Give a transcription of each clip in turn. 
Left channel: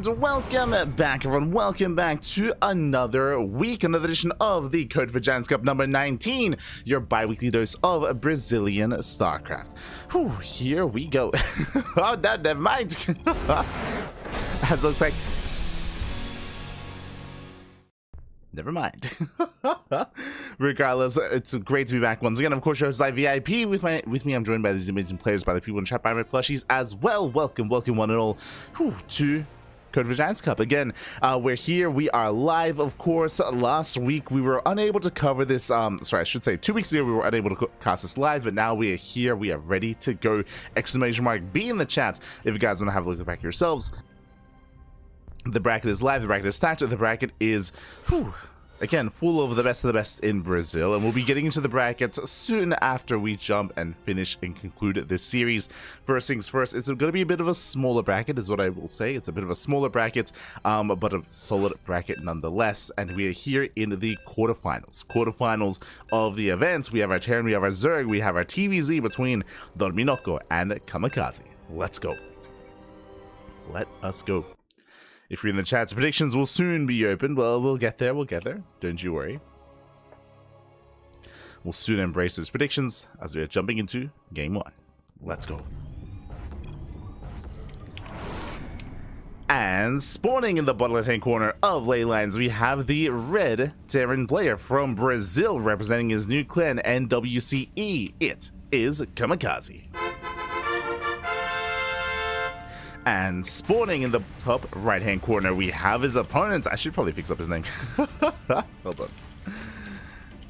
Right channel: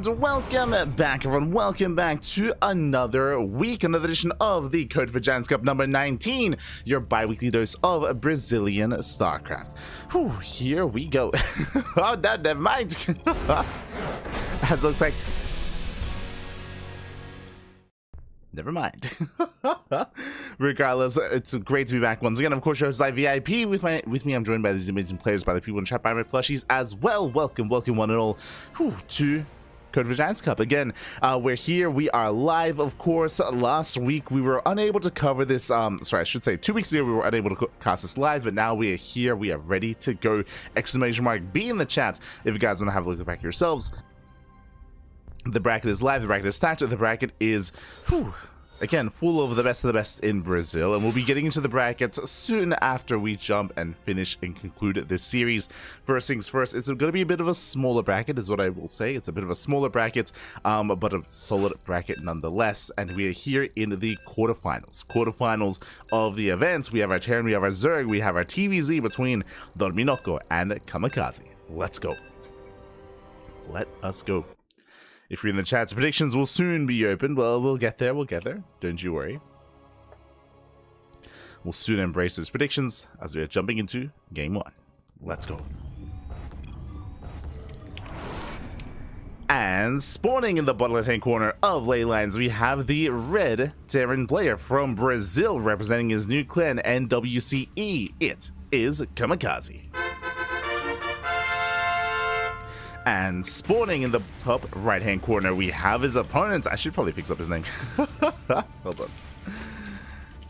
And welcome back, everyone. Welcome back to another week, another edition of the Code for Giants Cup number 19, your bi-weekly dose of Brazilian StarCraft. Whew, here we go. Oh, no, never mind. As it looks like. Never mind. Regardless, it's great to be back once again. Of course, your host VIP. With me, I'm joined by these amazing players, by the people in chat, by my plushies as well. Welcome one and all to Code for Giants Cup. Again, we're here. We are live, of course. Last week, we were unable to cover this. Sorry, I should say 2 weeks ago, we were unable to cast this live, but now we are here. We are ready to go. Exclamation mark. Be in the chat if you guys want to have a look at the back yourselves. The bracket is live, the bracket is stacked, the bracket is, again, full of the best in Brazil, and we'll be getting into the brackets soon after we jump and finish and conclude this series. First things first, it's going to be a bit of a smaller bracket, is what I will say. It's a bit of a smaller bracket, but a solid bracket nonetheless, and we are here in the quarterfinals of the event. We have our Terran, we have our Zerg, we have our TVZ between Dorminoko and Kamikaze. Let's go. Let us go. If you're in the chat, predictions will soon be open. Well, we'll get there. Don't you worry. We'll soon embrace those predictions as we are jumping into game one. Let's go. And spawning in the bottom left-hand corner of ley lines, we have the red Terran player from Brazil representing his new clan, NWCE. It is Kamikaze. And spawning in the top right-hand corner, we have his opponent. I should probably fix up his name. Hold on.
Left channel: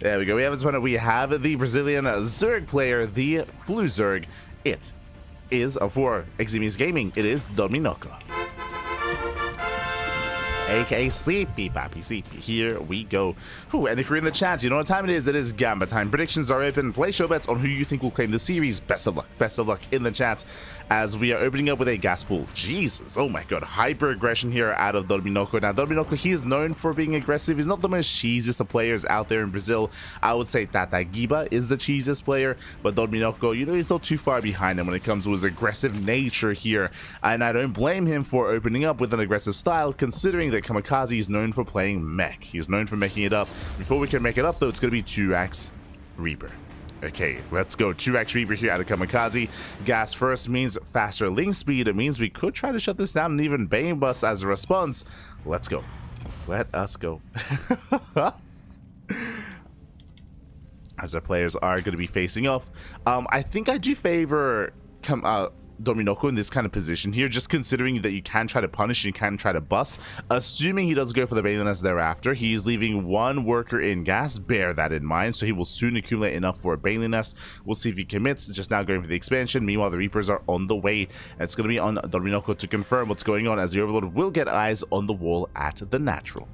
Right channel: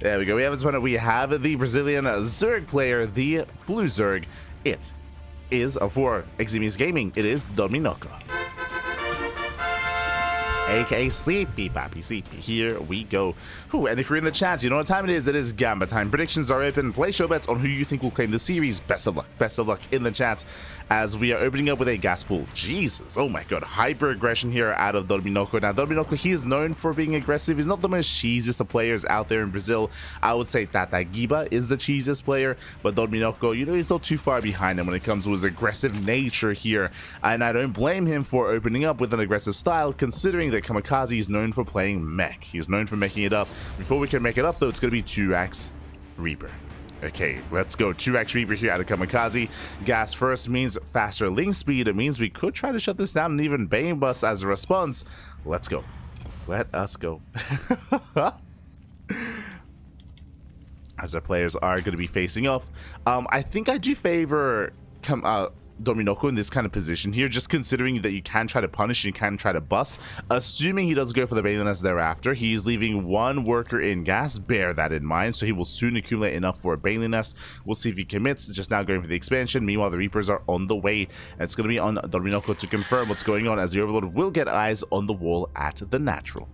There we go. We have his opponent. We have the Brazilian Zerg player, the Blue Zerg. It is for Eximius Gaming. It is Dorminoko, aka Sleepy Pappy Sleepy. Here we go. And if you're in the chat, you know what time it is. It is Gamba time. Predictions are open. Play show bets on who you think will claim the series. Best of luck in the chat as we are opening up with a gas pool. Jesus, oh my god, hyper aggression here out of Dorminoko. Now Dorminoko, he is known for being aggressive. He's not the most cheesiest of players out there in Brazil. I would say Tata Giba is the cheesiest player, but Dorminoko, you know, he's not too far behind him when it comes to his aggressive nature here, and I don't blame him for opening up with an aggressive style, considering that Kamikaze is known for playing mech. He's known for making it up. Before we can make it up, though, it's going to be 2x Reaper. Okay, let's go. 2x Reaper here out of Kamikaze. Gas first means faster link speed. It means we could try to shut this down and even Bane Bust as a response. Let's go. Let us go. As our players are going to be facing off. I think I do favor Dorminoko in this kind of position here, just considering that you can try to punish and you can try to bust. Assuming he does go for the Baneliness thereafter, he's leaving one worker in gas. Bear that in mind, so he will soon accumulate enough for a Baneliness. We'll see if he commits, just now going for the expansion. Meanwhile, the Reapers are on the way, and it's going to be on Dorminoko to confirm what's going on, as the Overlord will get eyes on the wall at the natural.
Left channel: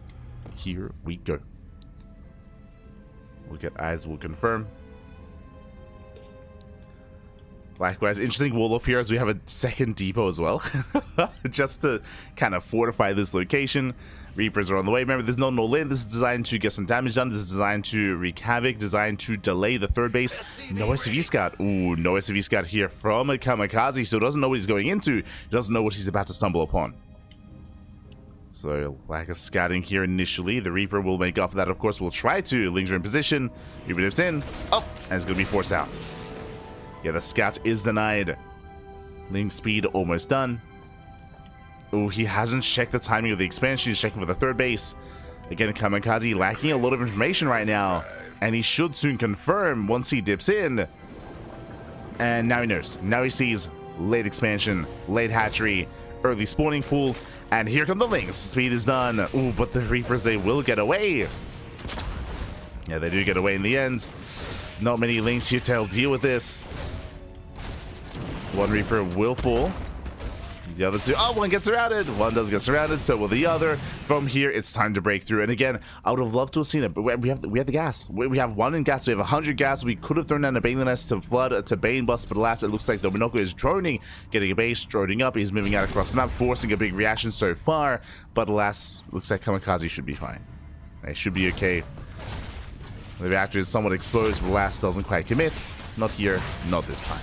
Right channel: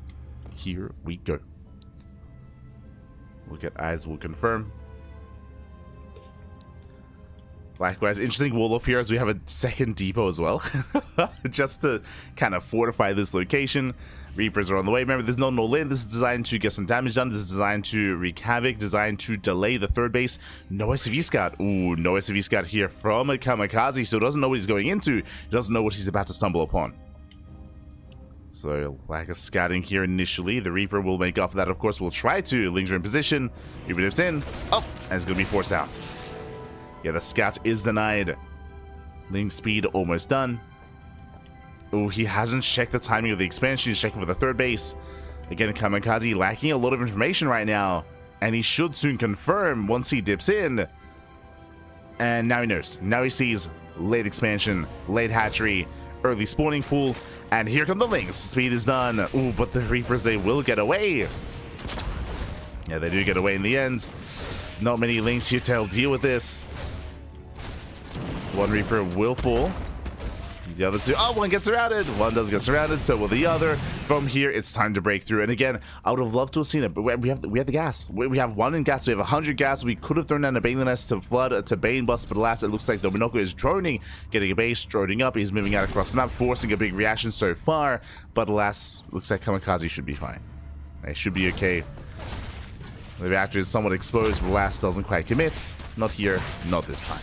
Here we go. We'll get eyes, we'll confirm. Likewise, interesting wall off here as we have a second depot as well, just to kind of fortify this location. Reapers are on the way. Remember, there's no null-in. This is designed to get some damage done. This is designed to wreak havoc, designed to delay the third base. No SCV scout. Ooh, no SCV scout here from a Kamikaze, so doesn't know what he's going into. He doesn't know what he's about to stumble upon. So, lack of scouting here initially. The Reaper will make off of that, of course. We'll try to. Linger in position. Reaper dips in. Oh, and it's going to be forced out. Yeah, the scout is denied. Link speed almost done. Oh, he hasn't checked the timing of the expansion. He's checking for the third base. Again, Kamikaze lacking a lot of information right now. And he should soon confirm once he dips in. And now he knows. Now he sees late expansion, late hatchery, early spawning pool. And here come the links. Speed is done. Ooh, but the Reapers, they will get away. Yeah, they do get away in the end. Not many links here to deal with this. One Reaper will fall. The other two, oh, one gets surrounded. One does get surrounded, so will the other. From here, it's time to break through. And again, I would have loved to have seen it, but we have the gas. We have one in gas. We have 100 gas. We could have thrown down a Baneliness to flood, to Bane Bust, but alas, it looks like Dorminoko is droning, getting a base, droning up. He's moving out across the map, forcing a big reaction so far. But alas, looks like Kamikaze should be fine. It should be okay. The reactor is somewhat exposed, but alas, doesn't quite commit. Not here, not this time.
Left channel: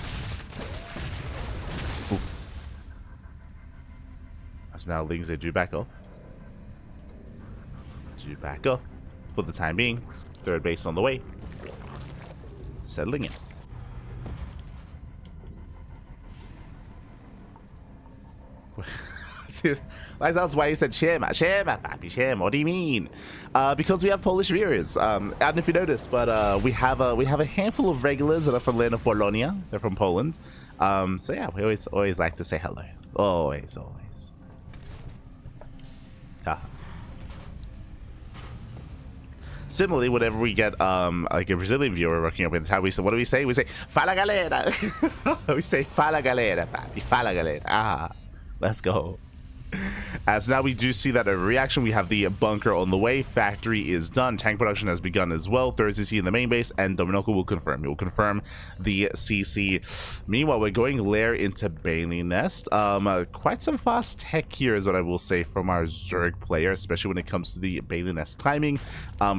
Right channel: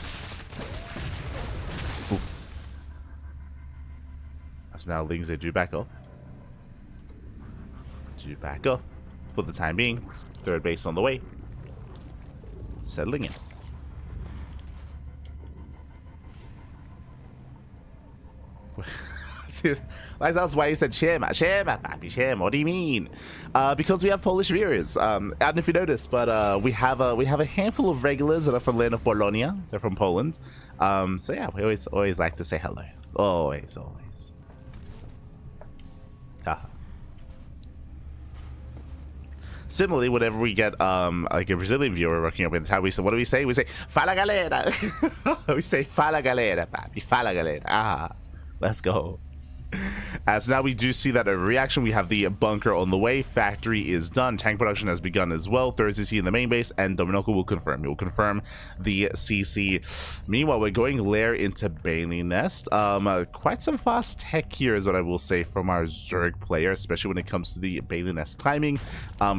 So now Lings, they do back up. Do back up for the time being. Third base on the way. Settling in. That's why you said Shema, papi, Shema. What do you mean? Because we have Polish viewers. I don't know if you noticed, but we have a handful of regulars that are from land of Polonia. They're from Poland. So yeah, we always like to say hello. Always. Similarly, whenever we get like a Brazilian viewer working up in the chat, what do we say? We say "Fala galera." We say "Fala galera, papi, fala galera." Let's go. As now we do see that a reaction. We have the bunker on the way. Factory is done. Tank production has begun as well. Third CC in the main base, and Dominoko will confirm. He will confirm the CC. Meanwhile, we're going lair into Bailey Nest. Quite some fast tech here is what I will say from our Zerg player, especially when it comes to the Bailey Nest timing.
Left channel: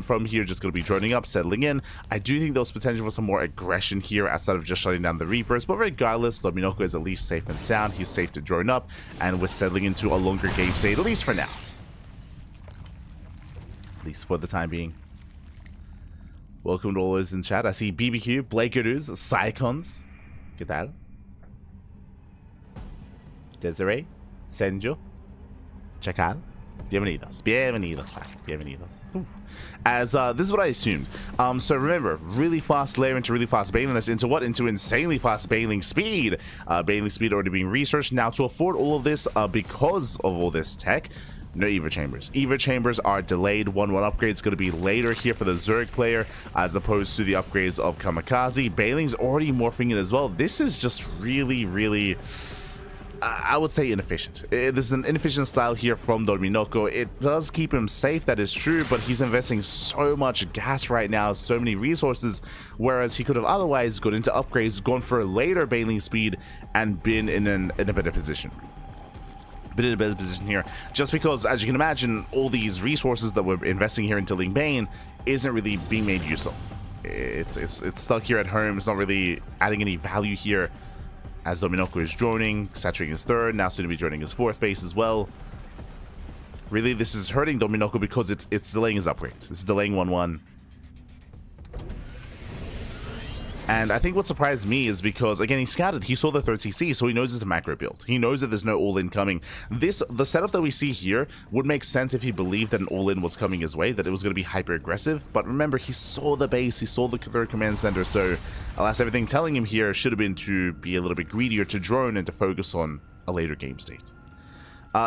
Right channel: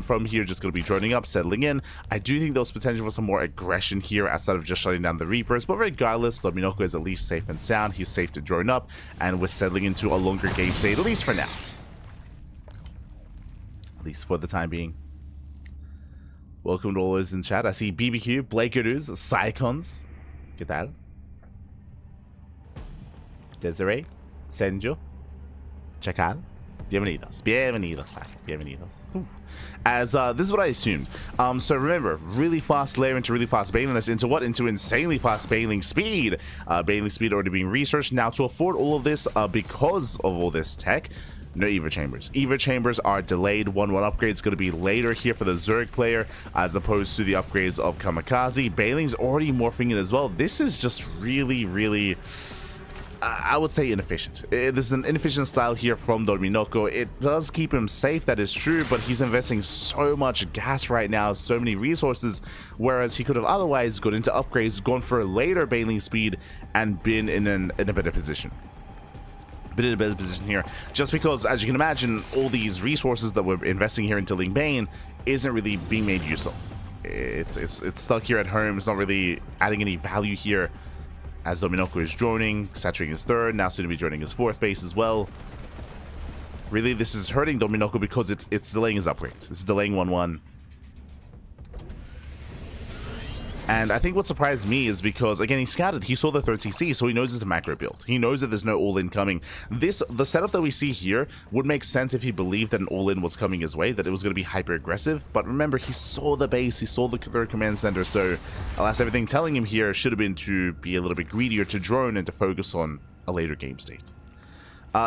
From here, just going to be droning up, settling in. I do think there's potential for some more aggression here outside of just shutting down the Reapers, but regardless, Dominoko is at least safe and sound. He's safe to drone up, and we're settling into a longer game state, at least for now. At least for the time being. Welcome to all those in chat. I see BBQ, Blakerus, Psycons. ¿Qué tal? Desiree, Senjo, Chacal. Bienvenidos. As this is what I assumed. So remember, really fast layer into really fast bailiness into what? Into insanely fast bailing speed. Bailing speed already being researched. Now to afford all of this, because of all this tech, no Eva Chambers. Eva Chambers are delayed. 1-1 upgrade is going to be later here for the Zerg player as opposed to the upgrades of Kamikaze. Bailing's already morphing in as well. This is just really, I would say inefficient. This is an inefficient style here from Dominoko. It does keep him safe, that is true, but he's investing so much gas right now, so many resources, whereas he could have otherwise gone into upgrades, gone for a later bailing speed, and been in a better position. Been in a better position here, just because, as you can imagine, all these resources that we're investing here into Ling Bane isn't really being made use of. It's stuck here at home. It's not really adding any value here. As Dominoko is droning, saturating his third, now soon to be droning his fourth base as well. Really, this is hurting Dominoko because it's delaying his upgrades. It's delaying 1-1. And I think what surprised me is because, again, he scouted, he saw the third CC, so he knows it's a macro build. He knows that there's no all-in coming. The setup that we see here would make sense if he believed that an all-in was coming his way, that it was going to be hyper-aggressive. But remember, he saw the base, he saw the third command center, so alas, everything telling him here should have been to be a little bit greedier, to drone, and to focus on a later game state.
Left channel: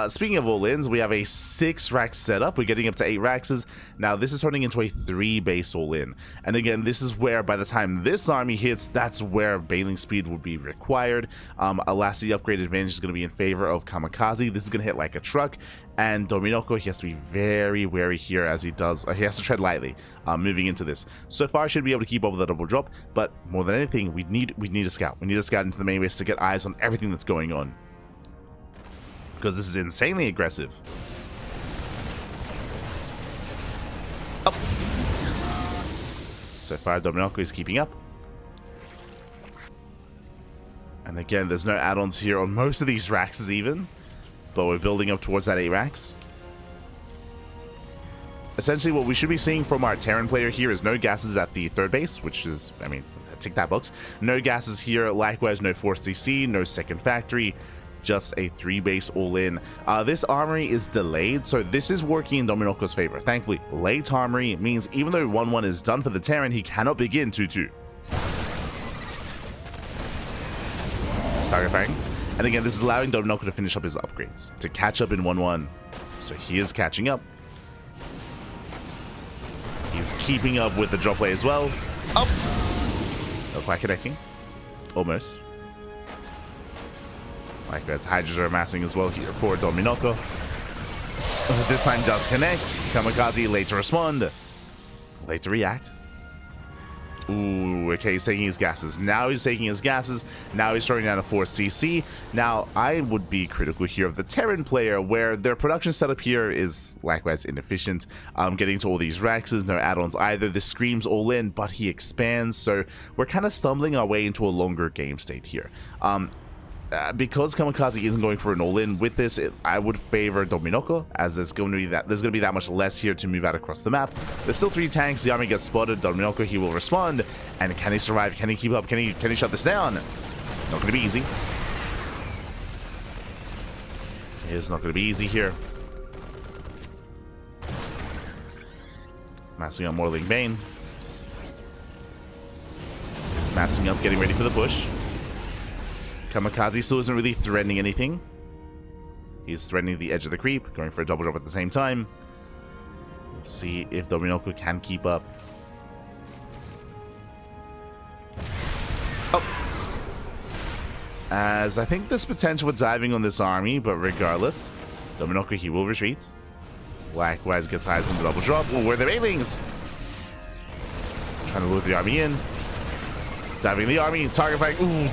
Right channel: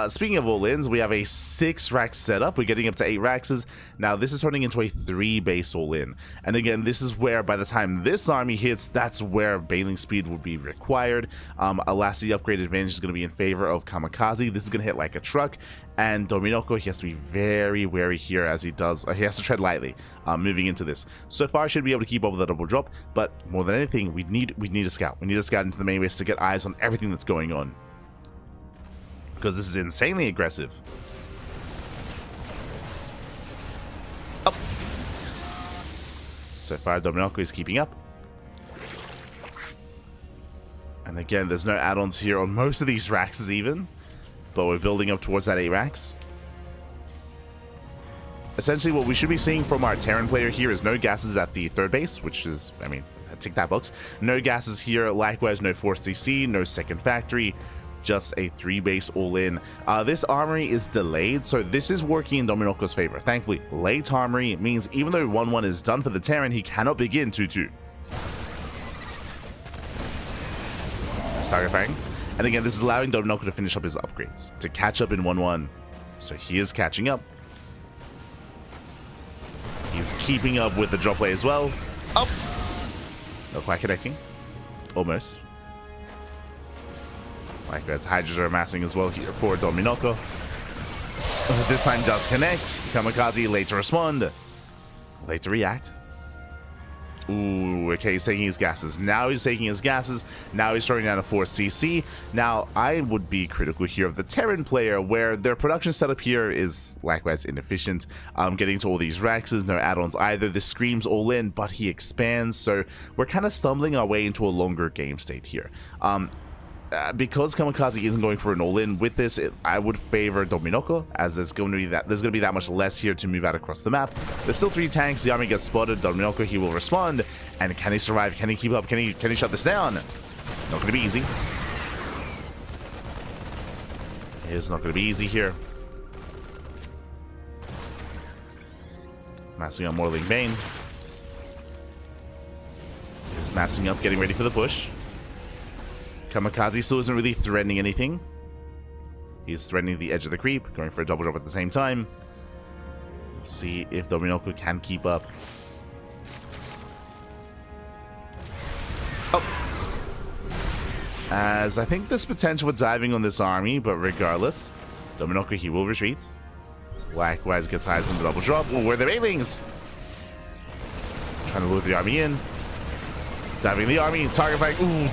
Speaking of all-ins, we have a 6-rack setup. We're getting up to 8 racks. Now, this is turning into a 3-base all-in. And again, this is where, by the time this army hits, that's where bailing speed would be required. Alas, the upgrade advantage is going to be in favor of Kamikaze. This is going to hit like a truck. And Dominoko, he has to be very wary here as he does. He has to tread lightly moving into this. So far, should be able to keep up with the double drop. But more than anything, we need a scout. We need a scout into the main base to get eyes on everything that's going on, because this is insanely aggressive. Up. So far, Dominoko is keeping up. And again, there's no add-ons here on most of these racks even, but we're building up towards that 8 racks. Essentially, what we should be seeing from our Terran player here is no gases at the third base, which is, I mean, tick that box. No gases here, likewise, no forced CC, no second factory. Just a 3-base all-in. This armory is delayed, so this is working in Dominoko's favor. Thankfully, late armory means even though 1-1 is done for the Terran, he cannot begin 2-2. Target firing. And again, this is allowing Dominoko to finish up his upgrades, to catch up in 1-1. So he is catching up. He's keeping up with the drop play as well. Up! Not quite connecting. Almost. Likewise, Hydras are amassing as well here for Dominoko. This time does connect. Kamikaze late to respond. Late to react. Ooh, okay, he's taking his gases. Now he's taking his gases. Now he's throwing down a 4CC. Now, I would be critical here of the Terran player, where their production setup here is likewise inefficient. Getting to all these racks, no add-ons either. This screams all in, but he expands, so we're kind of stumbling our way into a longer game state here. because Kamikaze isn't going for an all-in with this, I would favor Dominoko, as there's going to be that much less here to move out across the map. There's still 3 tanks. The army gets spotted. Dominoko, he will respond, and can he survive? Can he keep up? Can he shut this down? Not going to be easy. It's not going to be easy here. Massing up Morling Bane. He's massing up, getting ready for the push. Kamikaze still isn't really threatening anything. He's threatening the edge of the creep, going for a double drop at the same time. We'll see if Dominoko can keep up. Oh! As I think there's potential for diving on this army, but regardless, Dominoko, he will retreat. Likewise gets eyes on the double drop. Oh, where are the Banelings? Trying to lure the army in. Diving the army, target fire. Ooh,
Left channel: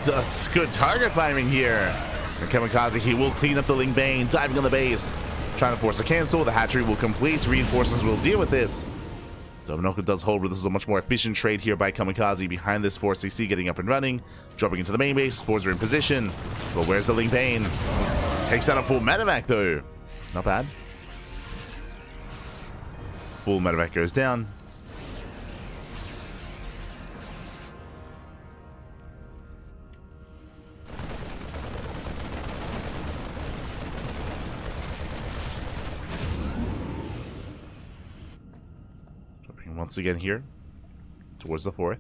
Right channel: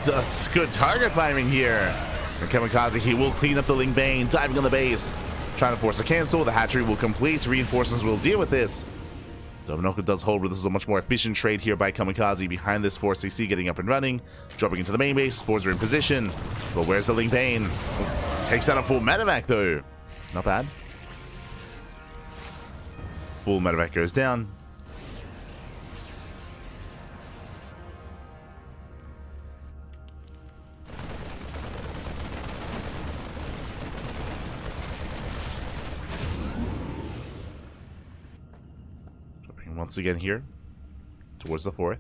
good target firing here. And Kamikaze, he will clean up the Ling Bane, diving on the base. Trying to force a cancel. The hatchery will complete. Reinforcements will deal with this. Dominoko does hold, but this is a much more efficient trade here by Kamikaze. Behind this 460, getting up and running. Dropping into the main base. Spores are in position. But where's the Ling Bane? Takes down a full medevac though. Not bad. Full medevac goes down. Once again here, towards the 4th.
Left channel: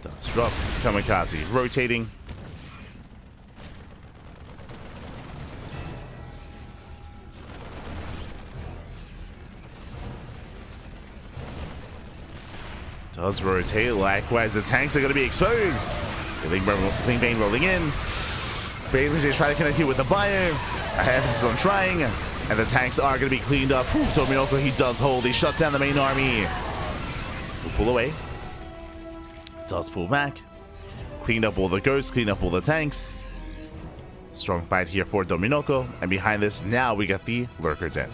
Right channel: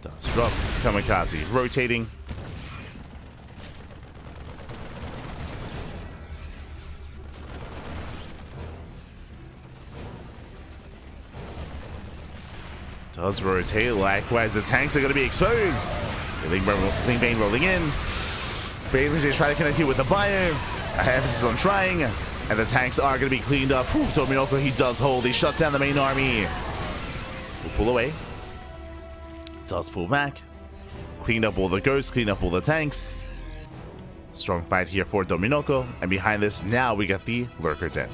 Does drop. Kamikaze rotating. Does rotate. Likewise, the tanks are going to be exposed. Ling Bane rolling in. Bailey's is trying to connect here with the bio. Emphasis on trying. And the tanks are going to be cleaned up. Whew, Dominoko, he does hold. He shuts down the main army. Will pull away. Does pull back. Cleaned up all the ghosts. Cleaned up all the tanks. Strong fight here for Dominoko. And behind this, now we got the Lurker Den.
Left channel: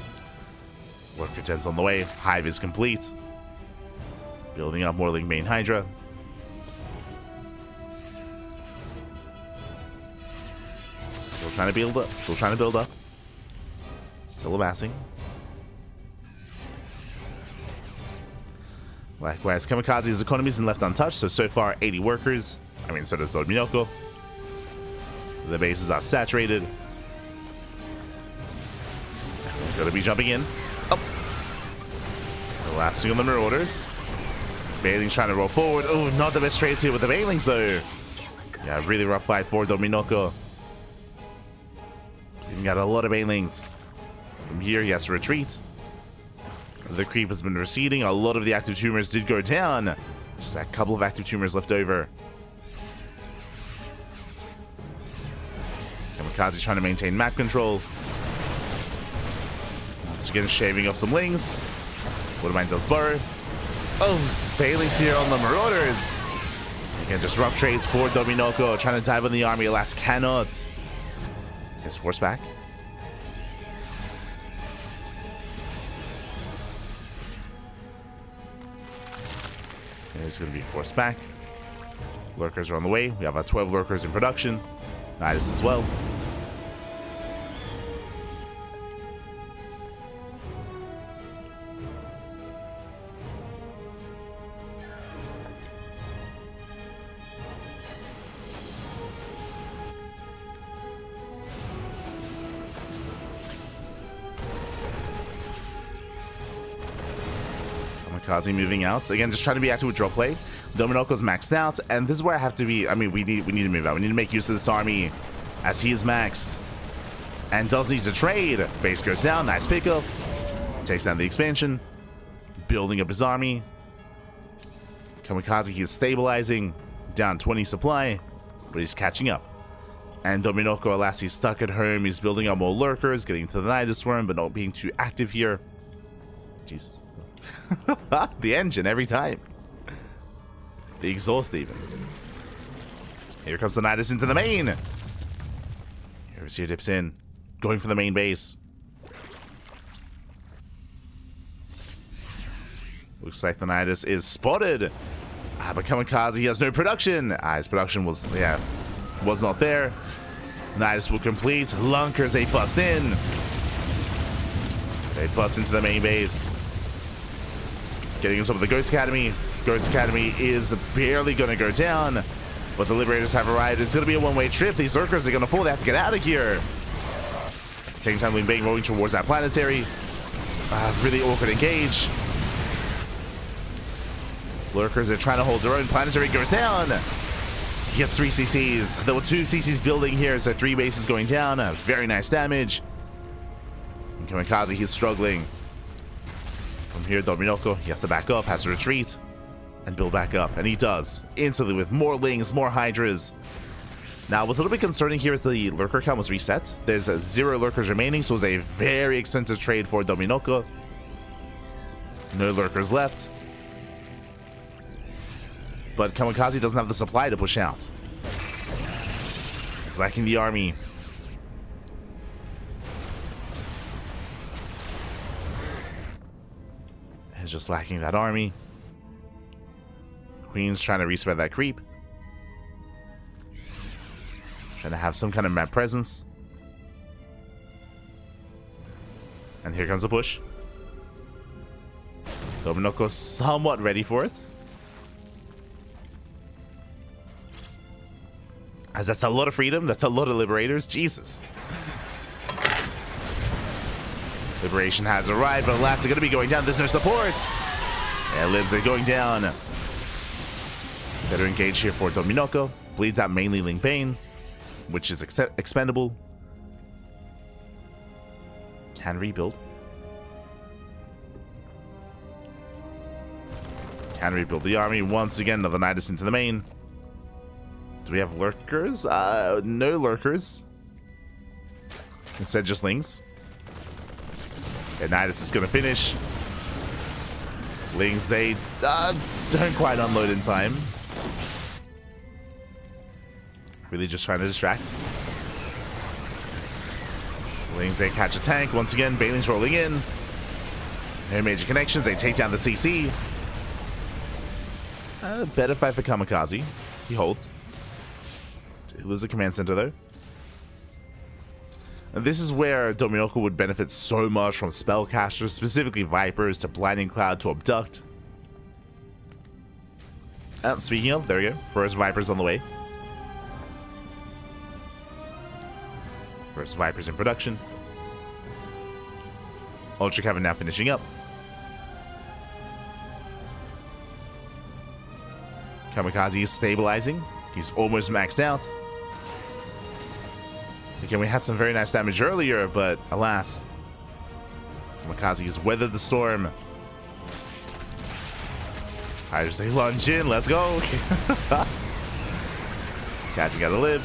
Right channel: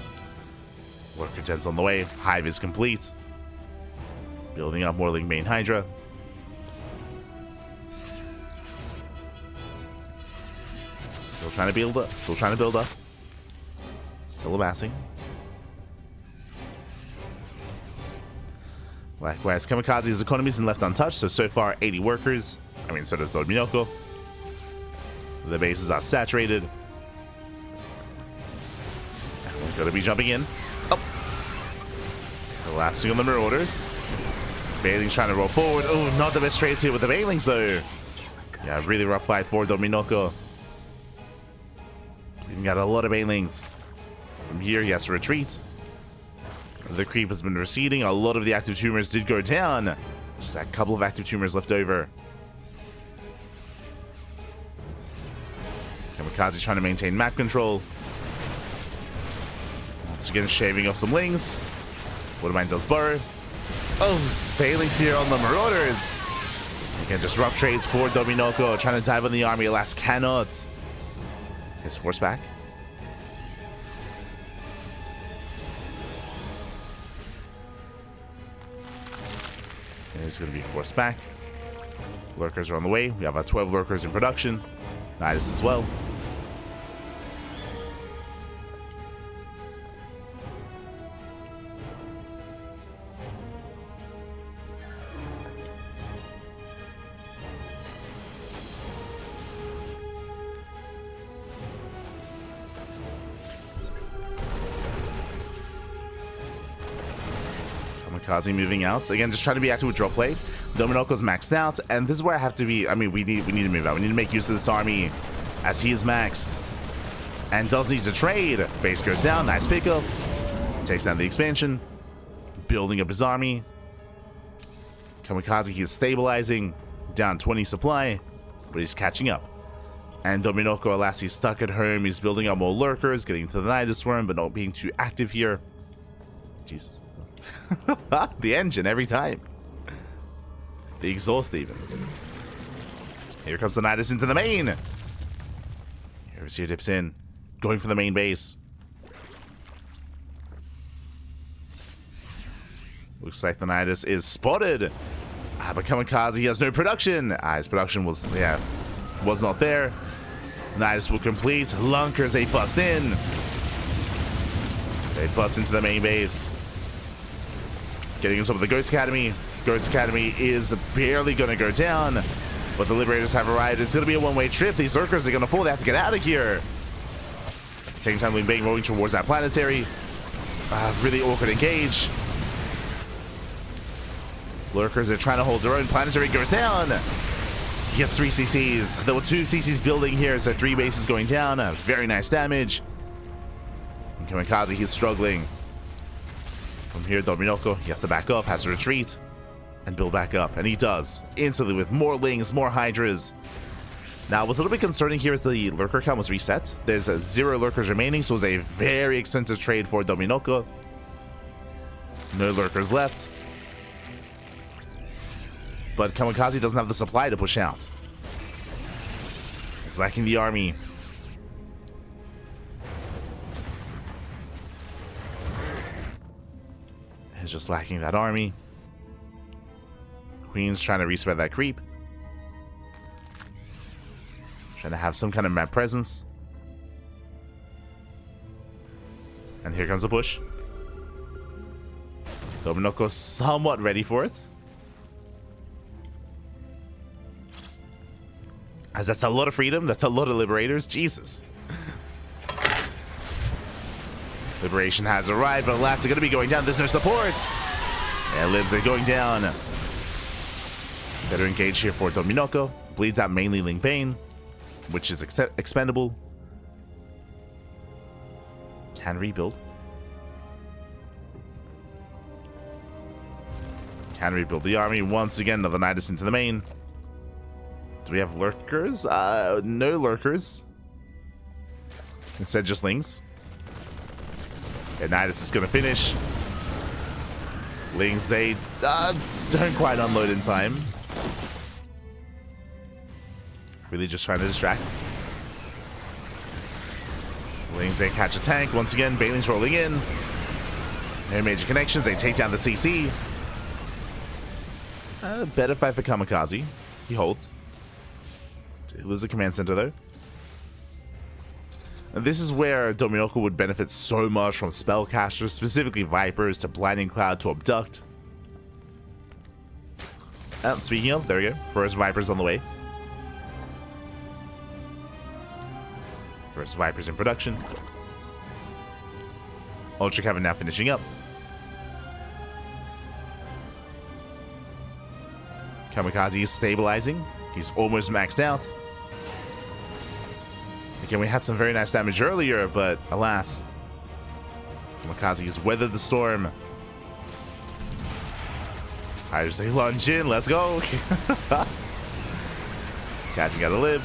Lurker Den's on the way. Hive is complete. Building up more Ling Bane Hydra. Still trying to build up. Still trying to build up. Still amassing. Likewise, Kamikaze's economy isn't left untouched, so far 80 workers. I mean, so does Dominoko. The bases are saturated. We're going to be jumping in. Oh! Collapsing on the Marauders. Bailing's trying to roll forward. Oh, not the best trades here with the Bailings, though. Yeah, really rough fight for Dominoko. He's got a lot of Bailings. From here, he has to retreat. The creep has been receding. A lot of the active tumors did go down. Just a couple of active tumors left over. Kamikaze trying to maintain map control. Once again, shaving off some Lings. Whatamind does burrow. Oh, Bailey's here on the Marauders. Again, just rough trades for Dominoko. Trying to dive on the army, alas, cannot. His force back. It's going to be forced back. Lurkers are on the way. We have our 12 lurkers in production. Nidus as well. Kamikaze moving out. Again, just trying to be active with draw play. Dominoko's maxed out, and this is where I have to be. I mean, we need to move out. We need to make use of this army as he is maxed. And does need to trade. Base goes down. Nice pickup. Takes down the expansion. Building up his army. Kamikaze, he is stabilizing. Down 20 supply, but he's catching up. And Dominoko, alas, he's stuck at home. He's building up more lurkers, getting to the Nidus Worm, but not being too active here. Jesus. The engine every time. The exhaust even. Here comes the Nidus into the main. Here dips in. Going for the main base. Looks like the Nidus is spotted. But Kamikaze, he has no production. His production was not there. Nidus will complete. Lunkers, they bust in. They bust into the main base. Getting on top of the Ghost Academy. Ghost Academy is barely going to go down. But the Liberators have arrived. It's going to be a one-way trip. These Lurkers are going to fall. They have to get out of here. At the same time, Lin Bang rolling towards that planetary. Really awkward engage. Lurkers are trying to hold their own. Planetary goes down. He gets 3 CCs. There were 2 CCs building here, so 3 bases going down. Very nice damage. And Kamikaze, he's struggling. From here, Dominoko, he has to back up, has to retreat, and build back up. And he does. Instantly with more Lings, more Hydras. Now, what's a little bit concerning here is the Lurker count was reset. There's 0 Lurkers remaining, so it was a very expensive trade for Dominoko. No Lurkers left. But Kamikaze doesn't have the supply to push out. He's lacking the army. He's just lacking that army. Queen's trying to respread that creep. Trying to have some kind of map presence. And here comes the push. Dominoko's somewhat ready for it. As that's a lot of freedom, that's a lot of liberators. Jesus. Liberation has arrived, but alas, they're going to be going down. There's no support. Yeah, Libs are going down. Better engage here for Dominoko. Bleeds out mainly Ling Bang, which is expendable. Can rebuild. Can rebuild the army. Once again, another Nidus into the main. Do we have Lurkers? No Lurkers. Instead, just Lings. And Nidus is going to finish. Lings, they don't quite unload in time. Really just trying to distract. Lings, they catch a tank. Once again, Bailing's rolling in. No major connections. They take down the CC. Better fight for Kamikaze. He holds. It was a command center, though. And this is where Dominoko would benefit so much from spellcasters, specifically Vipers, to Blinding Cloud, to Abduct. Speaking of, there we go. First Vipers on the way. First Vipers in production. Ultra Cavern now finishing up. Kamikaze is stabilizing. He's almost maxed out. Again, we had some very nice damage earlier, but alas, Kamikaze has weathered the storm. I just say lunge in, let's go. Catching out a lib.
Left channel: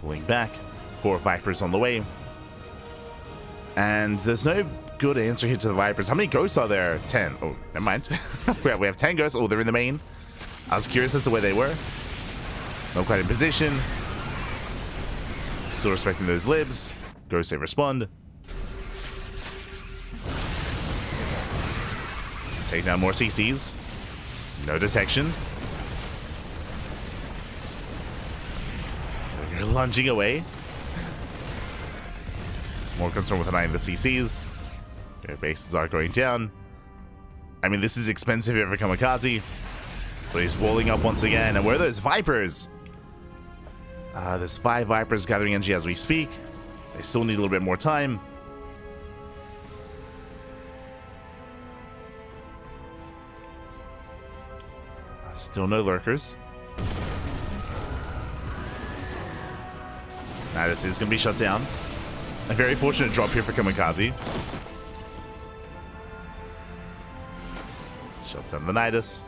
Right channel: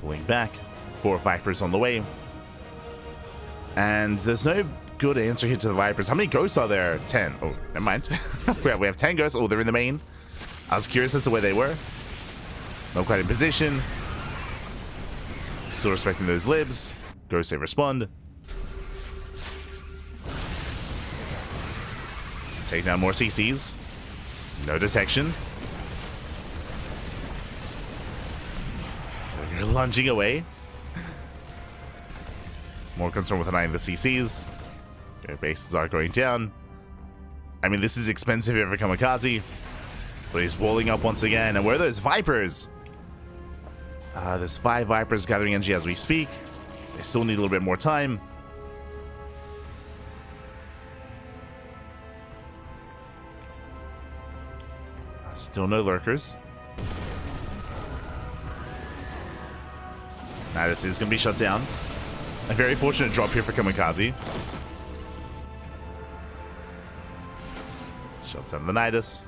Pulling back. 4 Vipers on the way. And there's no good answer here to the Vipers. How many ghosts are there? 10. Oh, never mind. we have 10 ghosts. Oh, they're in the main. I was curious as to where they were. Not quite in position. Still respecting those libs. Ghosts, they respond. Take down more CCs. No detection. You're lunging away. More concerned with denying the CCs. Their bases are going down. I mean, this is expensive here for Kamikaze. But he's walling up once again. And where are those Vipers? There's 5 Vipers gathering energy as we speak. They still need a little bit more time. Still no Lurkers. Now this is going to be shut down. A very fortunate drop here for Kamikaze. Shuts down the Nidus.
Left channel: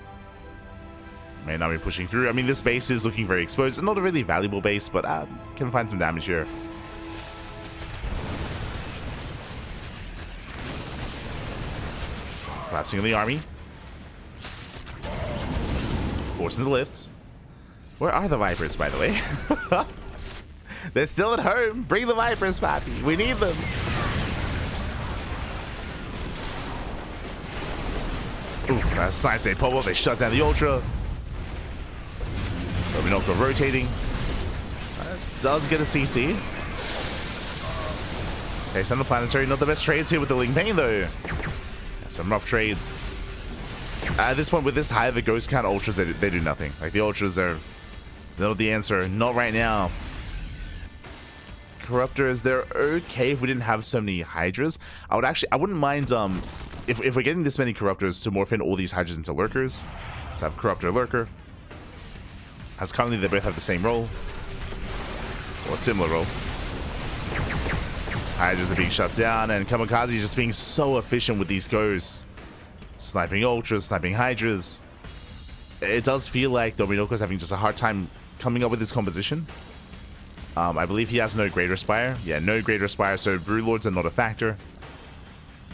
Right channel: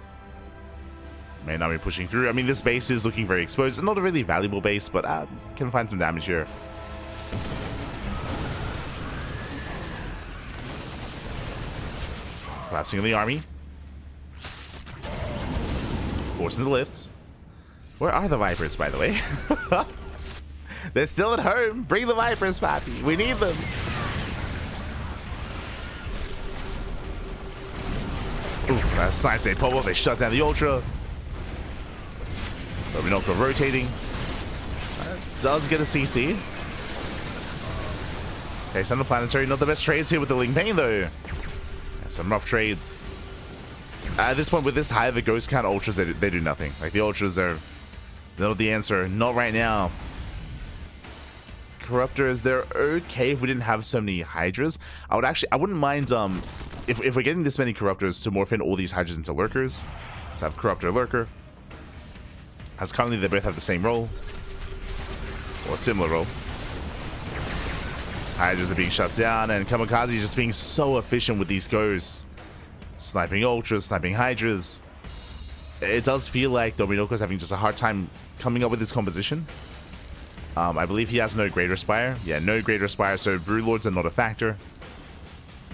May not be pushing through. I mean, this base is looking very exposed. Not a really valuable base, but can find some damage here. Collapsing of the army. Forcing the lifts. Where are the Vipers, by the way? They're still at home. Bring the Vipers, Pappy. We need them. Oof, that's nice. They pop up. They shut down the Ultra. Dominoko rotating. Does get a CC. Okay, Sun Planetary. Not the best trades here with the Ling Bane, though. Yeah, some rough trades. At this point, with this high of a ghost count, Ultras, they do nothing. Like, the Ultras are... they're not the answer. Not right now. Corruptors, they're okay if we didn't have so many Hydras. I wouldn't mind if we're getting this many Corruptors to morph in all these Hydras into Lurkers. Let's have Corruptor Lurker. As currently they both have the same role. Or a similar role. These Hydras are being shut down, and Kamikaze is just being so efficient with these ghosts. Sniping Ultras, sniping Hydras. It does feel like Dominoko's having just a hard time coming up with his composition. I believe he has no Greater Spire. Yeah, no Greater Spire, so Broodlords are not a factor.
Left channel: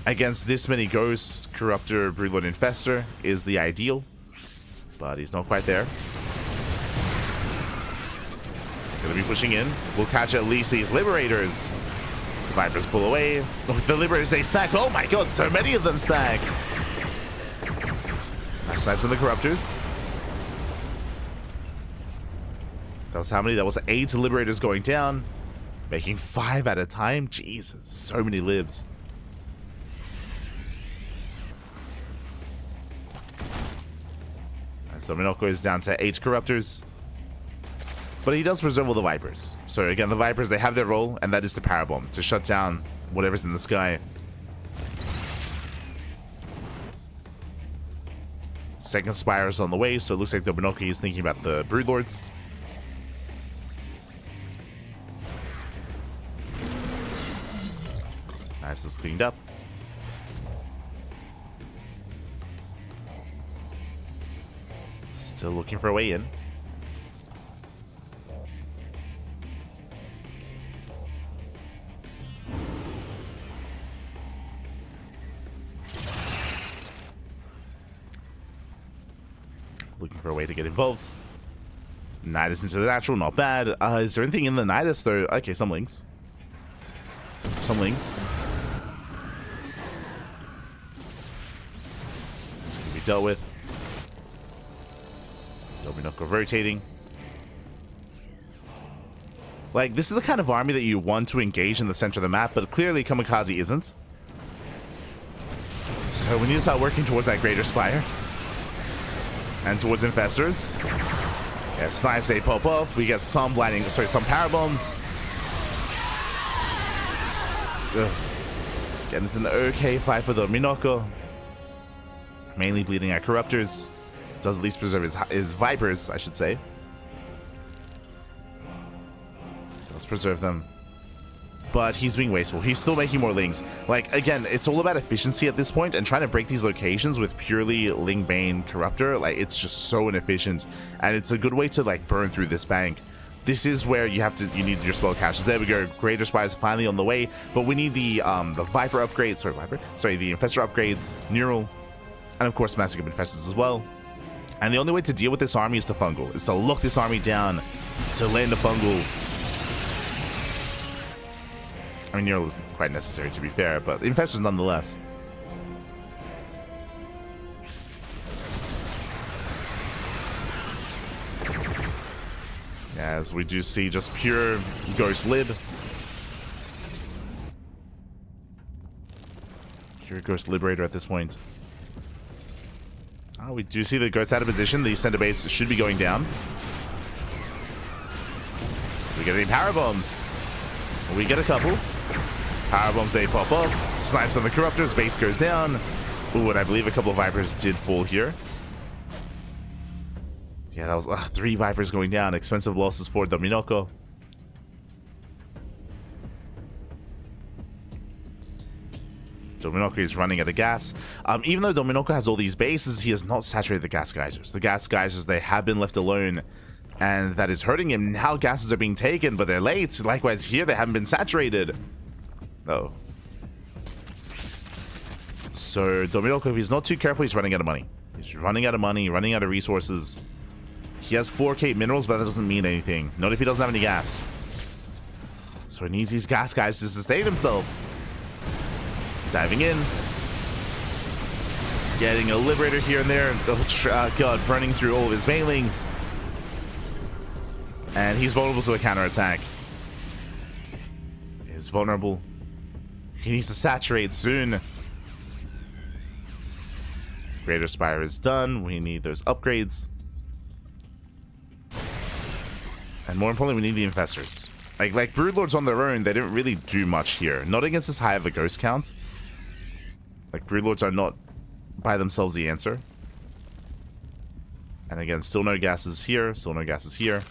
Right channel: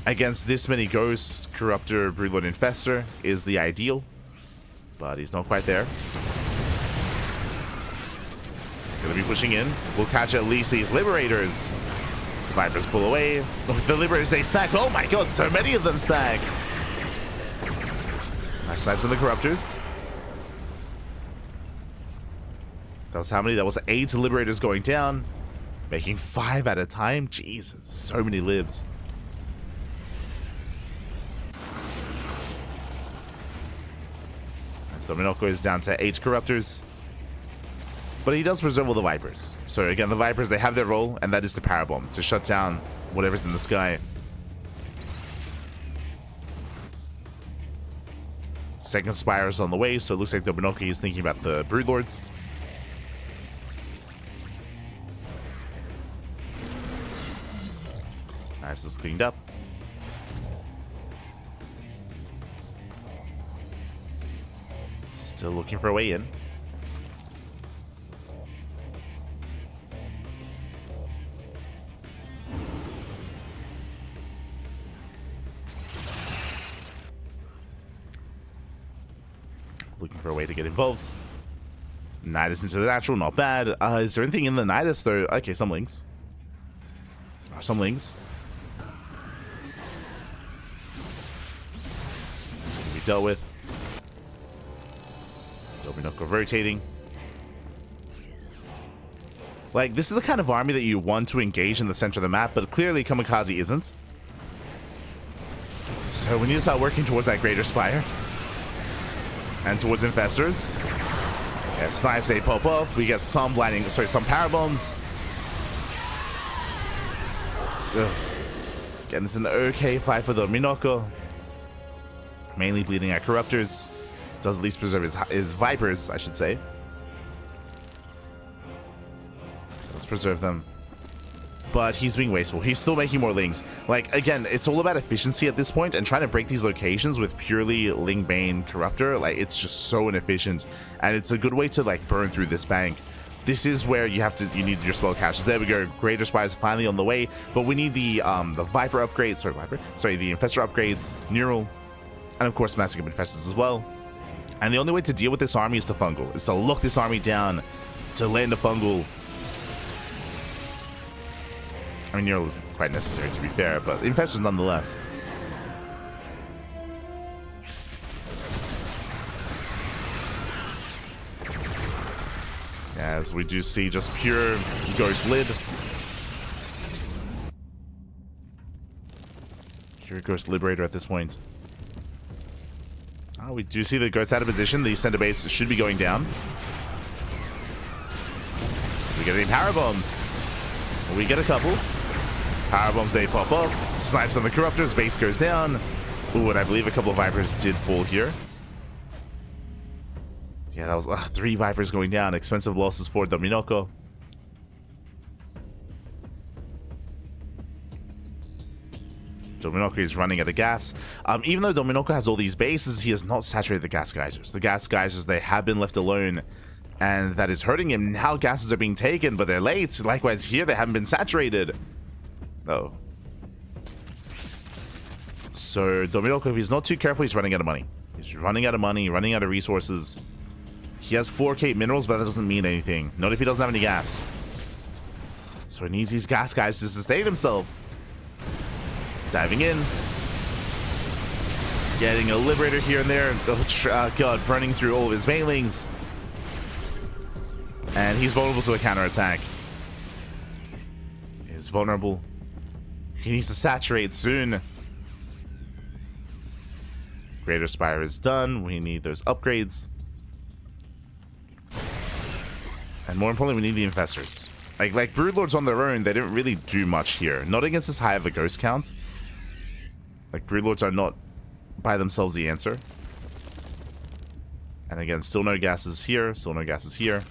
Against this many ghosts, Corruptor, Broodlord, Infestor is the ideal. But he's not quite there. Gonna be pushing in. We'll catch at least these Liberators. The Vipers pull away. The Liberators, they stack. Oh my god, so many of them stack. Nice snipes on the Corruptors. That was how many? That was 8 Liberators going down. Making 5 at a time. Jesus, so many libs. So Minoko is down to 8 Corruptors. But he does preserve all the Vipers. So again, the Vipers, they have their role, and that is to power bomb, to shut down whatever's in the sky. Second Spire is on the way, so it looks like Dominoki is thinking about the Broodlords. Nice, this is cleaned up. Still looking for a way in. Looking for a way to get involved. Nidus into the natural, not bad. Is there anything in the Nidus though? Okay, some links. Some links. This can be dealt with. Dominoko rotating. Like, this is the kind of army that you want to engage in the center of the map, but clearly Kamikaze isn't. So we need to start working towards that Greater Spire. And towards Infestors. Yeah, snipes, they pop up. We get some blinding, sorry, some power bombs. Ugh. Again, it's an okay fight for the Minoko. Mainly bleeding at Corruptors. Does at least preserve his Vipers, I should say. Does preserve them. But he's being wasteful. He's still making more Lings. Like, again, it's all about efficiency at this point, and trying to break these locations with purely Ling Bane Corruptor, like, it's just so inefficient. And it's a good way to, like, burn through this bank. This is where you need your spell caches. There we go. Greater Spire is finally on the way, but we need the Viper upgrades. Sorry, the Infestor upgrades, Neural, and of course Massive Infestors as well. And the only way to deal with this army is to fungal. Is to lock this army down, to land a fungal. I mean, Neural isn't quite necessary, to be fair, but Infestors nonetheless. As we do see just pure Ghost Lid. Pure Ghost Liberator at this point. Oh, we do see the Ghost out of position. The center base should be going down. We get any power bombs? We get a couple. Power bombs, they pop up. Snipes on the Corruptors. Base goes down. Ooh, and I believe a couple of Vipers did fall here. Yeah, that was 3 Vipers going down. Expensive losses for Dominoko. Dominoko is running out of gas. Even though Dominoko has all these bases, he has not saturated the gas geysers. The gas geysers, they have been left alone, and that is hurting him. Now gases are being taken, but they're late. Likewise here, they haven't been saturated. Oh. So Dominoko, if he's not too careful, he's running out of money. He's running out of money, running out of resources. He has 4k minerals, but that doesn't mean anything. Not if he doesn't have any gas. So he needs these gas guys to sustain himself. Diving in. Getting a Liberator here and there. Oh, God, running through all of his banelings. And he's vulnerable to a counterattack. He's vulnerable. He needs to saturate soon. Greater Spire is done. We need those upgrades. And more importantly, we need the Infestors. Like Broodlords on their own, they didn't really do much here. Not against this high of a ghost count. Like, Broodlords are not by themselves the answer. And again, still no gases here. Still no gases here.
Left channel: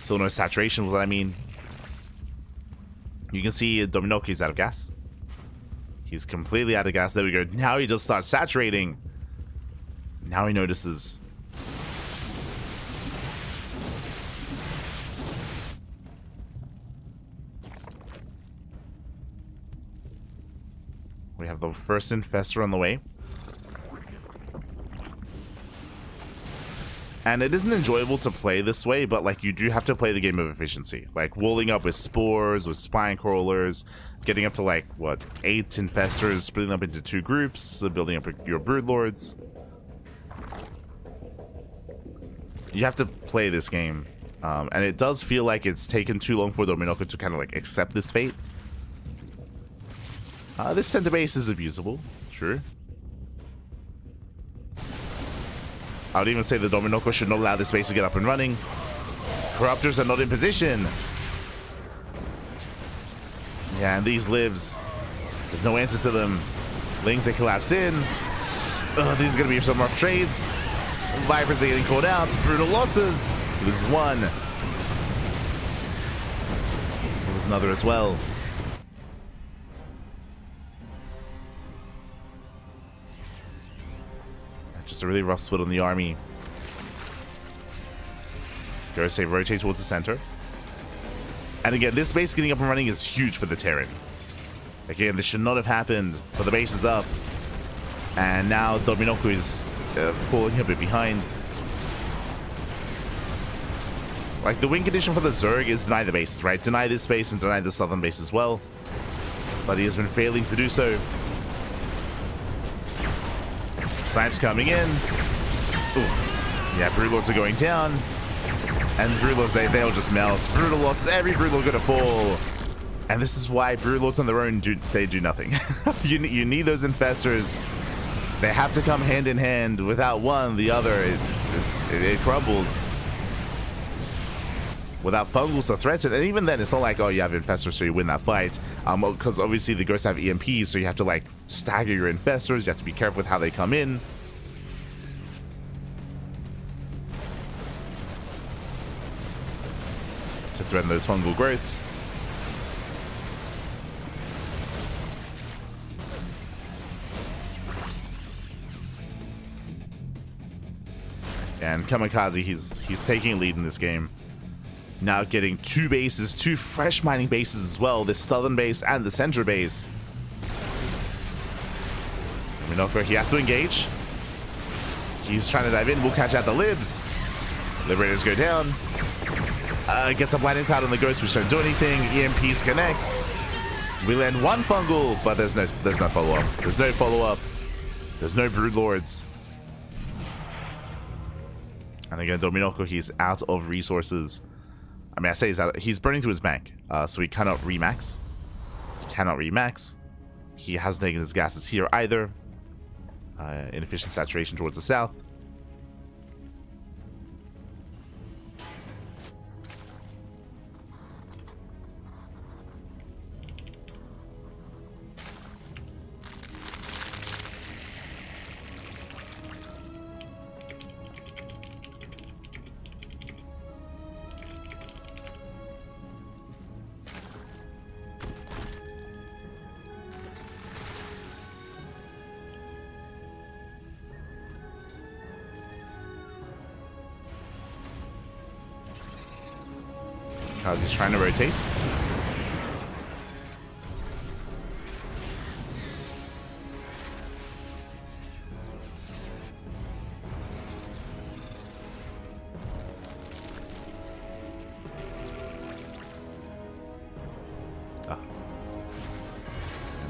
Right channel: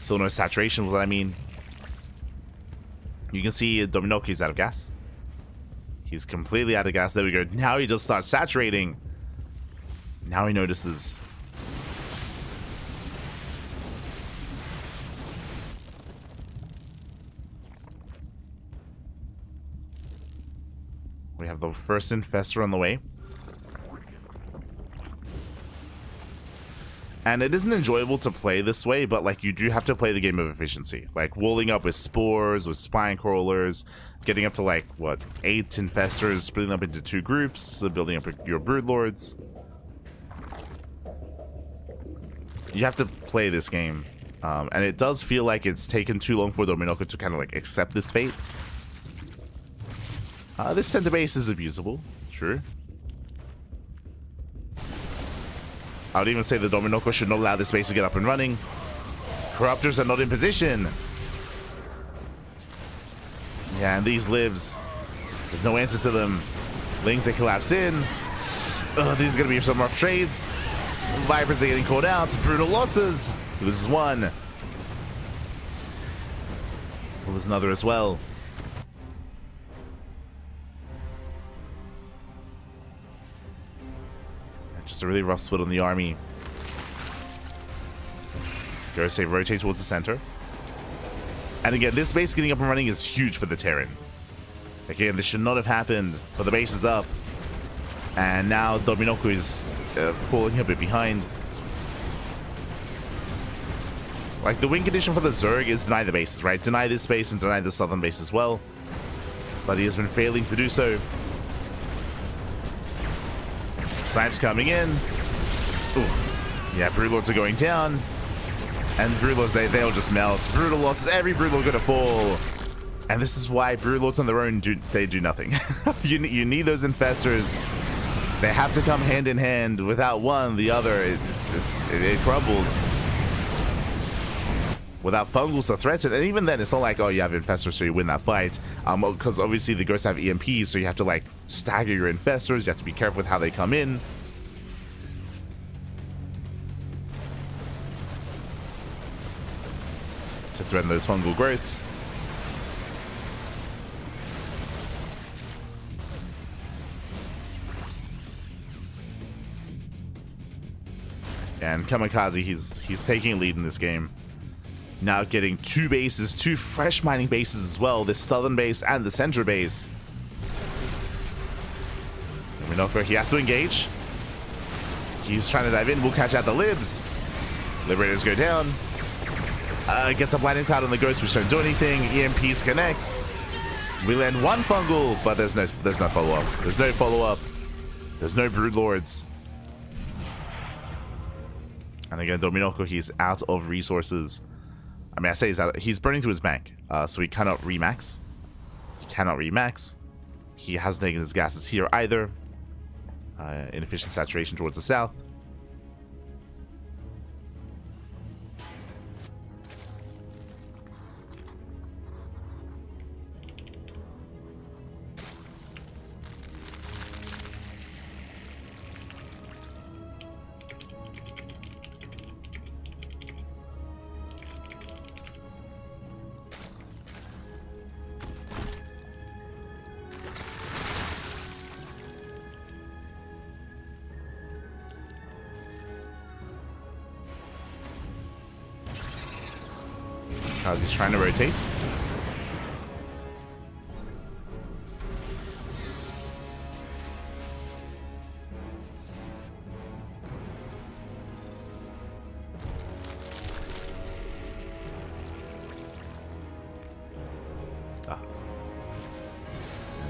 Still no saturation, what I mean. You can see Dominoki's out of gas. He's completely out of gas. There we go. Now he just starts saturating. Now he notices. We have the first Infestor on the way. And it isn't enjoyable to play this way, but like you do have to play the game of efficiency. Like walling up with spores, with spine crawlers, getting up to like, what, 8 Infestors, splitting up into 2 groups, building up your Broodlords. You have to play this game. And it does feel like it's taken too long for Dominoko to kind of like accept this fate. This center base is abusable, sure. I would even say the Dominoko should not allow this base to get up and running. Corruptors are not in position. Yeah, and these lives, there's no answer to them. Lings, they collapse in. These are going to be some rough trades. Vipers are getting caught out. Brutal losses. Loses one. Loses another as well. Just a really rough split on the army. Ghost rotate towards the center. And again, this base getting up and running is huge for the Terran. Again, this should not have happened, but the base is up. And now Dominoko is falling a bit behind. Like, the win condition for the Zerg is deny the bases, right? Deny this base and deny the southern base as well. But he has been failing to do so. Snipes coming in. Oof. Yeah, Broodlords are going down. And Broodlords, they'll just melt. Brutal losses. Every Broodlord gonna fall. And this is why Broodlords on their own do nothing. you need those Infestors. They have to come hand in hand. Without one, the other, it crumbles. Without Fungals to threaten, and even then, it's not like, oh, you have Infestors, so you win that fight. Because obviously the Ghosts have EMPs, so you have to like stagger your Infestors. You have to be careful with how they come in. To threaten those fungal growths. And Kamikaze, he's taking a lead in this game. Now getting 2 bases, 2 fresh mining bases as well. This southern base and the center base. Minoko, he has to engage. He's trying to dive in. We'll catch out the libs. Liberators go down. Gets a blinding cloud on the ghost, which don't do anything. EMPs connect. We land 1 fungal, but there's no follow-up. There's no follow-up. There's no Broodlords. And again, Dominoko, he's out of resources. I mean, I say he's burning through his bank, so he cannot remax. He hasn't taken his gases here either. Inefficient saturation towards the south. He's trying to rotate.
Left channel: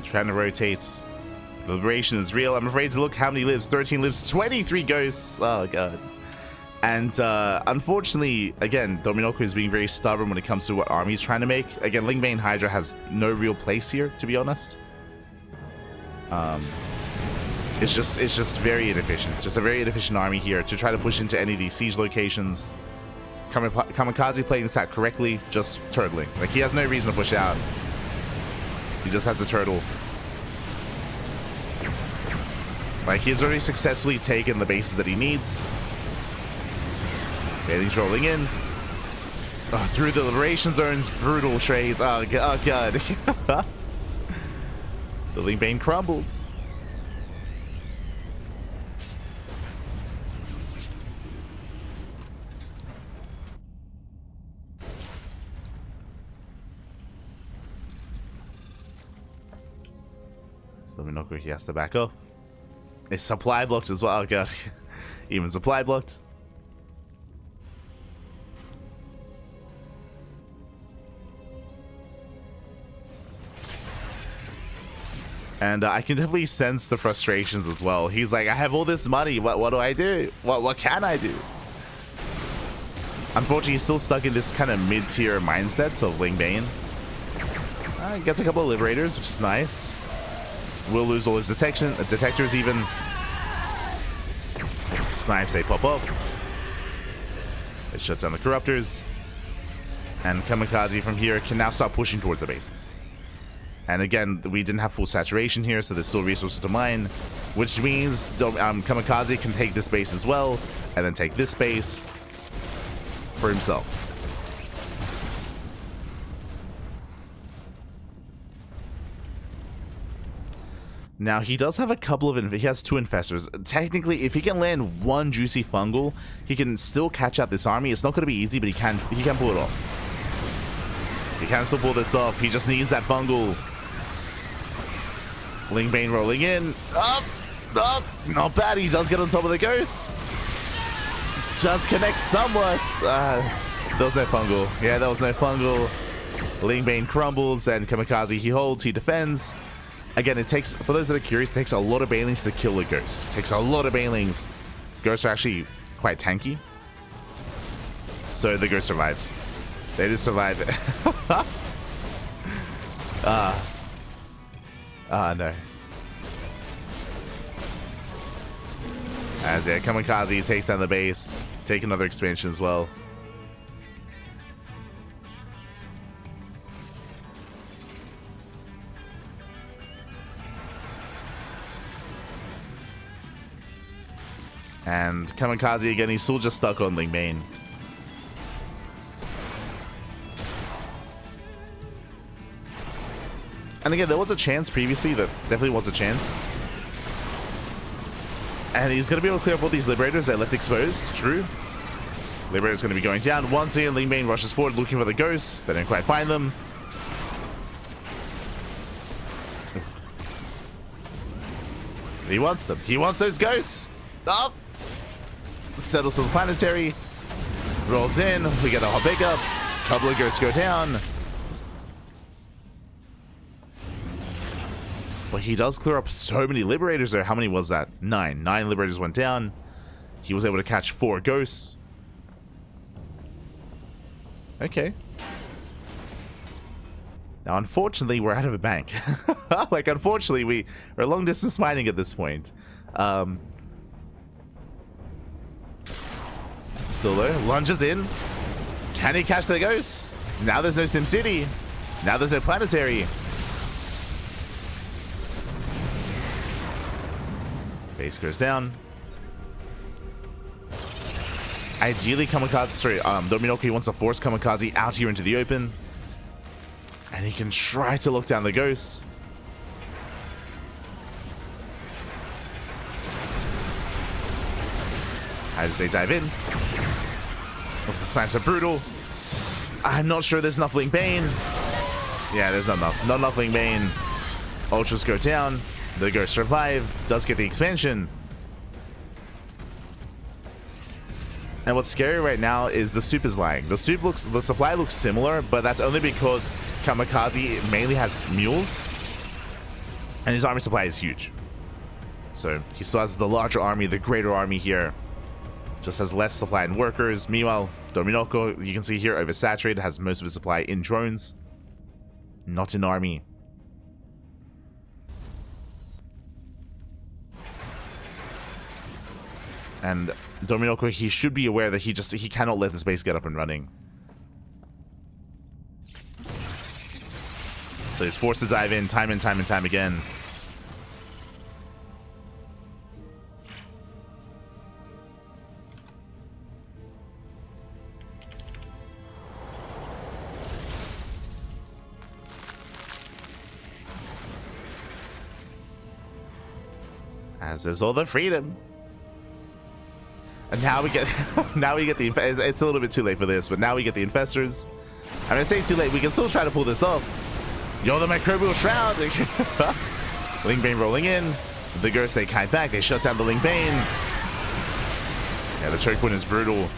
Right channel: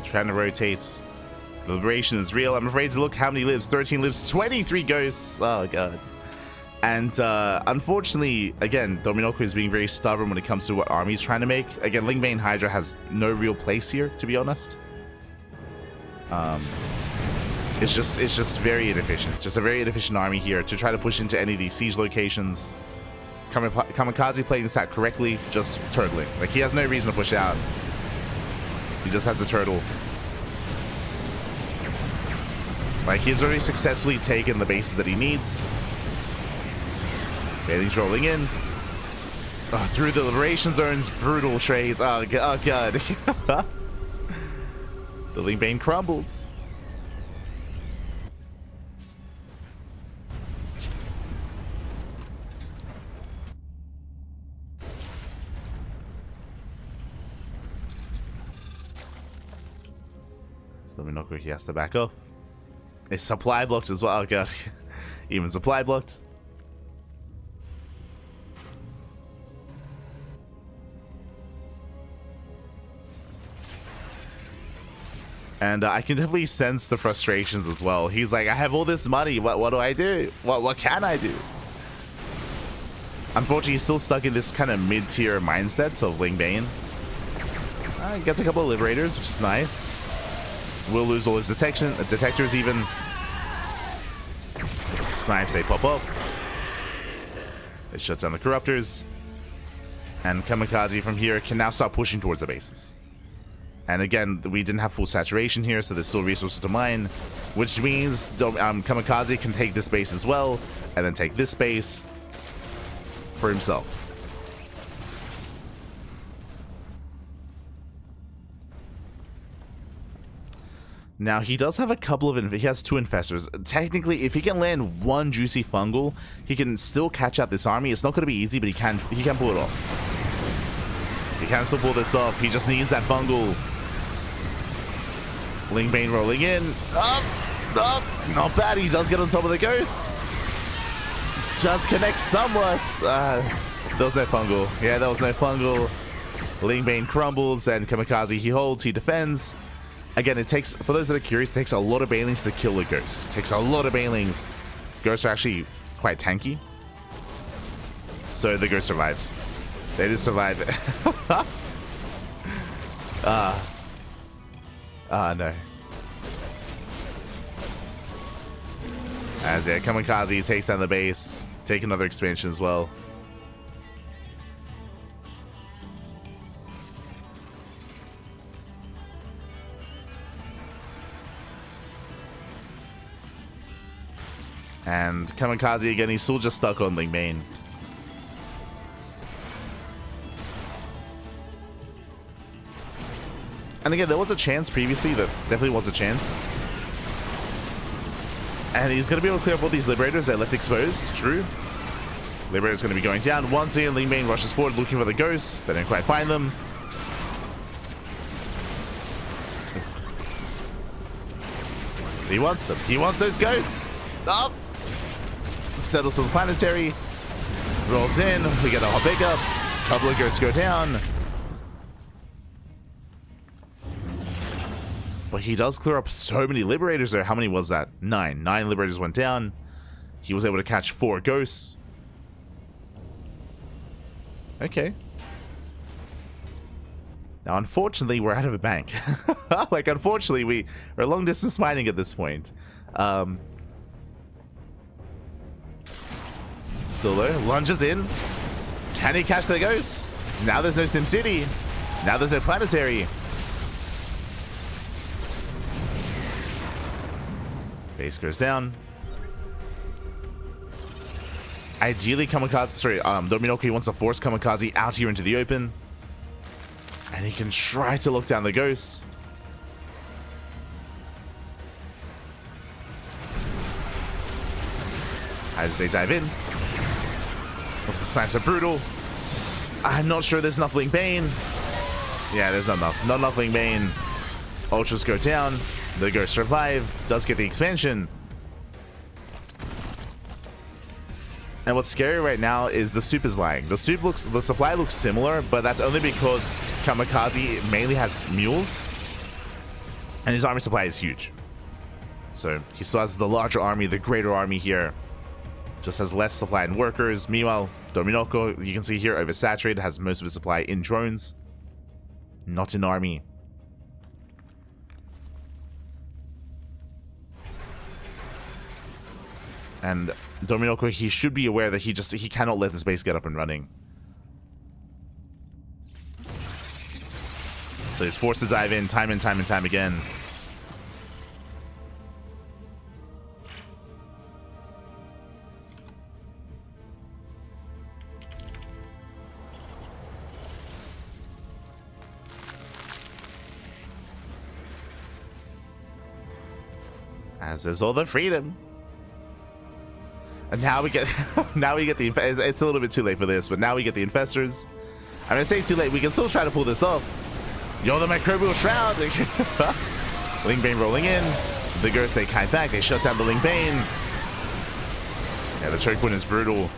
trying to rotate. The liberation is real. I'm afraid to look how many lives. 13 lives, 23 ghosts. Oh, God. And unfortunately, again, Dominoko is being very stubborn when it comes to what army he's trying to make. Again, Lingbane Hydra has no real place here, to be honest. It's just very inefficient. Just a very inefficient army here to try to push into any of these siege locations. Kamikaze playing this out correctly, just turtling. Like, he has no reason to push out. He just has a turtle. Like, he's already successfully taken the bases that he needs. Bailey's rolling in. Oh, through the liberation zones, brutal trades. Oh, God. The Lingbane crumbles. Dominoko, he has to back up. It's supply blocked as well. Oh, God. Even supply blocked. And I can definitely sense the frustrations as well. He's like, I have all this money. What do I do? What can I do? Unfortunately, he's still stuck in this kind of mid-tier mindset of Lingbane. He gets a couple of liberators, which is nice. Will lose all his detectors even. Snipes, they pop up. It shuts down the corruptors. And Kamikaze from here can now start pushing towards the bases. And again, we didn't have full saturation here, so there's still resources to mine, which means Kamikaze can take this base as well, and then take this base for himself. Now, he does have a couple of... He has 2 infestors. Technically, if he can land 1 juicy fungal, he can still catch out this army. It's not going to be easy, but he can pull it off. He can still pull this off. He just needs that fungal. Lingbane rolling in. Up, not bad. He does get on top of the ghost. Just connects somewhat. There was no fungal. Yeah, there was no fungal. Lingbane crumbles, and Kamikaze, he holds, he defends. Again, it takes, for those that are curious, it takes a lot of banelings to kill a ghost. It takes a lot of banelings. Ghosts are actually quite tanky. So the ghost survived. They just survived it. No. As yeah, Kamikaze takes down the base. Take another expansion as well. And Kamikaze again, he's still just stuck on Lingbane. And again, there was a chance previously, that definitely was a chance. And he's going to be able to clear up all these Liberators that are left exposed. True. Liberator's going to be going down. Once again, Lingbane rushes forward looking for the ghosts. They don't quite find them. He wants them. He wants those ghosts. Up. Settles on the planetary. Rolls in. We get a hot pickup. Couple of ghosts go down. But he does clear up so many Liberators there. How many was that? 9. 9 Liberators went down. He was able to catch 4 ghosts. Okay. Now, unfortunately, we're out of a bank. Like, unfortunately, we're long distance mining at this point. Still though, lunges in. Can he catch the ghosts? Now there's no SimCity. Now there's no planetary. Base goes down. Ideally, Dominoko wants to force Kamikaze out here into the open. And he can try to look down the ghosts. As they dive in. Oh, the snipes are brutal. I'm not sure there's enough Lingbane. Yeah, there's not enough. Not enough Lingbane. Ultras go down. The ghost survive. Does get the expansion. And what's scary right now is the soup is lying. The supply looks similar, but that's only because Kamikaze mainly has mules. And his army supply is huge. So he still has the larger army, the greater army here. Just has less supply in workers. Meanwhile, Dominoko, you can see here, oversaturated, has most of his supply in drones, not in army. And Dominoko, he should be aware that he cannot let this base get up and running. So he's forced to dive in time and time and time again. As is all the freedom. And now we get the it's a little bit too late for this, but now we get the infestors. I'm gonna say too late, we can still try to pull this off. Yo, the microbial shroud. Lingbane rolling in. The Gers, they kite back, they shut down the Lingbane. Yeah, the choke point is brutal.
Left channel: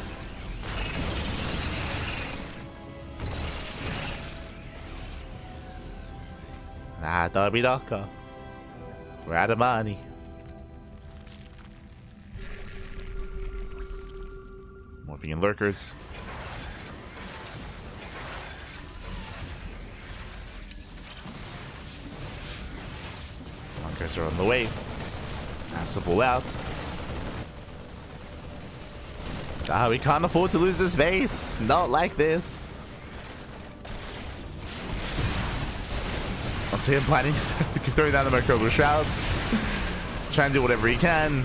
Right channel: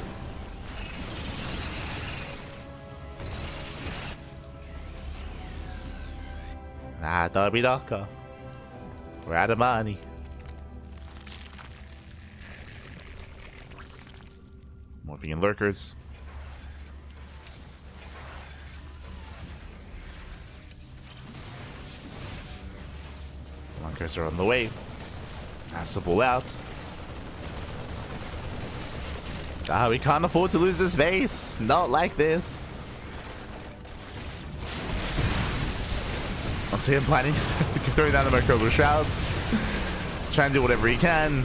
We're out of money. Morphing in lurkers. Lurkers are on the way. Has to pull out. We can't afford to lose this base. Not like this. Once again, planning throwing down the microbial shrouds. Trying to do whatever he can.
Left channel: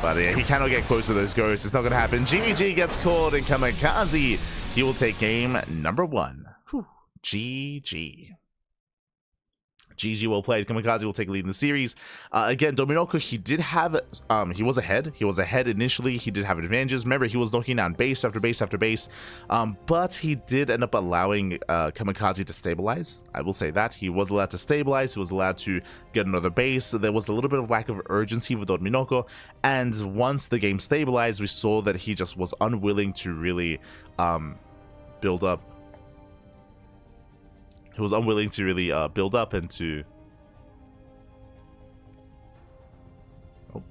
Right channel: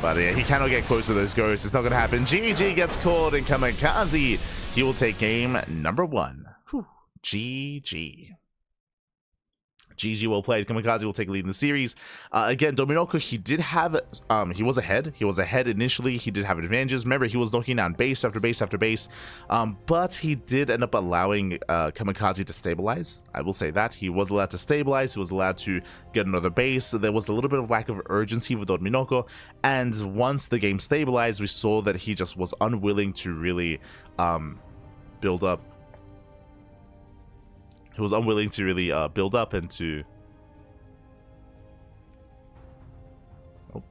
But yeah, he cannot get close to those ghosts. It's not going to happen. GG gets called and Kamikaze. He will take game number 1. Whew. GG. GG, well played. Kamikaze will take lead in the series. Again, Dominoko, he did have, he was ahead. He was ahead initially. He did have advantages. Remember, he was knocking down base after base after base. But he did end up allowing Kamikaze to stabilize. I will say that. He was allowed to stabilize. He was allowed to get another base. There was a little bit of lack of urgency with Dominoko. And once the game stabilized, we saw that he just was unwilling to really build up. He was unwilling to really build up and to... Oh.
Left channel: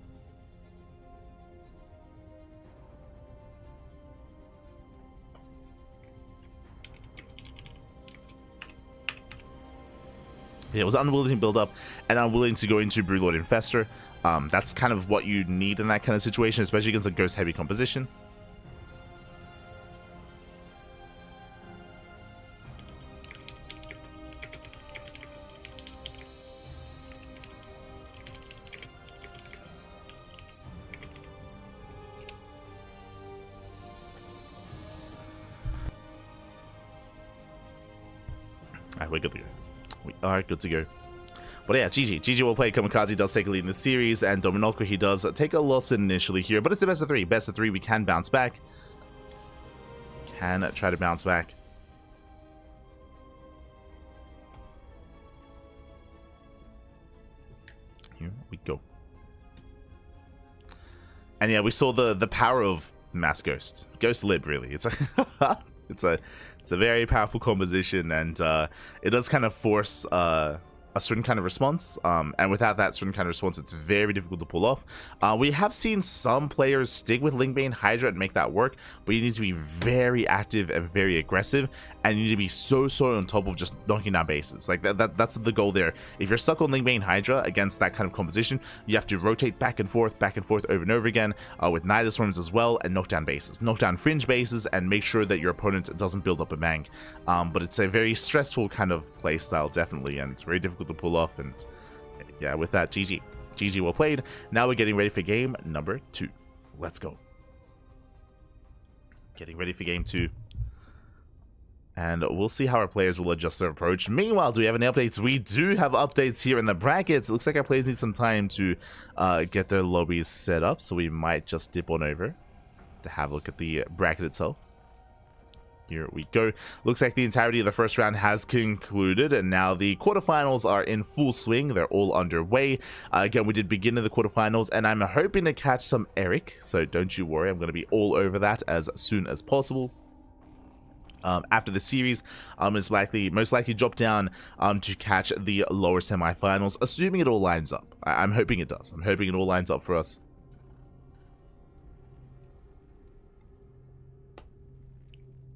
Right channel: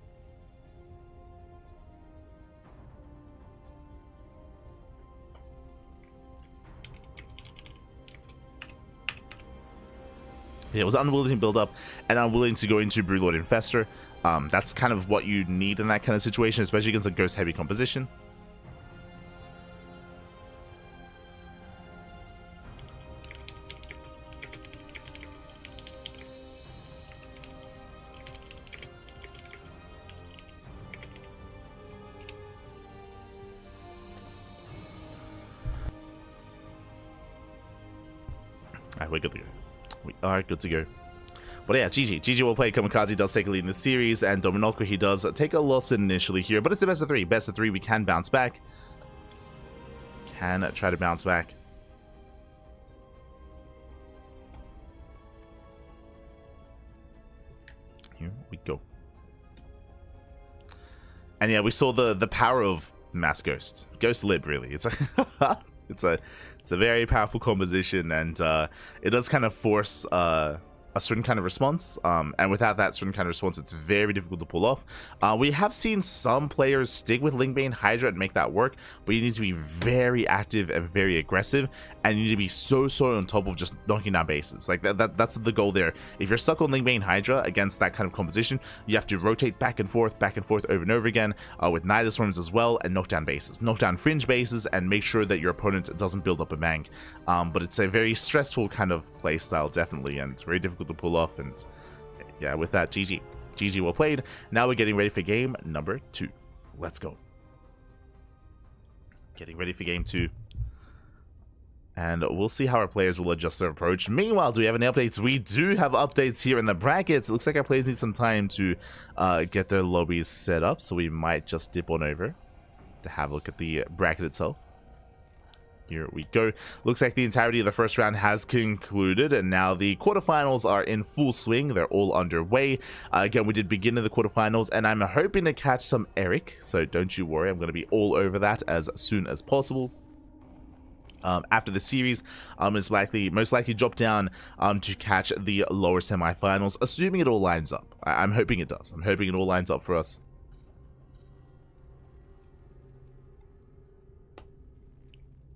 Yeah, it was unwilling to build up and unwilling to go into Broodlord Infestor. That's kind of what you need in that kind of situation, especially against a ghost-heavy composition. We're good to go. We are good to go. But yeah, GG. GG will play. Kamikaze does take a lead in the series, and Dominoko, he does take a loss initially here, but it's a best of 3. Best of 3, we can bounce back. Can try to bounce back. Here we go. And yeah, we saw the power of Mass Ghost. Ghost Lib, really. It's a it's a very powerful composition, and it does kind of force a certain kind of response, and without that certain kind of response, it's very difficult to pull off. We have seen some players stick with Lingbane Hydra and make that work, but you need to be very active and very aggressive, and you need to be so on top of just knocking down bases. Like that's the goal there. If you're stuck on Lingbane Hydra against that kind of composition, you have to rotate back and forth over and over again, with Nihilus Storms as well, and knock down bases, knock down fringe bases, and make sure that your opponent doesn't build up a bank. But it's a very stressful kind of play style, definitely, and it's very difficult to pull off. And yeah, with that, GG well played. Now we're getting ready for game number 2. Let's go. Getting ready for game 2, and we'll see how our players will adjust their approach. Meanwhile, do we have any updates? We do have updates here in the brackets. It looks like our players need some time to get their lobbies set up, so we might just dip on over to have a look at the bracket itself. Here we go. Looks like the entirety of the first round has concluded, and now the quarterfinals are in full swing. They're all underway. Again, we did begin in the quarterfinals, and I'm hoping to catch some Erik, so don't you worry. I'm going to be all over that as soon as possible. after the series is most likely drop down to catch the lower semifinals, assuming it all lines up. I'm hoping it does. I'm hoping it all lines up for us.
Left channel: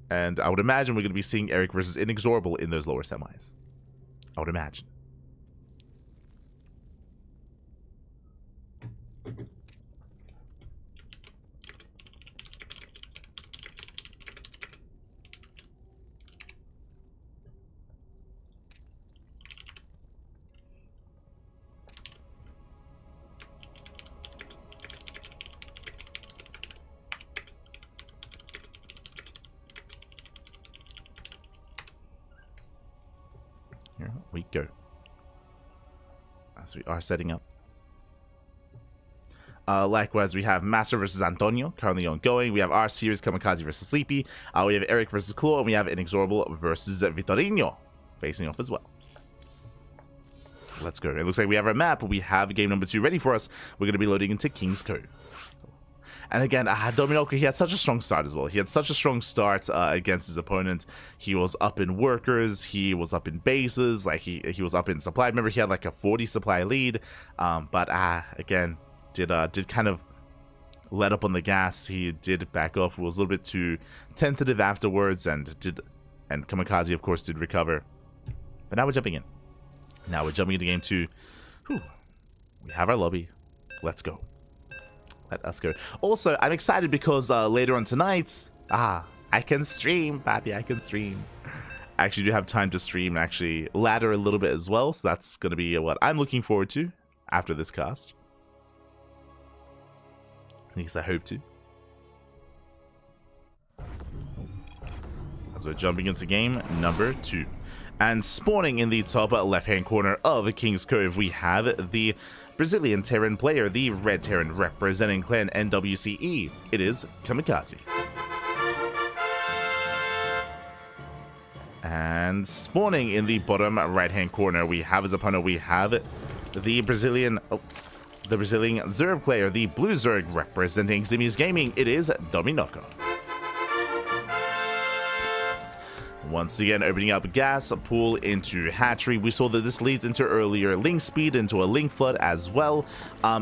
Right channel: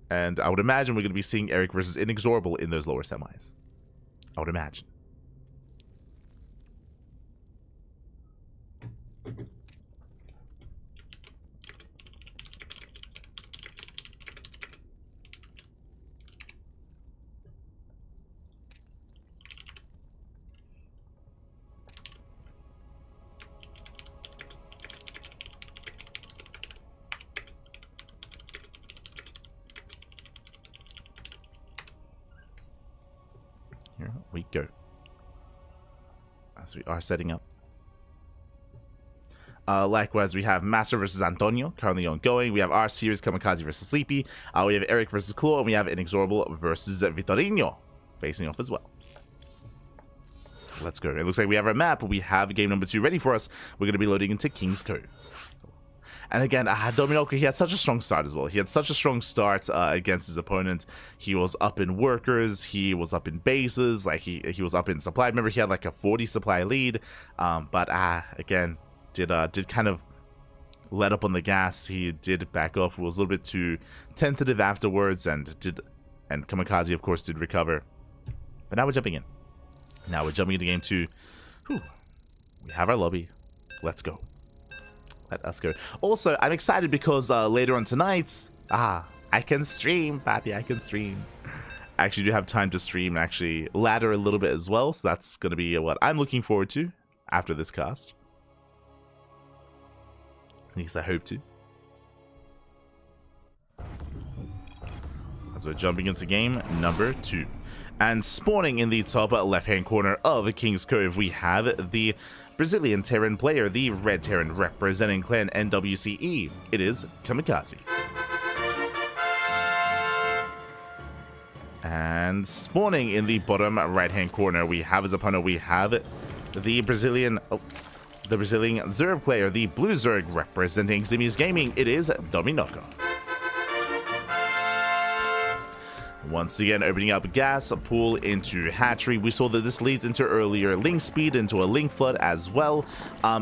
And I would imagine we're going to be seeing Erik versus INexorable in those lower semis. I would imagine. Here we go. As we are setting up. Likewise, we have MasTeR versus Antonio, currently ongoing. We have our series, CranKy versus Sleepy. We have Erik versus Claw, and we have INexorable versus Vitorino facing off as well. Let's go. It looks like we have our map. We have game number 2 ready for us. We're going to be loading into King's Cove. And again, Dominoco, he had such a strong start as well. He had such a strong start against his opponent. He was up in workers. He was up in bases. Like, he was up in supply. Remember, he had like a 40 supply lead. But again, did kind of let up on the gas. He did back off. It was a little bit too tentative afterwards. And CranKy, of course, did recover. But now we're jumping in. Now we're jumping into game 2. Whew. We have our lobby. Let's go. Let us go. Also, I'm excited because later on tonight, I can stream, papi, I can stream. I actually do have time to stream and actually ladder a little bit as well, so that's going to be what I'm looking forward to after this cast. At least I hope to. As we're jumping into game number 2. And spawning in the top left-hand corner of King's Cove, we have the Brazilian Terran player, the Red Terran representing clan NWCE. It is CranKy. And spawning in the bottom right-hand corner, we have his opponent. We have the Brazilian Zerg player, the Blue Zerg representing Zimi's Gaming. It is Dominoco. Once again, opening up gas, a pool into hatchery. We saw that this leads into earlier link speed, into a link flood as well.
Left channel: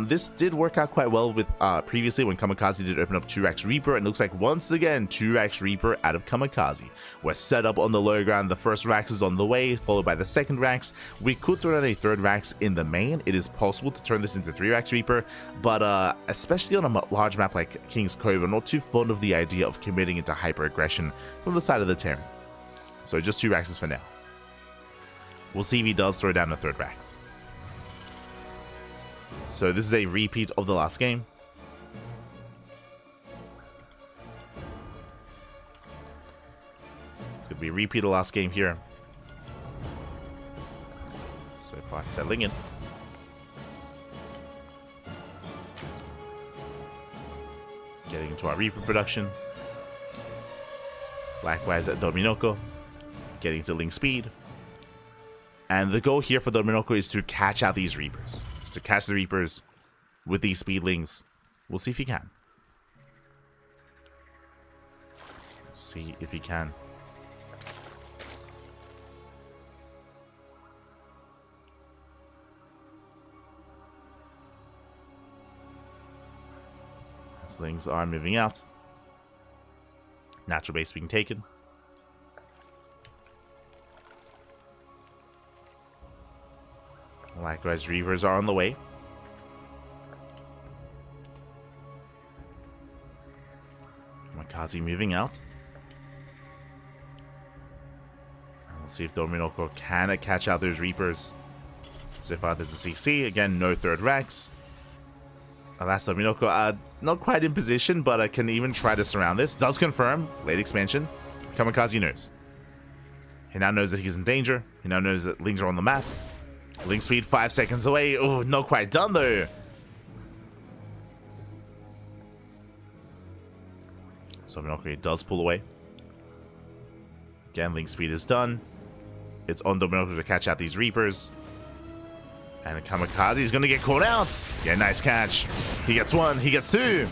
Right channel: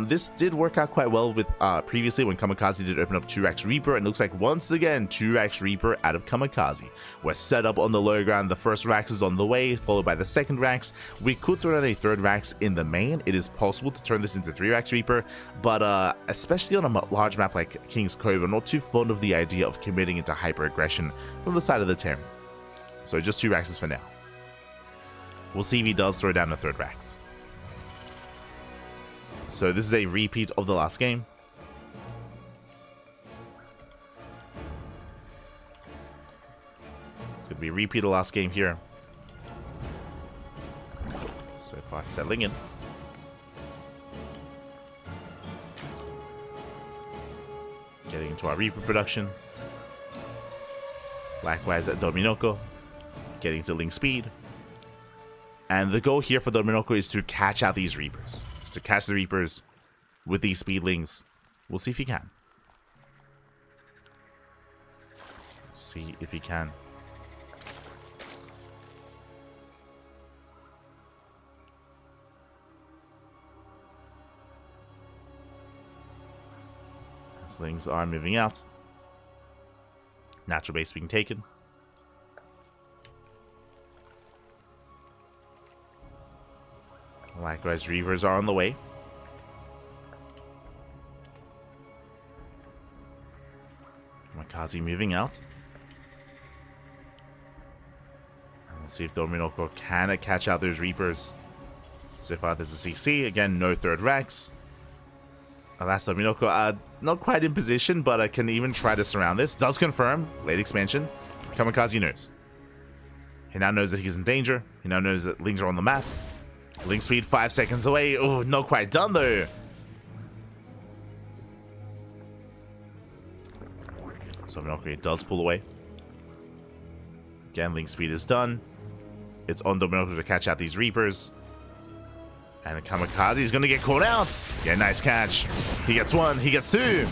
This did work out quite well with previously when CranKy did open up 2x Reaper, and it looks like once again 2x Reaper out of CranKy. We're set up on the low ground. The first Rax is on the way, followed by the second Rax. We could throw out a third Rax in the main. It is possible to turn this into 3x Reaper, but especially on a large map like King's Cove, I'm not too fond of the idea of committing into hyper aggression from the side of the Terran. So just 2 Raxes for now. We'll see if he does throw down a third Rax. So this is a repeat of the last game. It's going to be a repeat of the last game here. So far settling in. Getting into our Reaper production. Likewise at Dominoco. Getting to link speed. And the goal here for Dominoco is to catch out these Reapers. Is to catch the Reapers with these speedlings. We'll see if he can. See if he can. As things are moving out. Natural base being taken. Likewise, Reavers are on the way. CranKy moving out. And we'll see if Dominoco can catch out those Reapers. So far, there's a CC. Again, no third Rax. Alas, Dominoco, not quite in position, but can even try to surround this. Does confirm. Late expansion. CranKy knows. He now knows that he's in danger. He now knows that Lings are on the map. Link speed 5 seconds away. Oh, not quite done though. So Dominoco does pull away. Again, link speed is done. It's on Dominoco to catch out these Reapers. And CranKy is going to get caught out. Yeah, nice catch. He gets 1. He gets 2.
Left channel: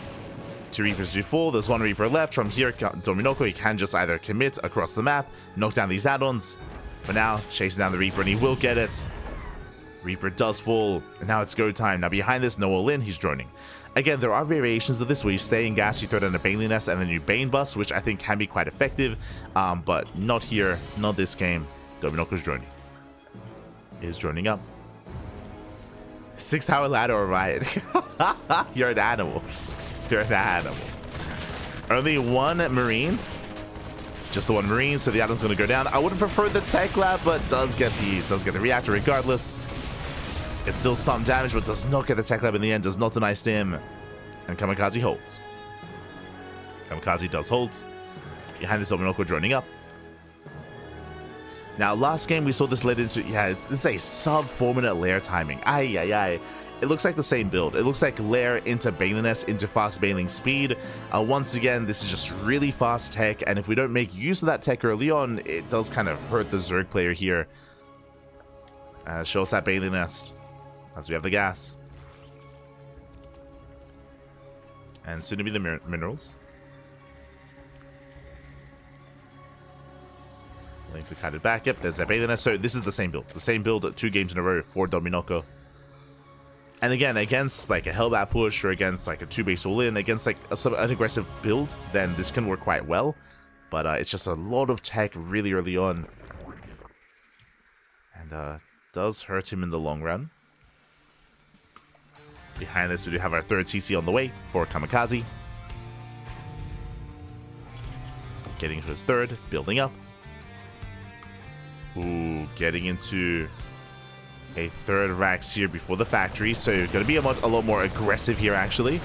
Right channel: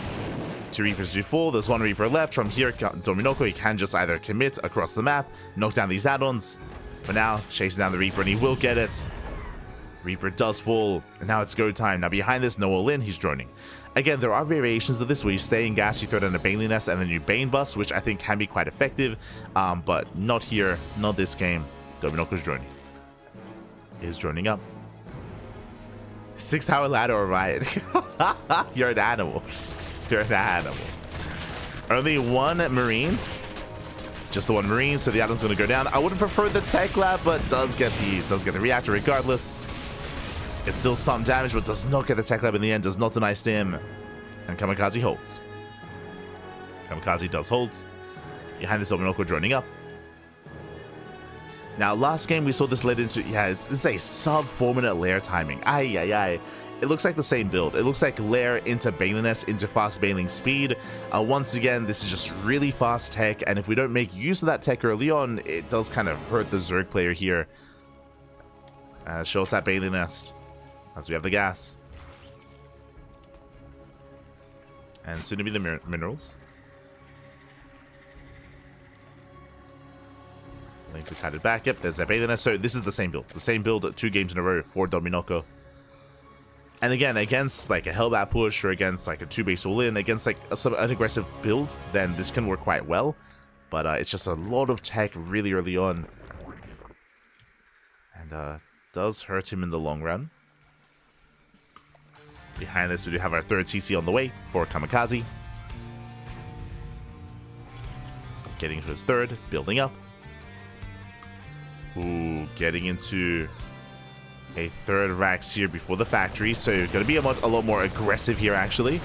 2 Reapers do fall. There's 1 Reaper left. From here, Dominoko, he can just either commit across the map, knock down these add-ons. For now, chasing down the Reaper, and he will get it. Reaper does fall, and now it's go time. Now behind this, no all-in, he's droning. Again, there are variations of this where you stay in gas, you throw down a Baneling Nest, and then you Bane Bust, which I think can be quite effective, but not here, not this game. Dominoko's droning. Is droning up. 6-hour ladder or riot. You're an animal. You're an animal. Only 1 Marine. Just the 1 Marine, so the add-on's going to go down. I would have preferred the Tech Lab, but does get the reactor regardless. It's still some damage, but does not get the Tech Lab in the end. Does not deny stim. And Kamikaze holds. Kamikaze does hold. Behind this, Dominoko droning up. Now, last game we saw this led into, this is a sub 4-minute lair timing. It looks like the same build. It looks like lair into Baneling Nest into fast Baneling speed. Once again, this is just really fast tech, and if we don't make use of that tech early on, it does kind of hurt the Zerg player here. Show us that Baneling Nest as we have the gas. And soon to be the minerals. Links are cut back. Yep, there's that Baneling Nest. So this is the same build. The same build 2 games in a row for Dominoko. And again, against like a Hellbat push or against like a 2-base all-in, against like an aggressive build, then this can work quite well. But it's just a lot of tech really early on. And does hurt him in the long run. Behind this, we do have our 3rd CC on the way for Kamikaze. Getting to his 3rd, building up. Ooh, getting into a 3rd Rax here before the factory, so going to be a lot more aggressive here, actually.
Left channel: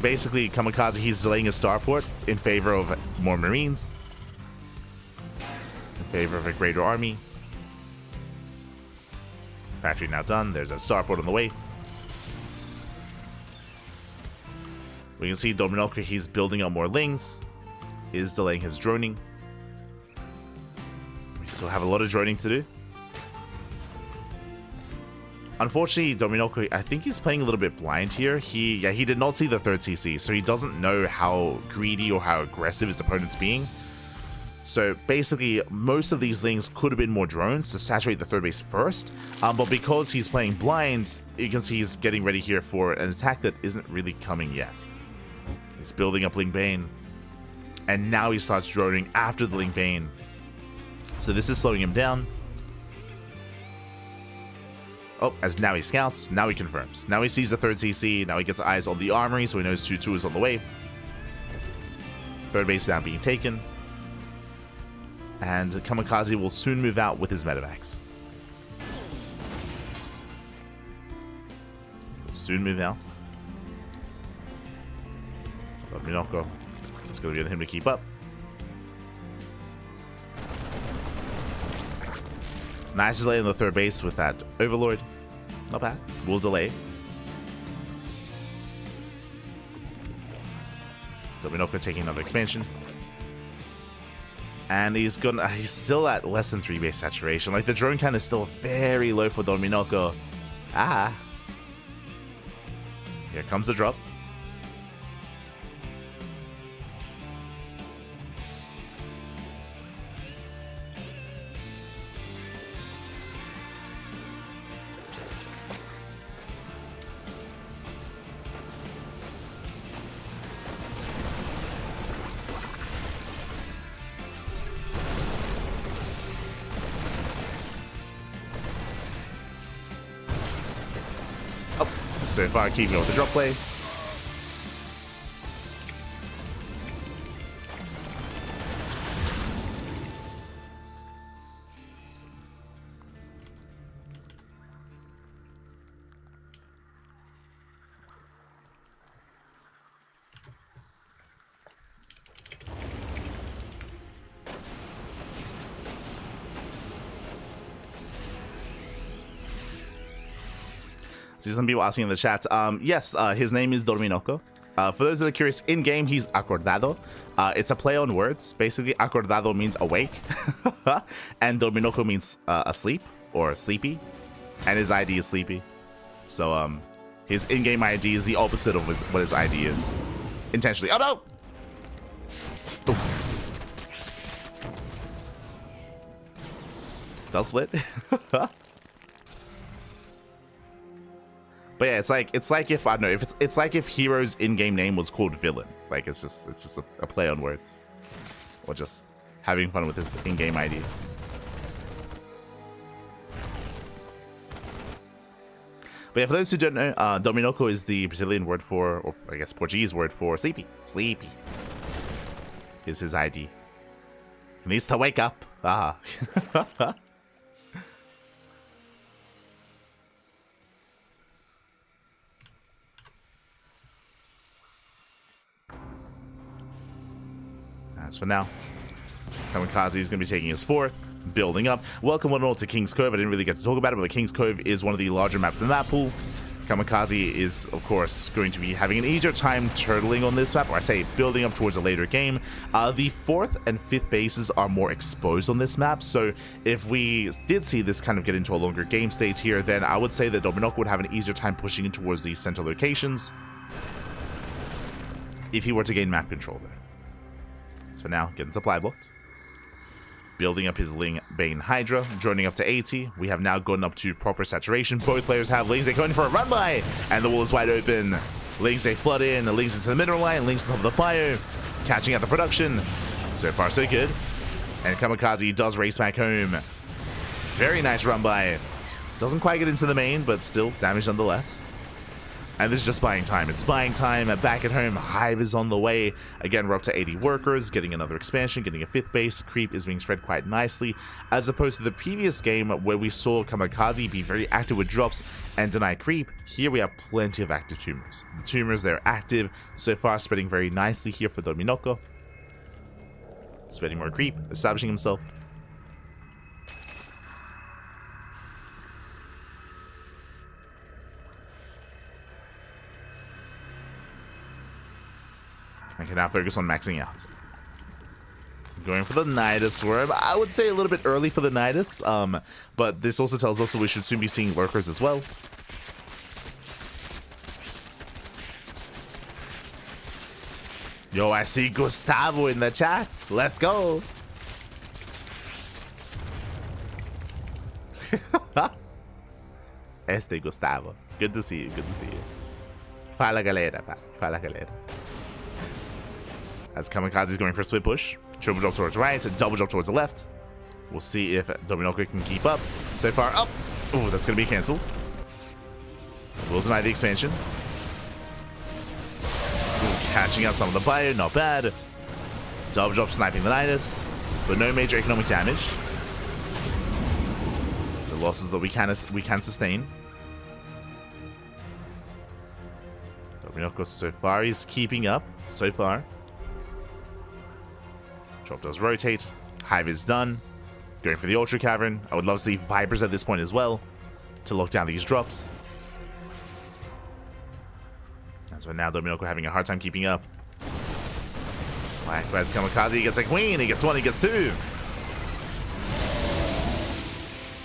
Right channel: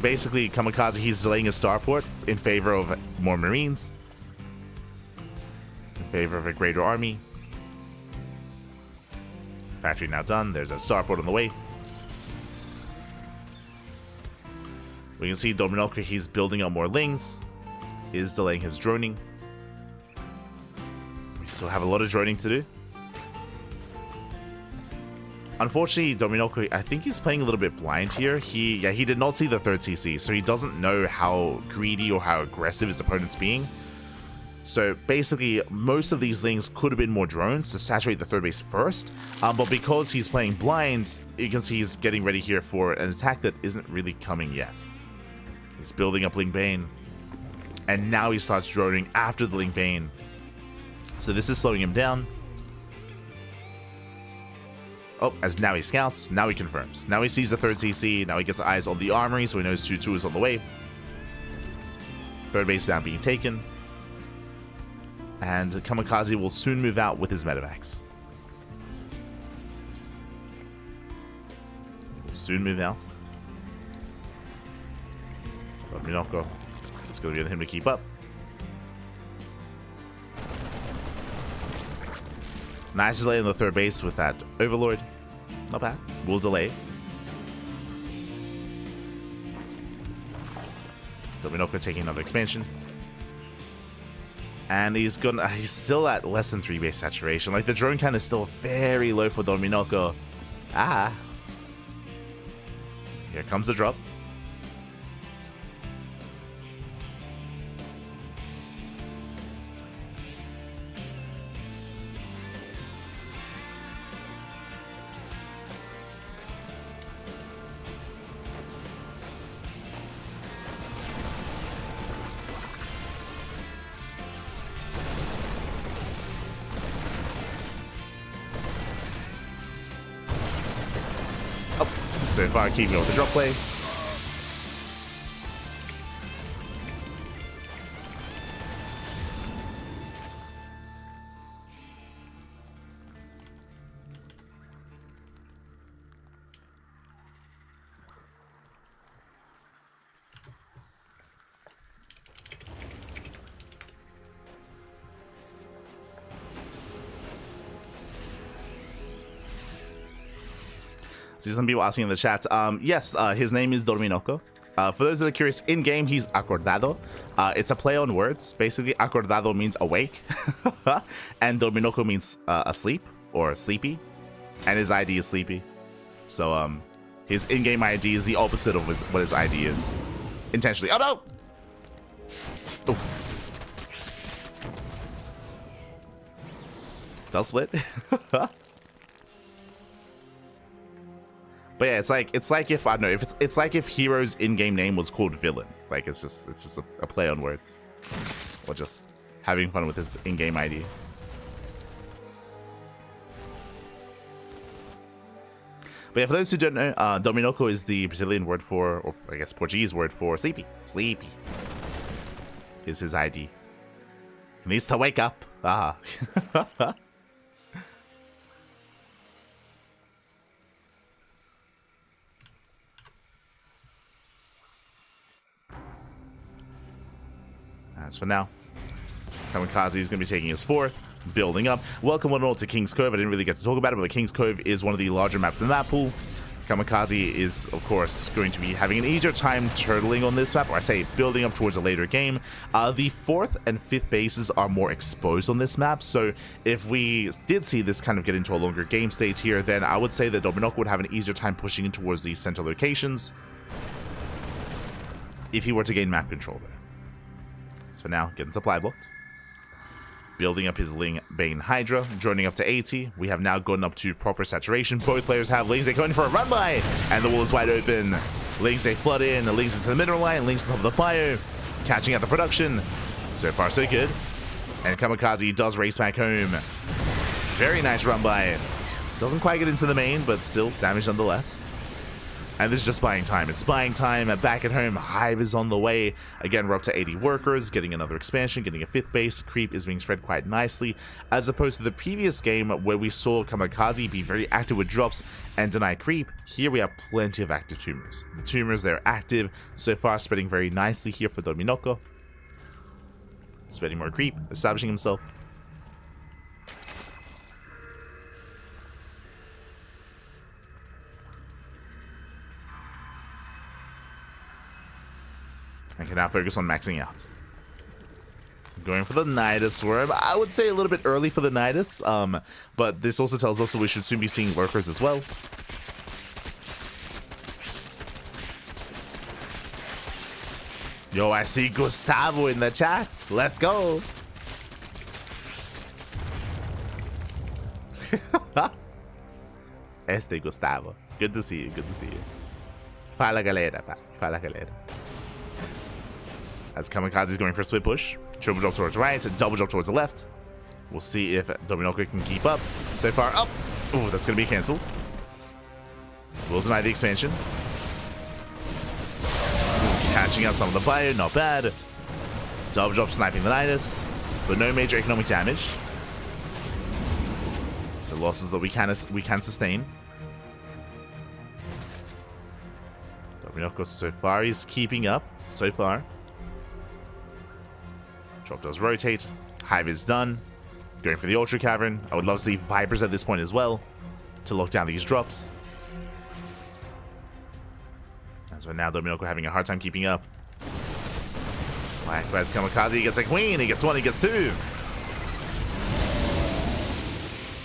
Basically, Kamikaze, he's delaying his starport in favor of more Marines, in favor of a greater army. Factory now done. There's a starport on the way. We can see Dominoko, he's building up more Lings, is delaying his droning. Still have a lot of droning to do. Unfortunately, Dominoko, I think he's playing a little bit blind here. He did not see the 3rd CC, so he doesn't know how greedy or how aggressive his opponent's being. So basically, most of these Lings could have been more drones to saturate the 3rd base first, but because he's playing blind, you can see he's getting ready here for an attack that isn't really coming yet. He's building up Ling Bane, and now he starts droning after the Ling Bane. So this is slowing him down. Oh, as now he scouts, now he confirms. Now he sees the 3rd CC, now he gets eyes on the armory, so he knows 2-2 is on the way. 3rd base now being taken. And Kamikaze will soon move out with his medevacs. Will soon move out. But Minoko, it's going to be on him to keep up. Nice delay on the 3rd base with that Overlord. Not bad. We'll delay. Dominoko taking another expansion. And he's still at less than 3 base saturation. Like, the drone count is still very low for Dominoko. Here comes the drop. So far, keeping with the drop play. See some people asking in the chat. Yes, his name is Dominoko. For those that are curious, in game he's acordado. It's a play on words. Basically, acordado means awake, and Dominoko means asleep or sleepy, and his ID is sleepy. So His in-game ID is the opposite of what his ID is. Intentionally. Oh no! Oh. Does split. But yeah, it's like if I don't know, if it's like if Hero's in-game name was called Villain. Like it's just a play on words. Or just having fun with his in-game ID. But yeah, for those who don't know, Dominoko is the Brazilian word for, or I guess Portuguese word for sleepy. Sleepy is his ID. He needs to wake up. Ah. As for now, Kamikaze is going to be taking his fourth, building up. Welcome one and all to King's Cove. I didn't really get to talk about it, but King's Cove is one of the larger maps in the map pool. Kamikaze is, of course, going to be having an easier time turtling on this map, or I say building up towards a later game. The 4th and 5th bases are more exposed on this map, so if we did see this kind of get into a longer game state here, then I would say that Dominoko would have an easier time pushing in towards these center locations if he were to gain map control there. So for now, getting supply blocked. Building up his Ling Bane Hydra, joining up to 80. We have now gotten up to proper saturation. Both players have Lings going for a run by, and the wall is wide open. Lings flood in, Lings into the mineral line, Lings on top of the fire, catching out the production. So far, so good. And Kamikaze does race back home. Very nice run by. Doesn't quite get into the main, but still damage nonetheless. And this is just buying time. It's buying time. Back at home, Hive is on the way. Again, we're up to 80 workers, getting another expansion, getting a 5th base. Creep is being spread quite nicely, as opposed to the previous game where we saw Kamikaze be very active with drops and deny creep. Here we have plenty of active tumors. The tumors, they're active. So far, spreading very nicely here for Dominoko. Spreading more creep, establishing himself. I can now focus on maxing out. Going for the Nidus Swarm. I would say a little bit early for the Nidus, but this also tells us that we should soon be seeing lurkers as well. Yo, I see Gustavo in the chat. Let's go. Este Gustavo. Good to see you, good to see you. Fala galera, pá. Fala galera. As Kamikaze is going for a split push. Triple drop towards right, double drop towards the left. We'll see if Dominoko can keep up. So far, up. Oh, that's going to be cancelled. We'll deny the expansion. Ooh, catching out some of the fire, not bad. Double drop sniping the Nidus, but no major economic damage. So losses that we can sustain. Dominoko so far is keeping up. So far. Drop does rotate. Hive is done. Going for the Ultra Cavern. I would love to see Vipers at this point as well to lock down these drops. As for now, Dominoko having a hard time keeping up. Likewise, Kamikaze, he gets a queen. He gets one, he gets two.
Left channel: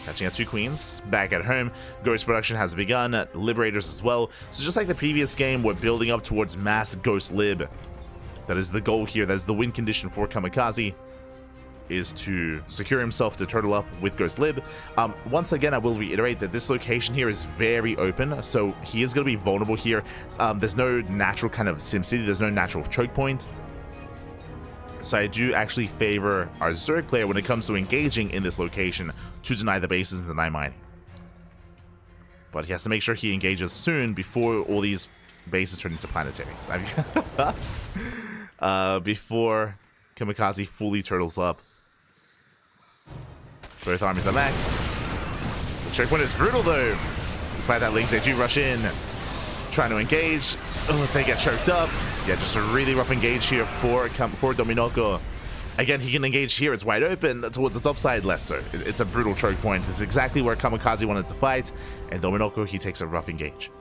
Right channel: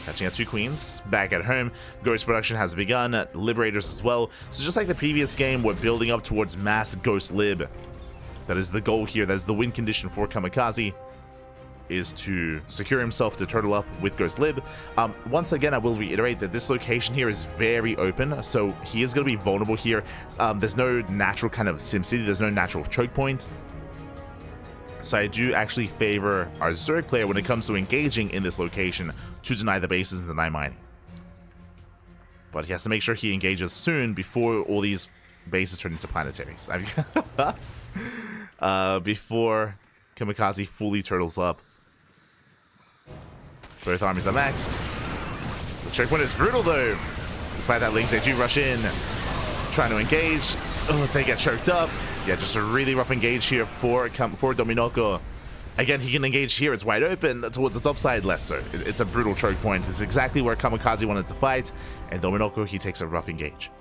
Catching out 2 queens. Back at home, Ghost production has begun. Liberators as well. So just like the previous game, we're building up towards mass Ghost Lib. That is the goal here. That is the win condition for Kamikaze, is to secure himself to turtle up with Ghost Lib. Once again, I will reiterate that this location here is very open, so he is going to be vulnerable here. There's no natural kind of SimCity. There's no natural choke point. So I do actually favor our Zerg player when it comes to engaging in this location to deny the bases and deny mining. But he has to make sure he engages soon before all these bases turn into planetaries. Before Kamikaze fully turtles up. Both armies are maxed. The checkpoint is brutal though. Despite that, Lings, they do rush in, trying to engage. Oh, they get choked up. Yeah, just a really rough engage here for Dominoko. Again, he can engage here. It's wide open towards the top side, less so. It's a brutal choke point. It's exactly where Kamikaze wanted to fight. And Dominoko, he takes a rough engage.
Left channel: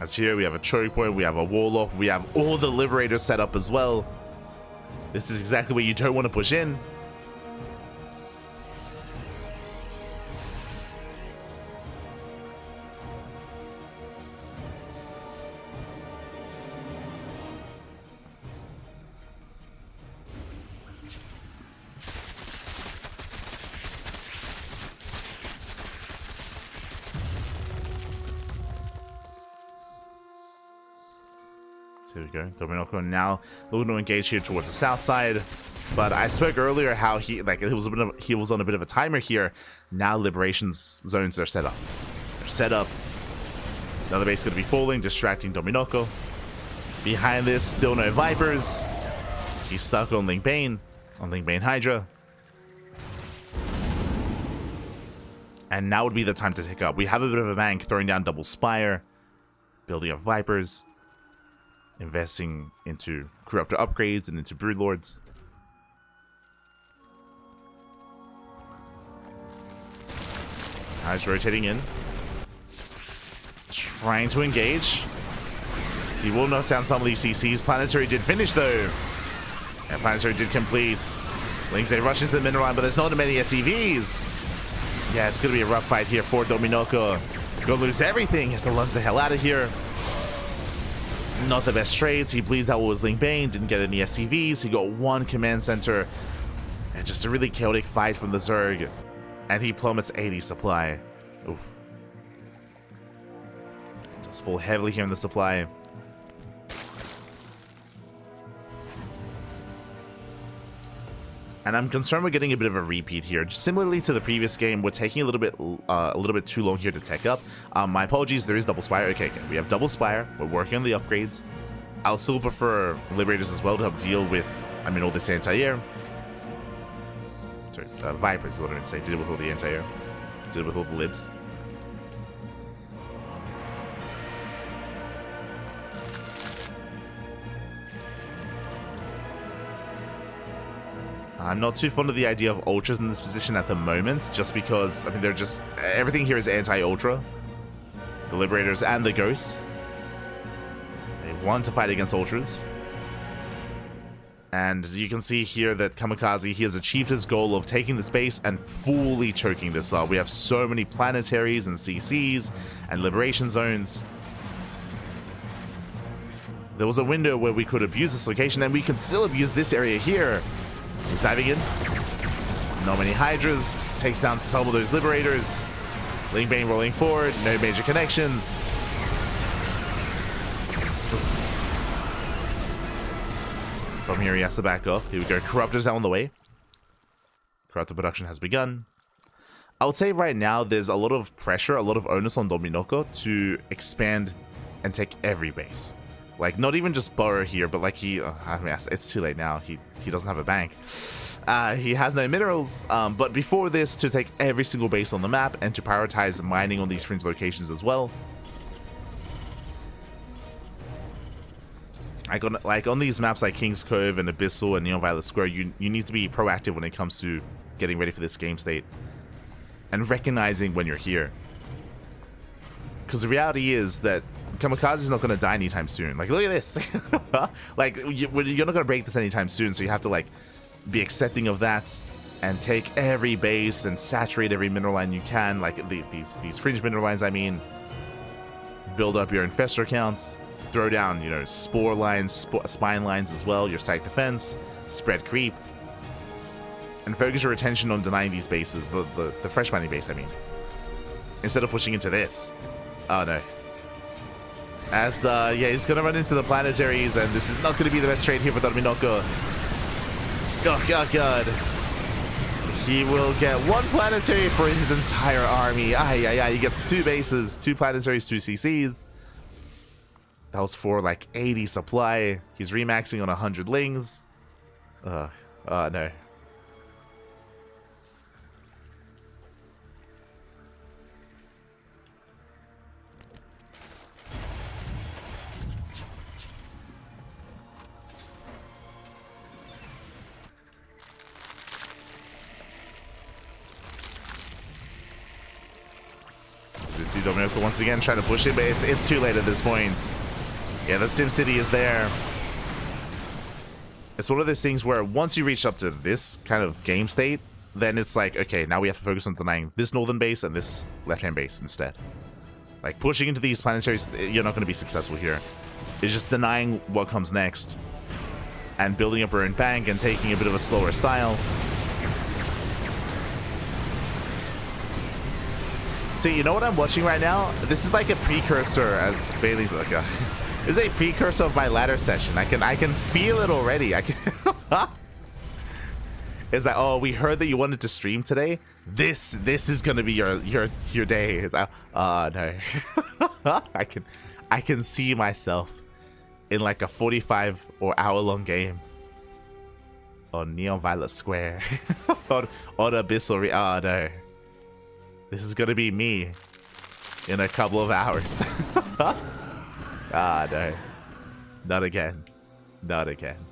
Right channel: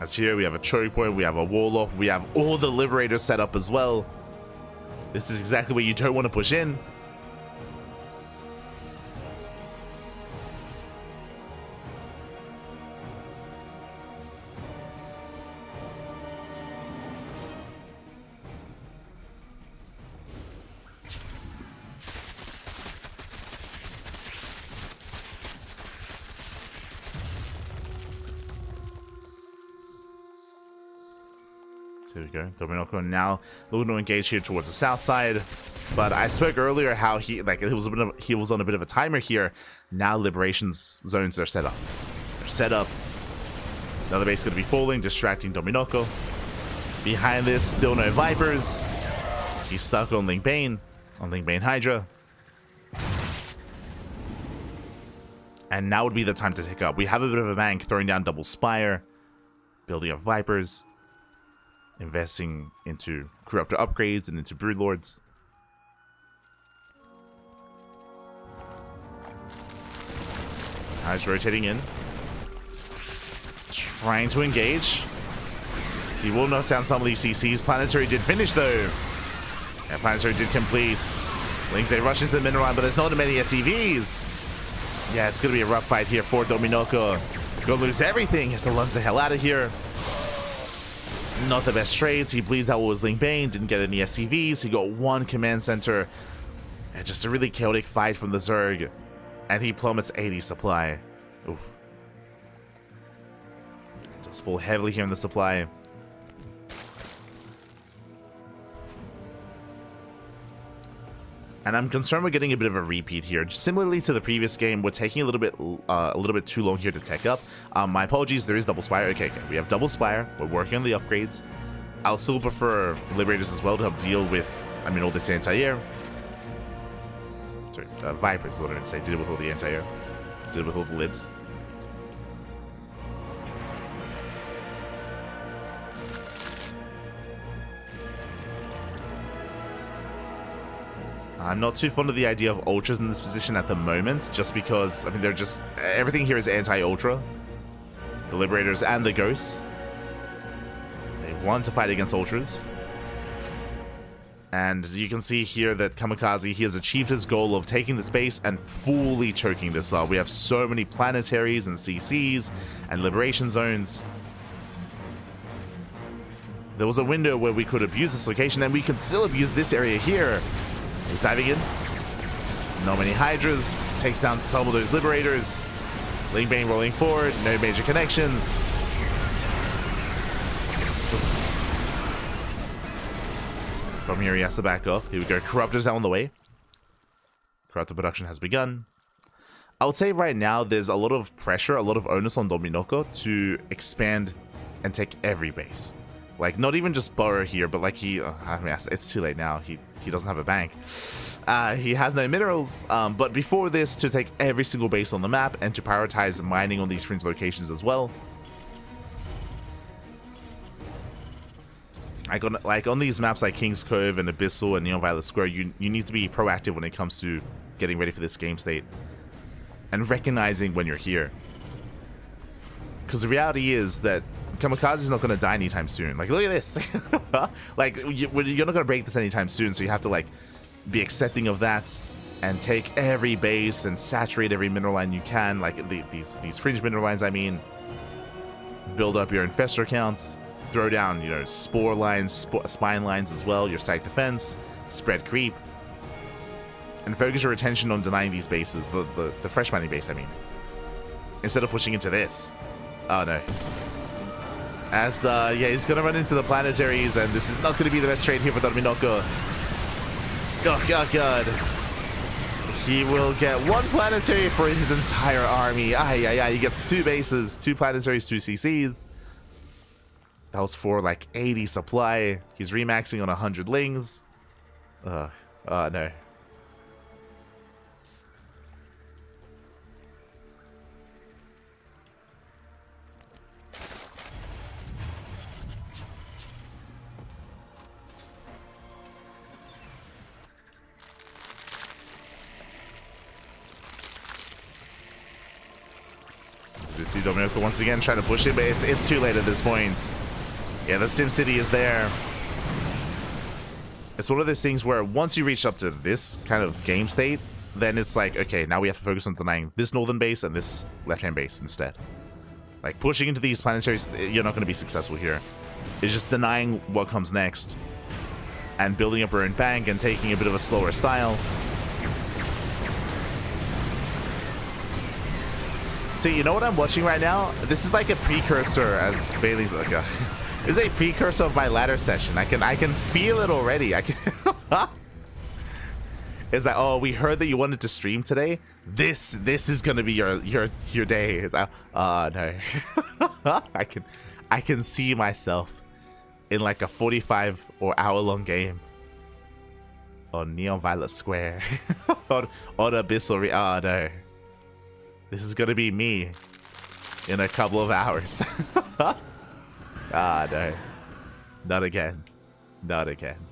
As here, we have a choke point, we have a wall off, we have all the Liberators set up as well. This is exactly where you don't want to push in. So there we go. Dominoko now looking to engage here towards the south side. But I spoke earlier how he was on a bit of a timer here. Now liberations zones are set up. They're set up. Another base going to be falling, distracting Dominoko. Behind this, still no Vipers. He's stuck on Link Bane, Hydra. And now would be the time to take up. We have a bit of a bank, throwing down double Spire, building up Vipers, investing into Corruptor upgrades and into Broodlords. He's rotating in, trying to engage. He will knock down some of these CCs. Planetary did finish though. And Planetary did complete. Links, they rush into the mineral line, but there's not many SCVs. Yeah, it's going to be a rough fight here for Dominoko. Gonna lose everything. Has to lunge the hell out of here. Not the best trades. He bleeds out with his Link Bane. Didn't get any SCVs. He got one command center. And just a really chaotic fight from the Zerg. And he plummets 80 supply. Oof. Does fall heavily here in the supply. And I'm concerned we're getting a bit of a repeat here. Just similarly to the previous game, we're taking a little bit too long here to tech up. My apologies, there is double Spire. Okay, we have double Spire. We're working on the upgrades. I'll still prefer Liberators as well to help deal with, all this anti-air. Sorry, Vipers is what I meant to say. Did it with all the anti-air. Did it with all the libs. I'm not too fond of the idea of Ultras in this position at the moment, just because, they're just... Everything here is anti-Ultra. The Liberators and the Ghosts. They want to fight against Ultras. And you can see here that Kamikaze, he has achieved his goal of taking the space and fully choking this up. We have so many planetaries and CCs and liberation zones. There was a window where we could abuse this location, and we can still abuse this area here. He's diving in. Not many Hydras. Takes down some of those Liberators. Link Bane rolling forward. No major connections. From here, he has to back off. Here we go. Corruptors out on the way. Corruptor production has begun. I would say right now there's a lot of pressure, a lot of onus on Dominoko to expand and take every base. Like, not even just burrow here, but like it's too late now. He doesn't have a bank. He has no minerals. But before this, to take every single base on the map and to prioritize mining on these fringe locations as well. Like on these maps like King's Cove and Abyssal and Neon Violet Square, you need to be proactive when it comes to getting ready for this game state. And recognizing when you're here. Because the reality is that Kamikaze is not going to die anytime soon. Like, look at this. Like, you're not going to break this anytime soon, so you have to, like, be accepting of that and take every base and saturate every mineral line you can. Like, these fringe mineral lines, build up your infestor counts, throw down, spore lines, spine lines as well, your static defense, spread creep, and focus your attention on denying these bases, the fresh mining base, instead of pushing into this. Oh, no. As, he's going to run into the planetaries, and this is not going to be the best trade here for Dominoko. Oh, God. He will get one planetary for his entire army. He gets 2 bases, 2 planetaries, 2 CCs. That was for, like, 80 supply. He's remaxing on 100 lings. Oh, no. You see Dominoko once again trying to push it, but it's too late at this point. Yeah, the Sim City is there. It's one of those things where once you reach up to this kind of game state, then it's like, okay, now we have to focus on denying this northern base and this left-hand base instead. Like, pushing into these planetaries, you're not going to be successful here. It's just denying what comes next and building up your own bank and taking a bit of a slower style. See, you know what I'm watching right now? This is like a precursor, as Bailey's like This is a precursor of my ladder session. I can feel it already. I can. It's like, oh, we heard that you wanted to stream today. This is gonna be your day. It's like, oh no. I can see myself in like a 45 or hour-long game on Neon Violet Square on Abyssal. Oh no. This is gonna be me in a couple of hours. Ah, no. Not again. Not again.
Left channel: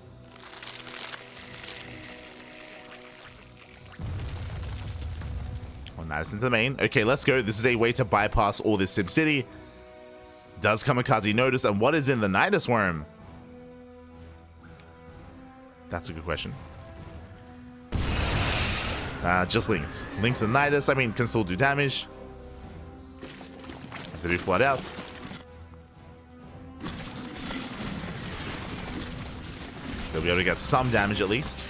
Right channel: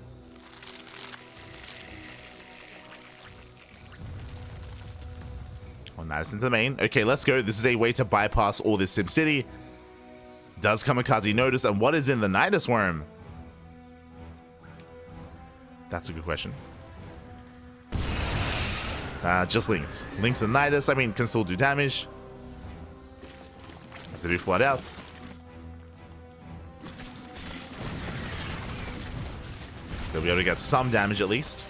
Oh, Madison to the main. Okay, let's go. This is a way to bypass all this SimCity. Does Kamikaze notice? And what is in the Nidus Worm? That's a good question. Just Links. Links and Nidus, I mean, can still do damage. As they do flood out. They'll be able to get some damage at least.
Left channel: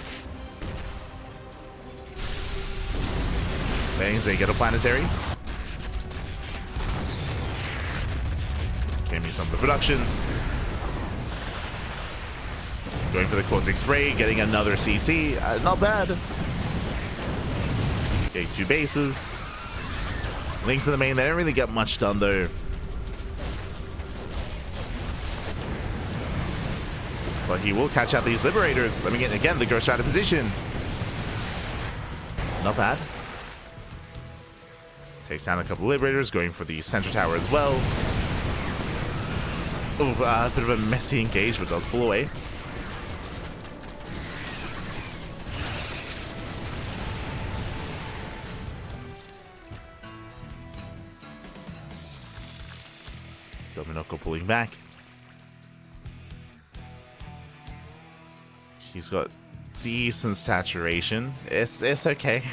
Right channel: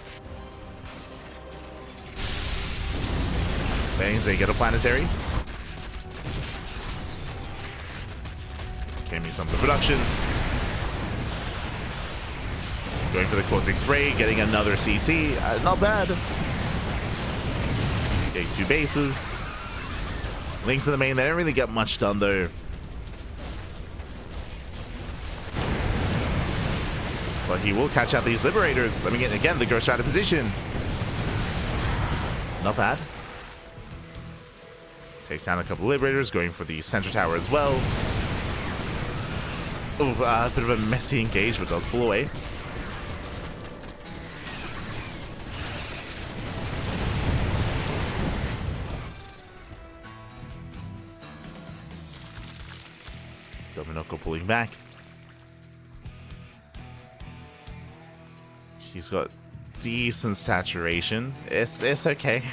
Bangs, they get a planetary. Can use some of the production. Going for the Caustic Spray, getting another CC. Not bad. Getting 2 bases. Links in the main, they didn't really get much done though. But he will catch out these Liberators. I mean, again, the Ghost Rider position. Not bad. Takes down a couple of Liberators, going for the center tower as well. Ooh, a bit of a messy engage, but does pull away. Dominoko pulling back. He's got decent saturation. It's okay.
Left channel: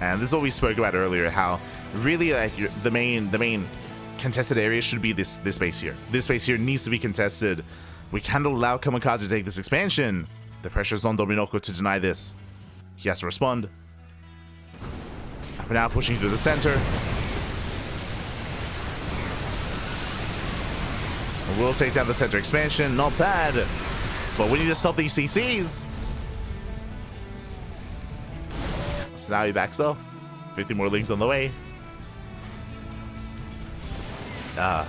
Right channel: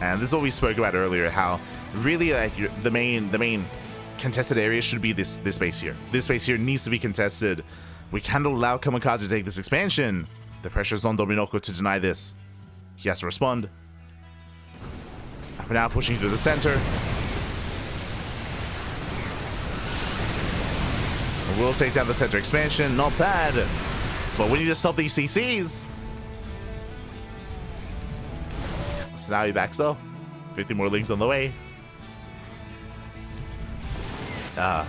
And this is what we spoke about earlier, how really like the main contested area should be this base here. This base here needs to be contested. We can't allow Kamikaze to take this expansion. The pressure is on Dominoko to deny this. He has to respond. For now, pushing through the center. We'll take down the center expansion. Not bad. But we need to stop these CCs. So now he backs off. 50 more links on the way. Oh,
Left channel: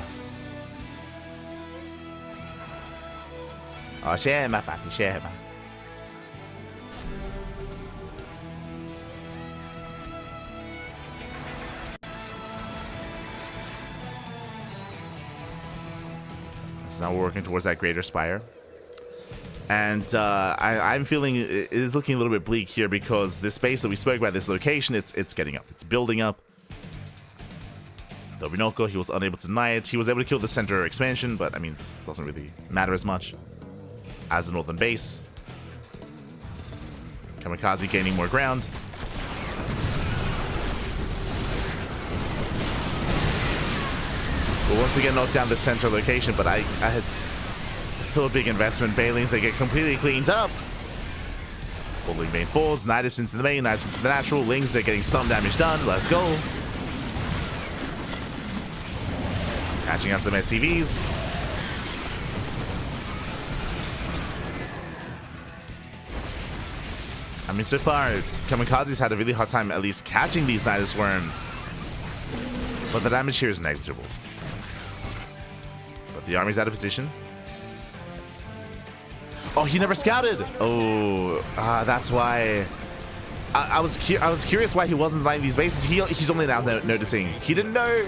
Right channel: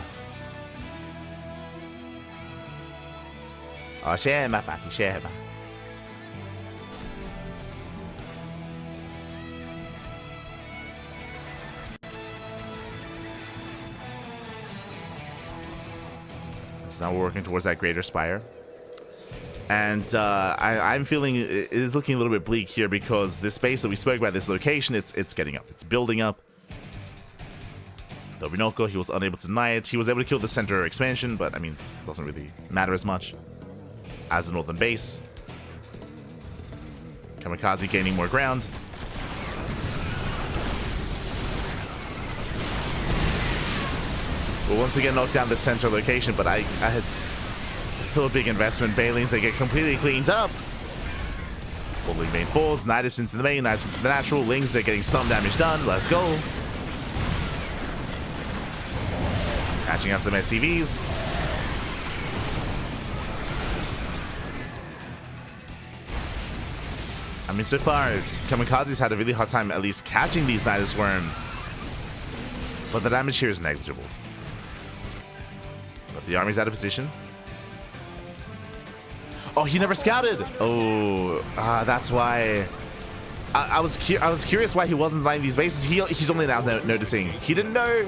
share my papi, share my. So now we're working towards that greater spire. And I'm feeling it is looking a little bit bleak here because this space that we spoke about, this location, it's getting up. It's building up. Dominoko, he was unable to deny it. He was able to kill the center expansion, but I mean, it doesn't really matter as much as the northern base. Kamikaze gaining more ground. We'll once again knock down the center location, but I had still a big investment. Bailings, they get completely cleaned up. Pulling main falls, Nidus into the main, Nidus into the natural. Lings, they're getting some damage done. Let's go. Catching out some SCVs. I mean, so far, Kamikaze's had a really hard time at least catching these Nidus worms. But the damage here is negligible. But the army's out of position. Oh, he never scouted. Oh, that's why. I was curious why he wasn't denying these bases. He's only now noticing. He didn't know.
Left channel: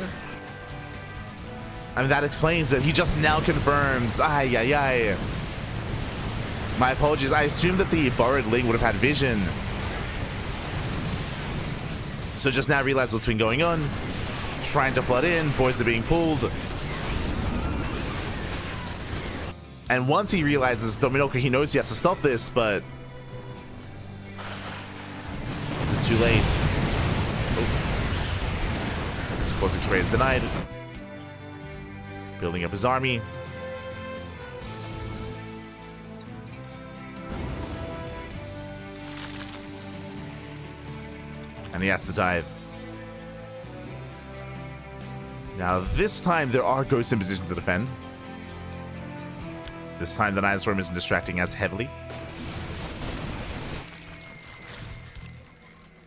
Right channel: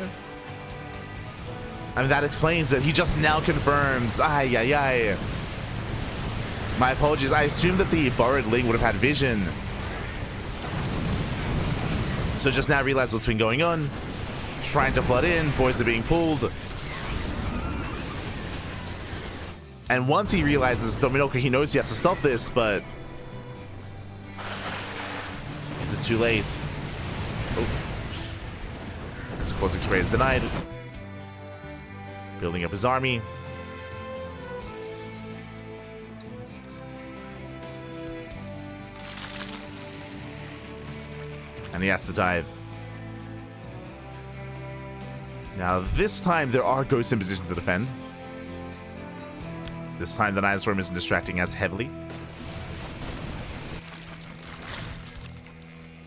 I mean, that explains it. He just now confirms. Ay, ay, ay. My apologies. I assumed that the borrowed Ling would have had vision. So just now realized what's been going on. Trying to flood in. Boys are being pulled. And once he realizes Dominoko, he knows he has to stop this, but is it too late? Oh. His Caustic Spray is denied. Building up his army. And he has to dive. Now, this time, there are ghosts in position to defend. This time, the Night Storm isn't distracting as heavily.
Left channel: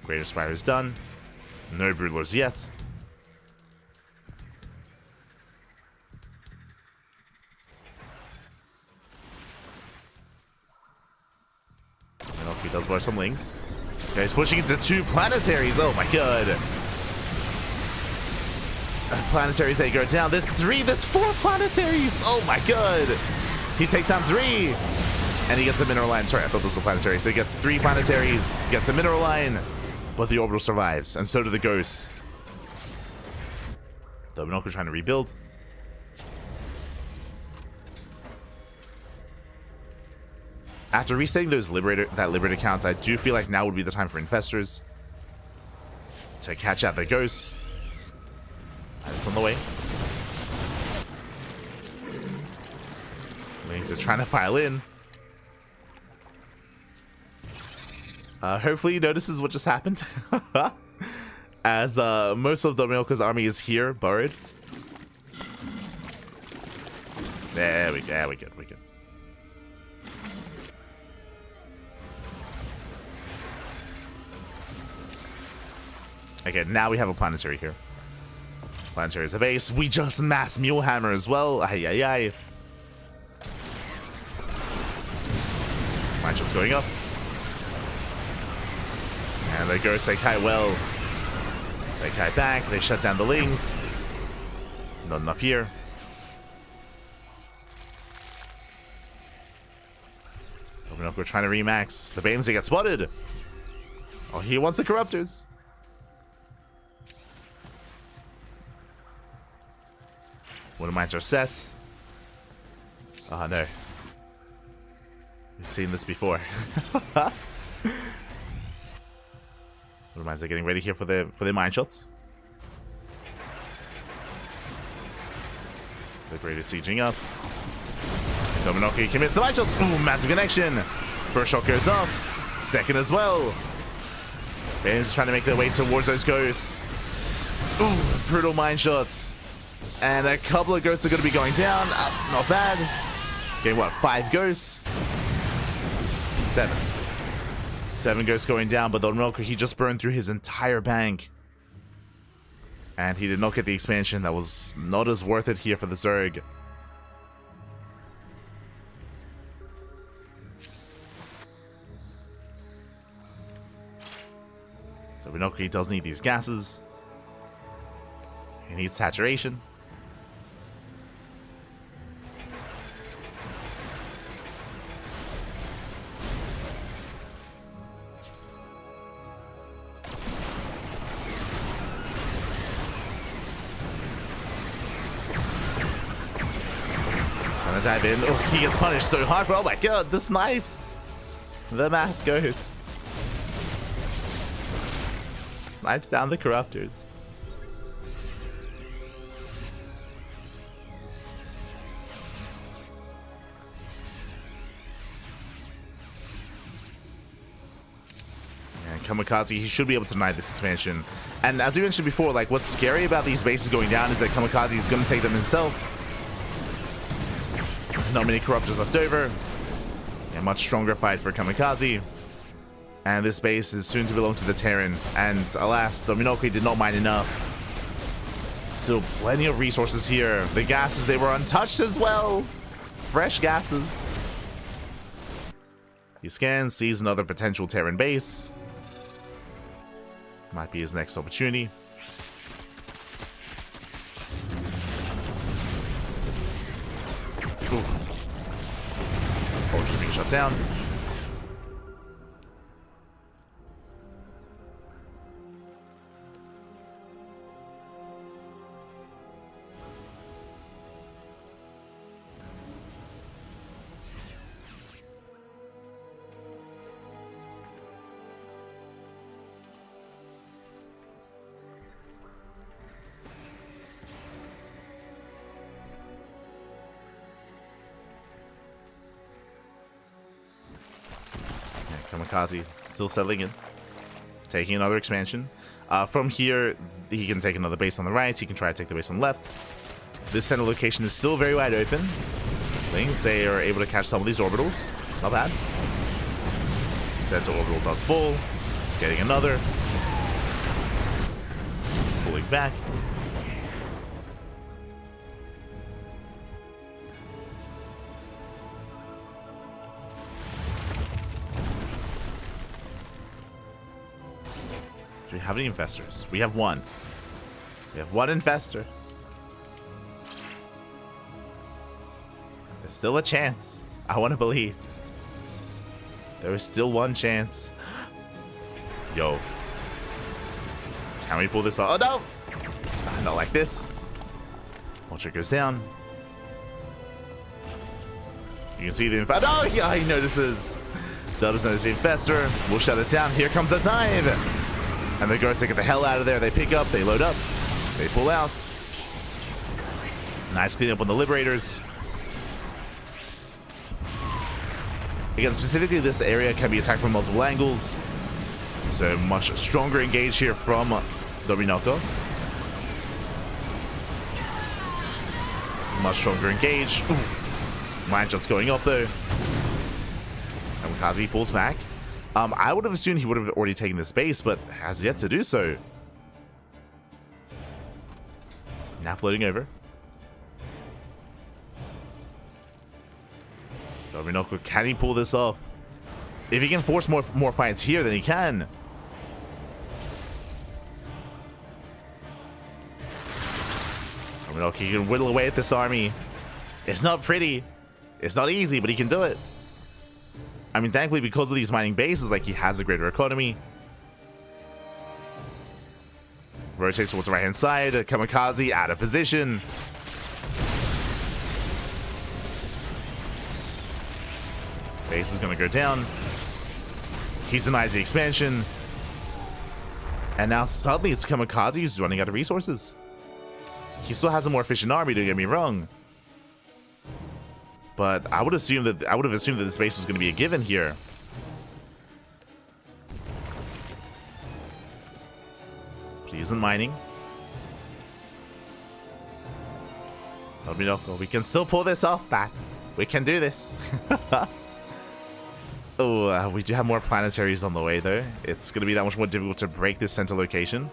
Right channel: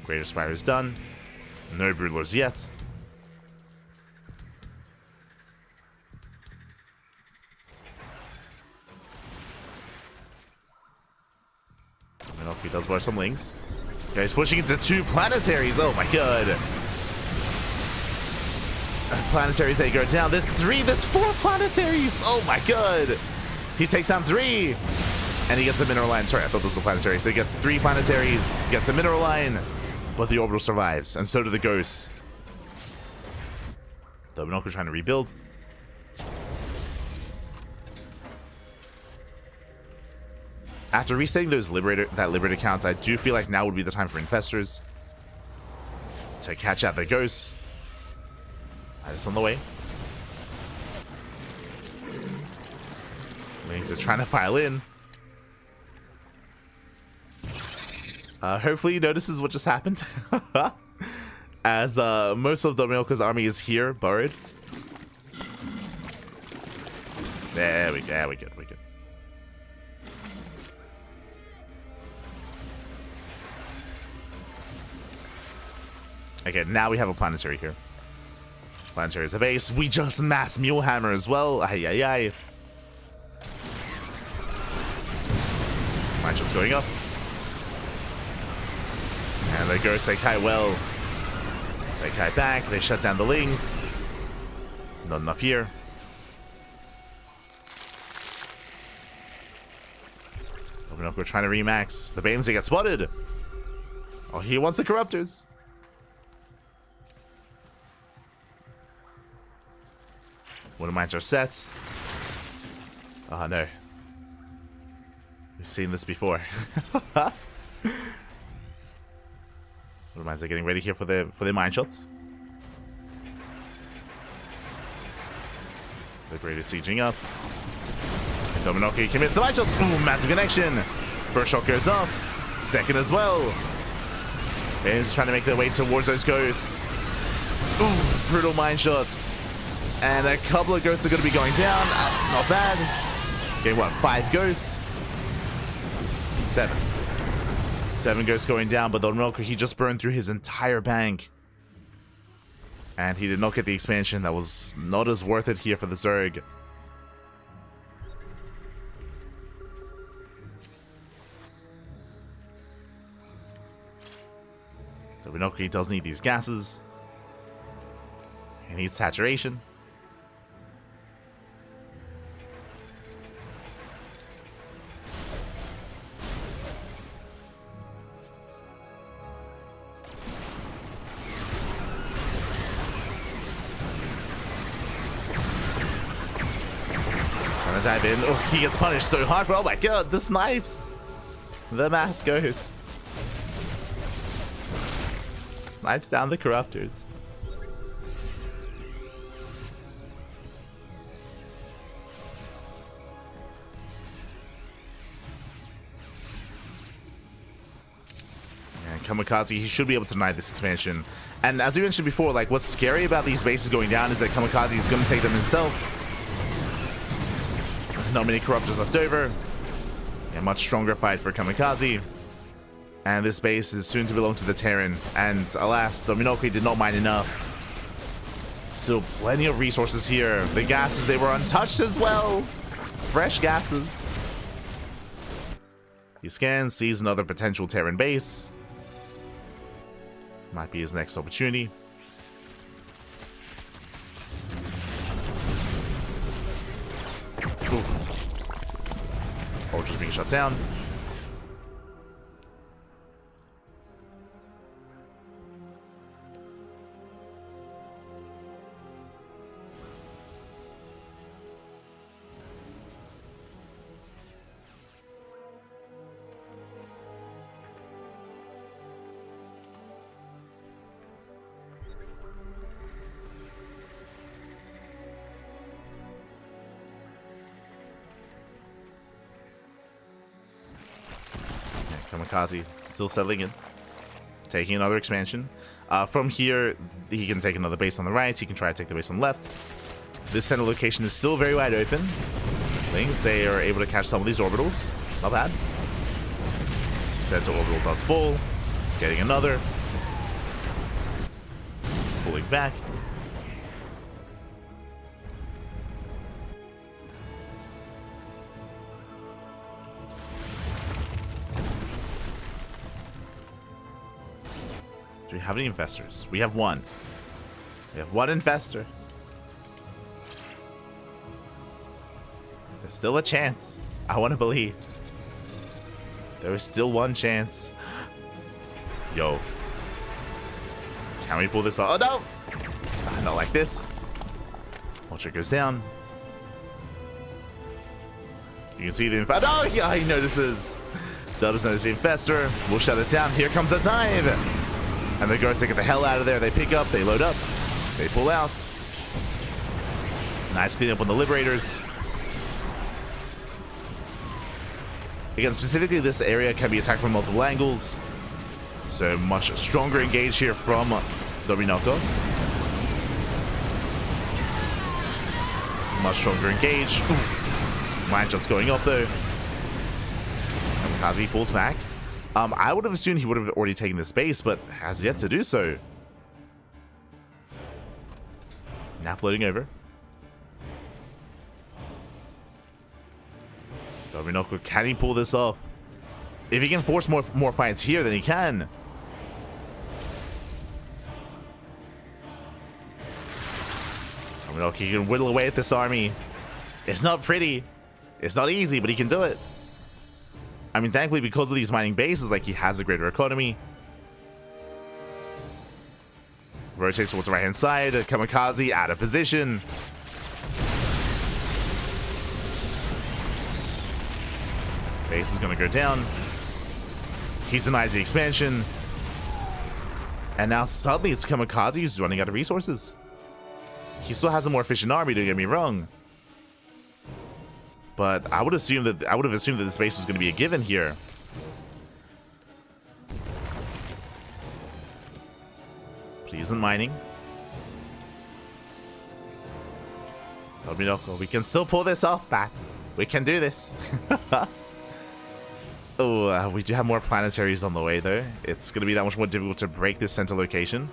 Greater Spire is done. No Broodlords yet. He does borrow some links. Yeah, he's pushing into 2 planetaries. Oh my god. Planetaries, they go down. There's 3, there's 4 planetaries. Oh my god. He takes down 3. And he gets the mineral line. Sorry, I thought those were planetaries. So he gets 3 planetaries, gets the mineral line, but the orbital survives. And so do the ghosts. The Monocle trying to rebuild. After resetting those that Liberator counts, I do feel like now would be the time for Infestors to catch out the ghosts. It's on the way. Lings are trying to file in. Hopefully he notices what just happened. As most of Dominoca's army is here, buried. There we go, we're good, we're good. Okay, now we have a planetary here. Planetary is a base. We just mass Mulehammer as well. Ay, ay, ay. Matchup's going up. And they go CranKy well. CranKy back. They shut down the Lings. Not enough here. Open up, we're trying to remax. The Banes, they get spotted. Oh, he wants the Corruptors. One of mine are set. Oh no. We've seen this before. One of mine are getting ready here for their mine shots. The Greater sieging up. Dominoki commits the mine shots. Ooh, massive connection. First shot goes up. Second as well. Bane's trying to make their way towards those ghosts. Ooh, brutal mine shots. And a couple of ghosts are going to be going down. Not bad. Getting what, 5 ghosts? 7. 7 ghosts going down, but the Milker, he just burned through his entire bank. And he did not get the expansion. That was not as worth it here for the Zerg. So Milker does need these gases. He needs saturation. Dive in. Oh, he gets punished so hard. Oh my god, the snipes. The mass ghost. Snipes down the Corruptors. And Kamikaze, he should be able to deny this expansion. And as we mentioned before, like, what's scary about these bases going down is that Kamikaze is going to take them himself. Not many Corruptors left over. A much stronger fight for Kamikaze. And this base is soon to belong to the Terran. And alas, Dominoki did not mine enough. Still plenty of resources here. The gases, they were untouched as well. Fresh gases. He scans, sees another potential Terran base. Might be his next opportunity. Oof. Ultra's being shut down. Kamikaze still settling in. taking another expansion. From here, he can take another base on the right. He can try to take the base on the left. This center location is still very wide open. Things, they are able to catch some of these orbitals. Not bad. Center orbital does fall. Getting another. Pulling back. Do we have any investors? We have one. We have one investor. There's still a chance. I want to believe. There is still one chance. Yo. Can we pull this off? Oh, no! Not like this. Vulture goes down. You can see the infest. Oh, yeah, he notices. Does notice the infestor. We'll shut it down. Here comes the dive. And the ghosts, they get the hell out of there. They pick up, they load up, they pull out. Nice cleanup on the Liberators. Again, specifically, this area can be attacked from multiple angles. So much stronger engage here from Dominoko. Much stronger engage. Mind shots going off though. Kamikaze falls back. I would have assumed he would have already taken this base, but has yet to do so. Now floating over. Dominoko, can he pull this off? If he can force more fights here, then he can. Dominoko, he can whittle away at this army. It's not pretty. It's not easy, but he can do it. I mean, thankfully, because of these mining bases, like, he has a greater economy. Rotates towards the right-hand side. Kamikaze out of position. Base is going to go down. He denies the expansion. And now suddenly it's Kamikaze who's running out of resources. He still has a more efficient army, don't get me wrong. But I would have assumed that this base was going to be a given here. But he isn't mining. Dominoko, we can still pull this off, back. We can do this. Oh, we do have more planetaries on the way, though. It's going to be that much more difficult to break this center location.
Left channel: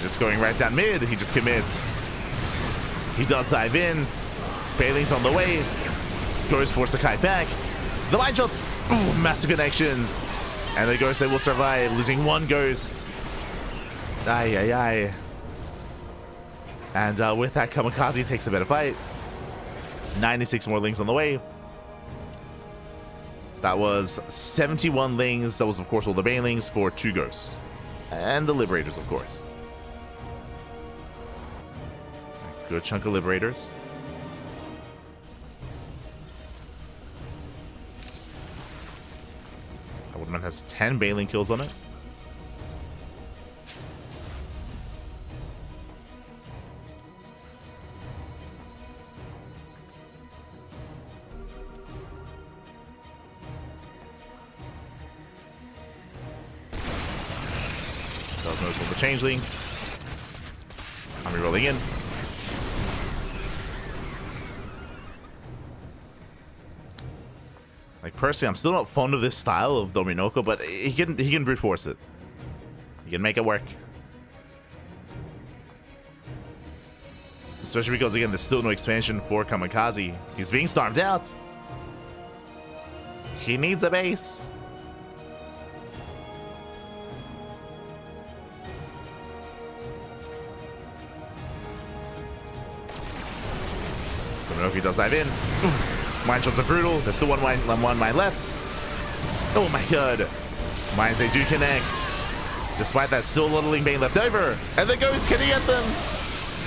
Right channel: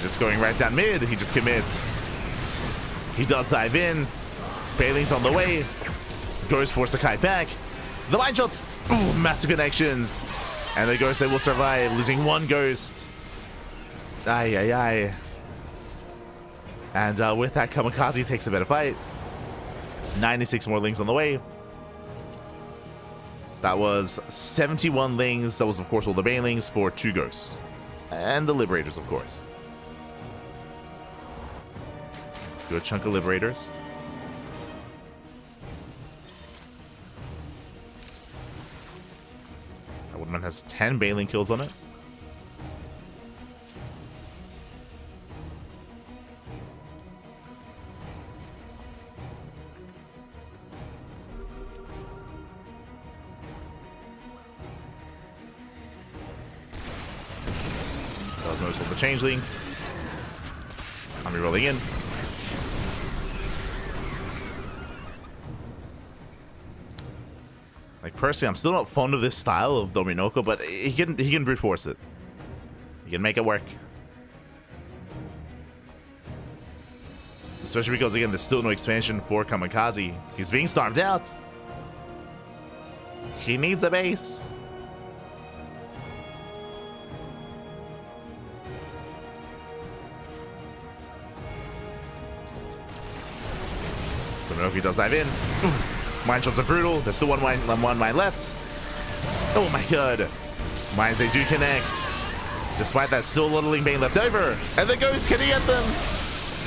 Just going right down mid, he just commits. He does dive in. Bailing's on the way. Ghost force the kite back. The line shots. Ooh, massive connections. And the ghost, they will survive, losing one ghost. Aye, aye, aye. And with that, Kamikaze takes a better fight. 96 more lings on the way. That was 71 lings. That was, of course, all the Banelings for 2 ghosts. And the Liberators, of course. Good chunk of Liberators. That Woodman has 10 Baneling kills on it. Does notice all the changelings. I'm re-rolling in. Like, personally, I'm still not fond of this style of Dominoko, but he can brute force it. He can make it work. Especially because, again, there's still no expansion for Kamikaze. He's being starved out. He needs a base. Dominoko does dive in. Mine shots are brutal. There's still one mine left. Oh my god. Mines, they do connect. Despite that, still a Littling Bane left over. And the ghost, can he get them?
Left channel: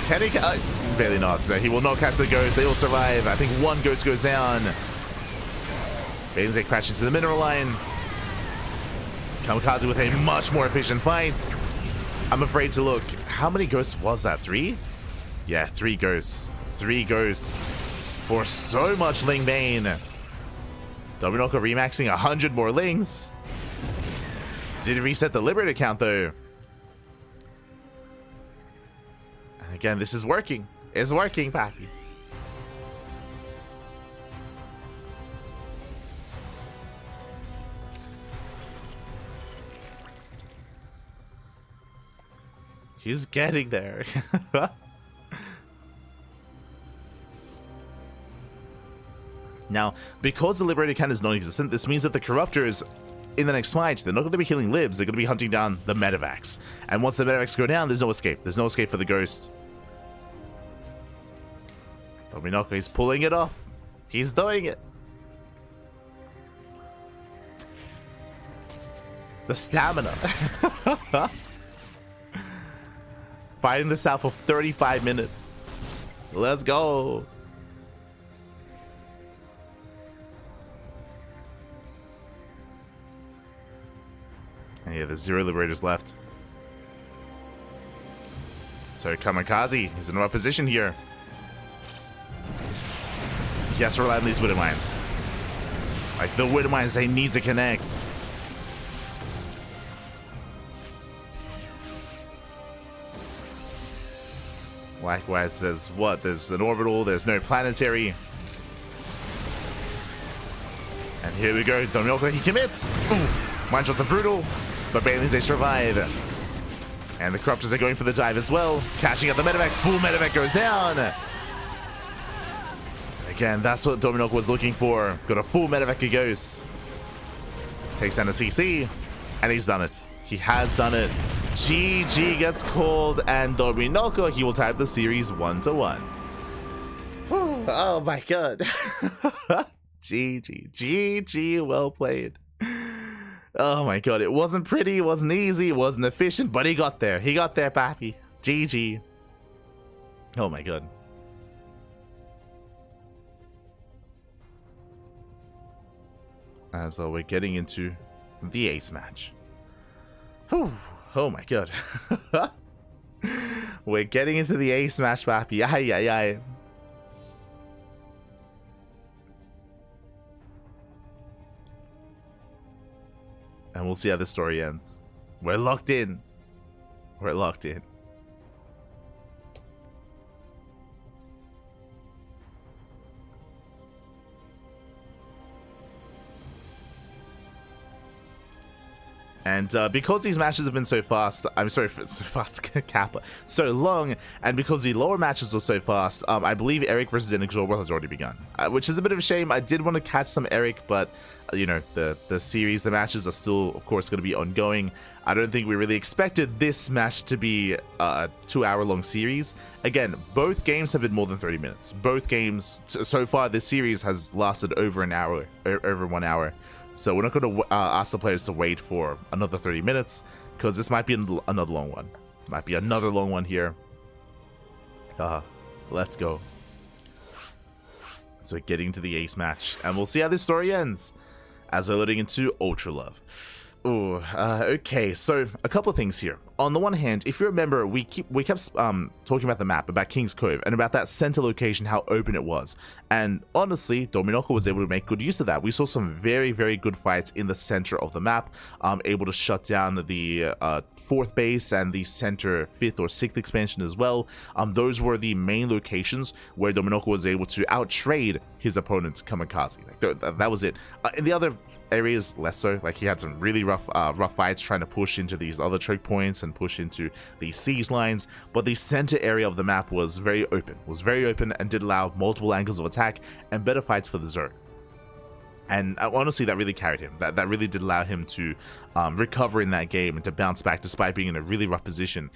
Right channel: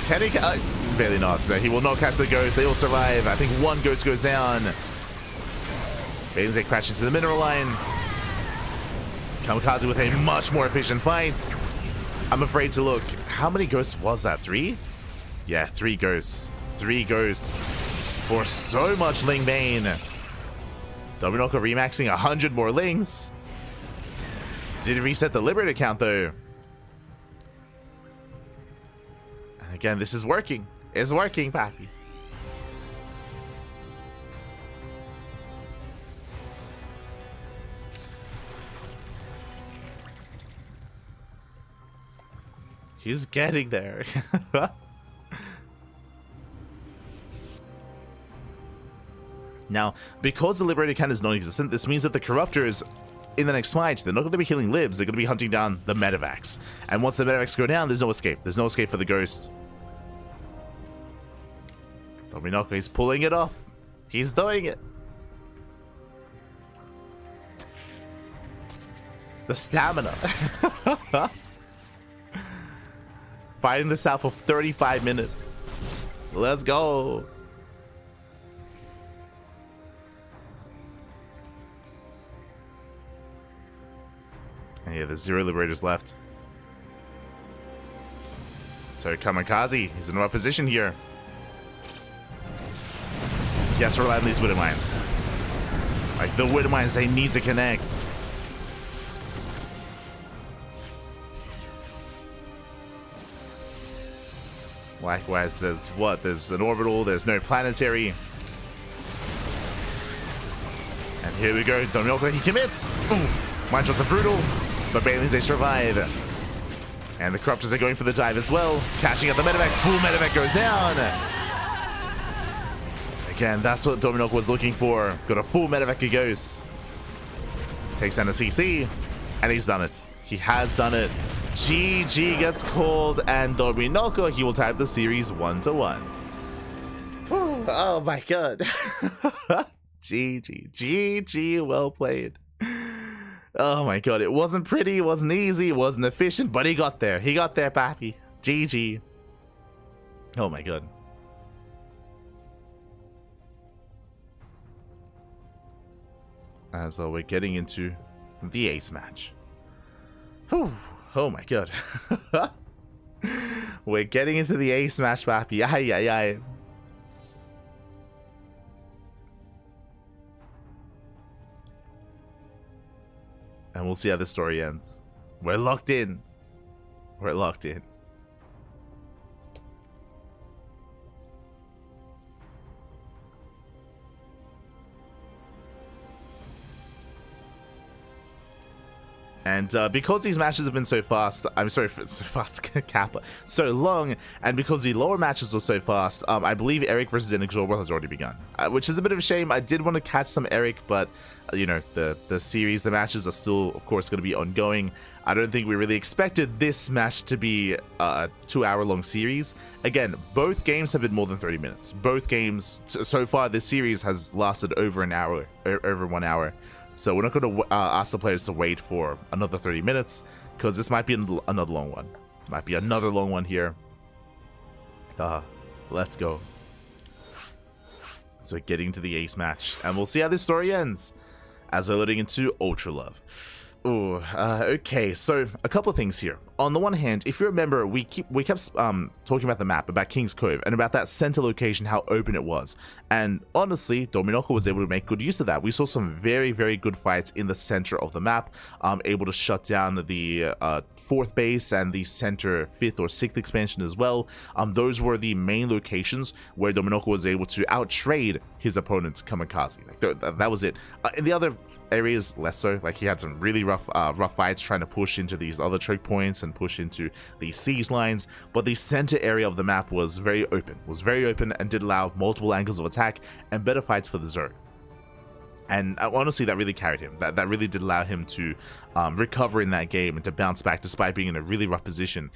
Can he? Barely not. No, he will not catch the ghost. They all survive. I think one ghost goes down. Banes, they crash into the mineral line. Kamikaze with a much more efficient fight. I'm afraid to look. How many ghosts was that? 3? Yeah, 3 ghosts. 3 ghosts. For so much Ling Bane. Dominoko remaxing 100 more lings. Did reset the Liberator count though. And again, this is working. It's working, Pappy. He's getting there. Now, because the Liberator count is non-existent, this means that the Corruptors in the next fight, they're not going to be healing libs, they're going to be hunting down the medevacs. And once the medevacs go down, there's no escape. There's no escape for the Ghost. Dominoko, he's pulling it off. He's doing it. The stamina. Fighting this out for 35 minutes. Let's go. And yeah, there's 0 Liberators left. So Kamikaze, he's in the right position here. He has to rely on these Widow Mines. Like, the Widow Mines, they need to connect. Likewise, there's what? There's an orbital, there's no planetary. And here we go, Dominoko, he commits! Ooh, Mind shots are brutal, but Banelings, they survive. And the Corruptors are going for the dive as well, catching up the medevacs. Full medevac goes down! Again, that's what Dominoko was looking for. Got a full medevac he goes. Takes down a CC, and he's done it. He has done it. GG gets called, and Dominoko, he will tie up the series 1-1. Oh my god. GG. GG, well played. Oh my god, it wasn't pretty, it wasn't easy, it wasn't efficient, but he got there. He got there, Pappy. GG. Oh my god. As we're getting into the ace match. Whew. Oh my god. We're getting into the ace match, Pappy. Ay, ay, ay. And we'll see how the story ends. We're locked in. We're locked in. And because these matches have been so fast, I'm sorry, so fast, Kappa, so long, and because the lower matches were so fast, I believe Erik versus INexorable has already begun, which is a bit of a shame. I did want to catch some Erik, but you know, the series, the matches are still, of course, going to be ongoing. I don't think we really expected this match to be a 2-hour-long series. Again, both games have been more than 30 minutes. Both games, so far, this series has lasted over an hour, over 1 hour. So we're not going to ask the players to wait for another 30 minutes, because this might be another long one. Might be another long one here. Let's go. So we're getting to the ace match, and we'll see how this story ends as we're loading into Ultra Love. Ooh, okay, so a couple of things here. On the one hand, if you remember, we kept talking about the map, about King's Cove, and about that center location, how open it was. And honestly, Dominoko was able to make good use of that. We saw some very, very good fights in the center of the map, able to shut down the 4th base and the center 5th or 6th expansion as well. Those were the main locations where Dominoko was able to outtrade his opponent, Kamikaze. Like, that was it. In the other areas, less so. Like, he had some really rough fights trying to push into these other choke points and push into the siege lines, but the center area of the map was very open, and did allow multiple angles of attack and better fights for the zone. And honestly, that really carried him. That really did allow him to recover in that game and to bounce back despite being in a really rough position.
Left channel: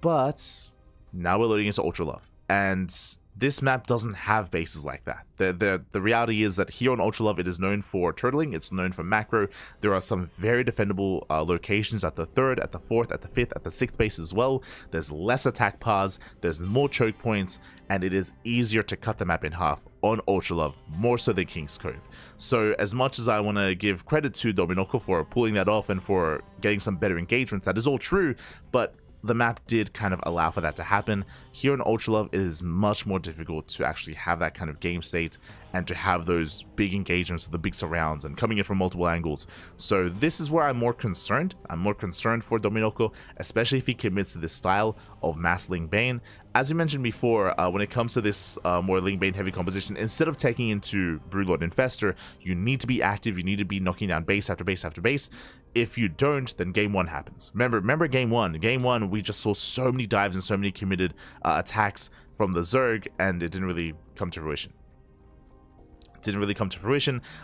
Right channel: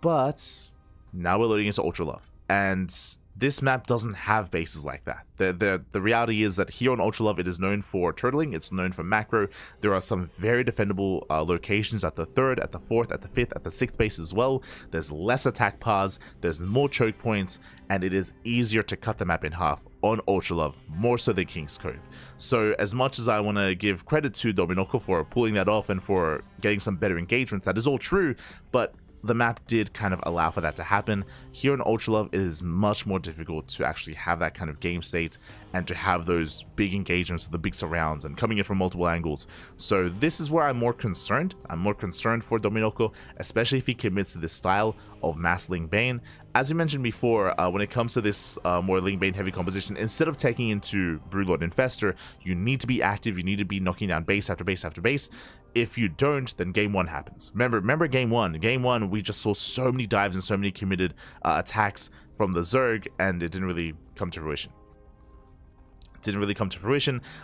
But now we're loading into Ultra Love, and this map doesn't have bases like that. The reality is that here on Ultra Love, it is known for turtling, it's known for macro. There are some very defendable locations at the 3rd, at the 4th, at the 5th, at the 6th base as well. There's less attack paths, there's more choke points, and it is easier to cut the map in half on Ultra Love, more so than King's Cove. So as much as I want to give credit to Dominoko for pulling that off and for getting some better engagements, that is all true, but the map did kind of allow for that to happen. Here in Ultra Love, it is much more difficult to actually have that kind of game state and to have those big engagements, the big surrounds, and coming in from multiple angles. So this is where I'm more concerned. I'm more concerned for Dominoko, especially if he commits to this style of mass Ling Bane. As you mentioned before, when it comes to this more Ling Bane heavy composition, instead of taking into Broodlord Infestor, you need to be active, you need to be knocking down base after base after base. If you don't, then game one happens. Remember game one. Game one, we just saw so many dives and so many committed attacks from the Zerg, and it didn't really come to fruition.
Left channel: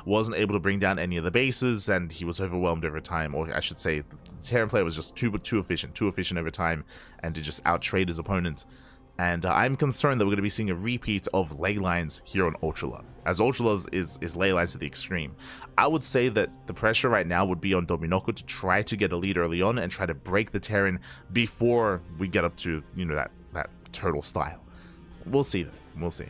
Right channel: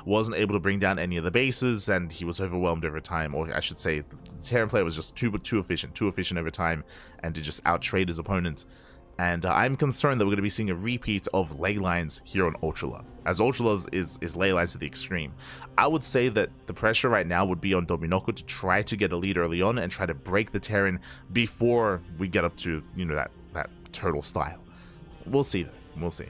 Wasn't able to bring down any of the bases, and he was overwhelmed over time, or I should say the Terran player was just too efficient over time, and to just outtrade his opponent. And I'm concerned that we're going to be seeing a repeat of ley lines here on Ultralove, as Ultralove is ley lines to the extreme. I would say that the pressure right now would be on Dominoko to try to get a lead early on and try to break the Terran before we get up to, you know, that turtle style. We'll see though. We'll see.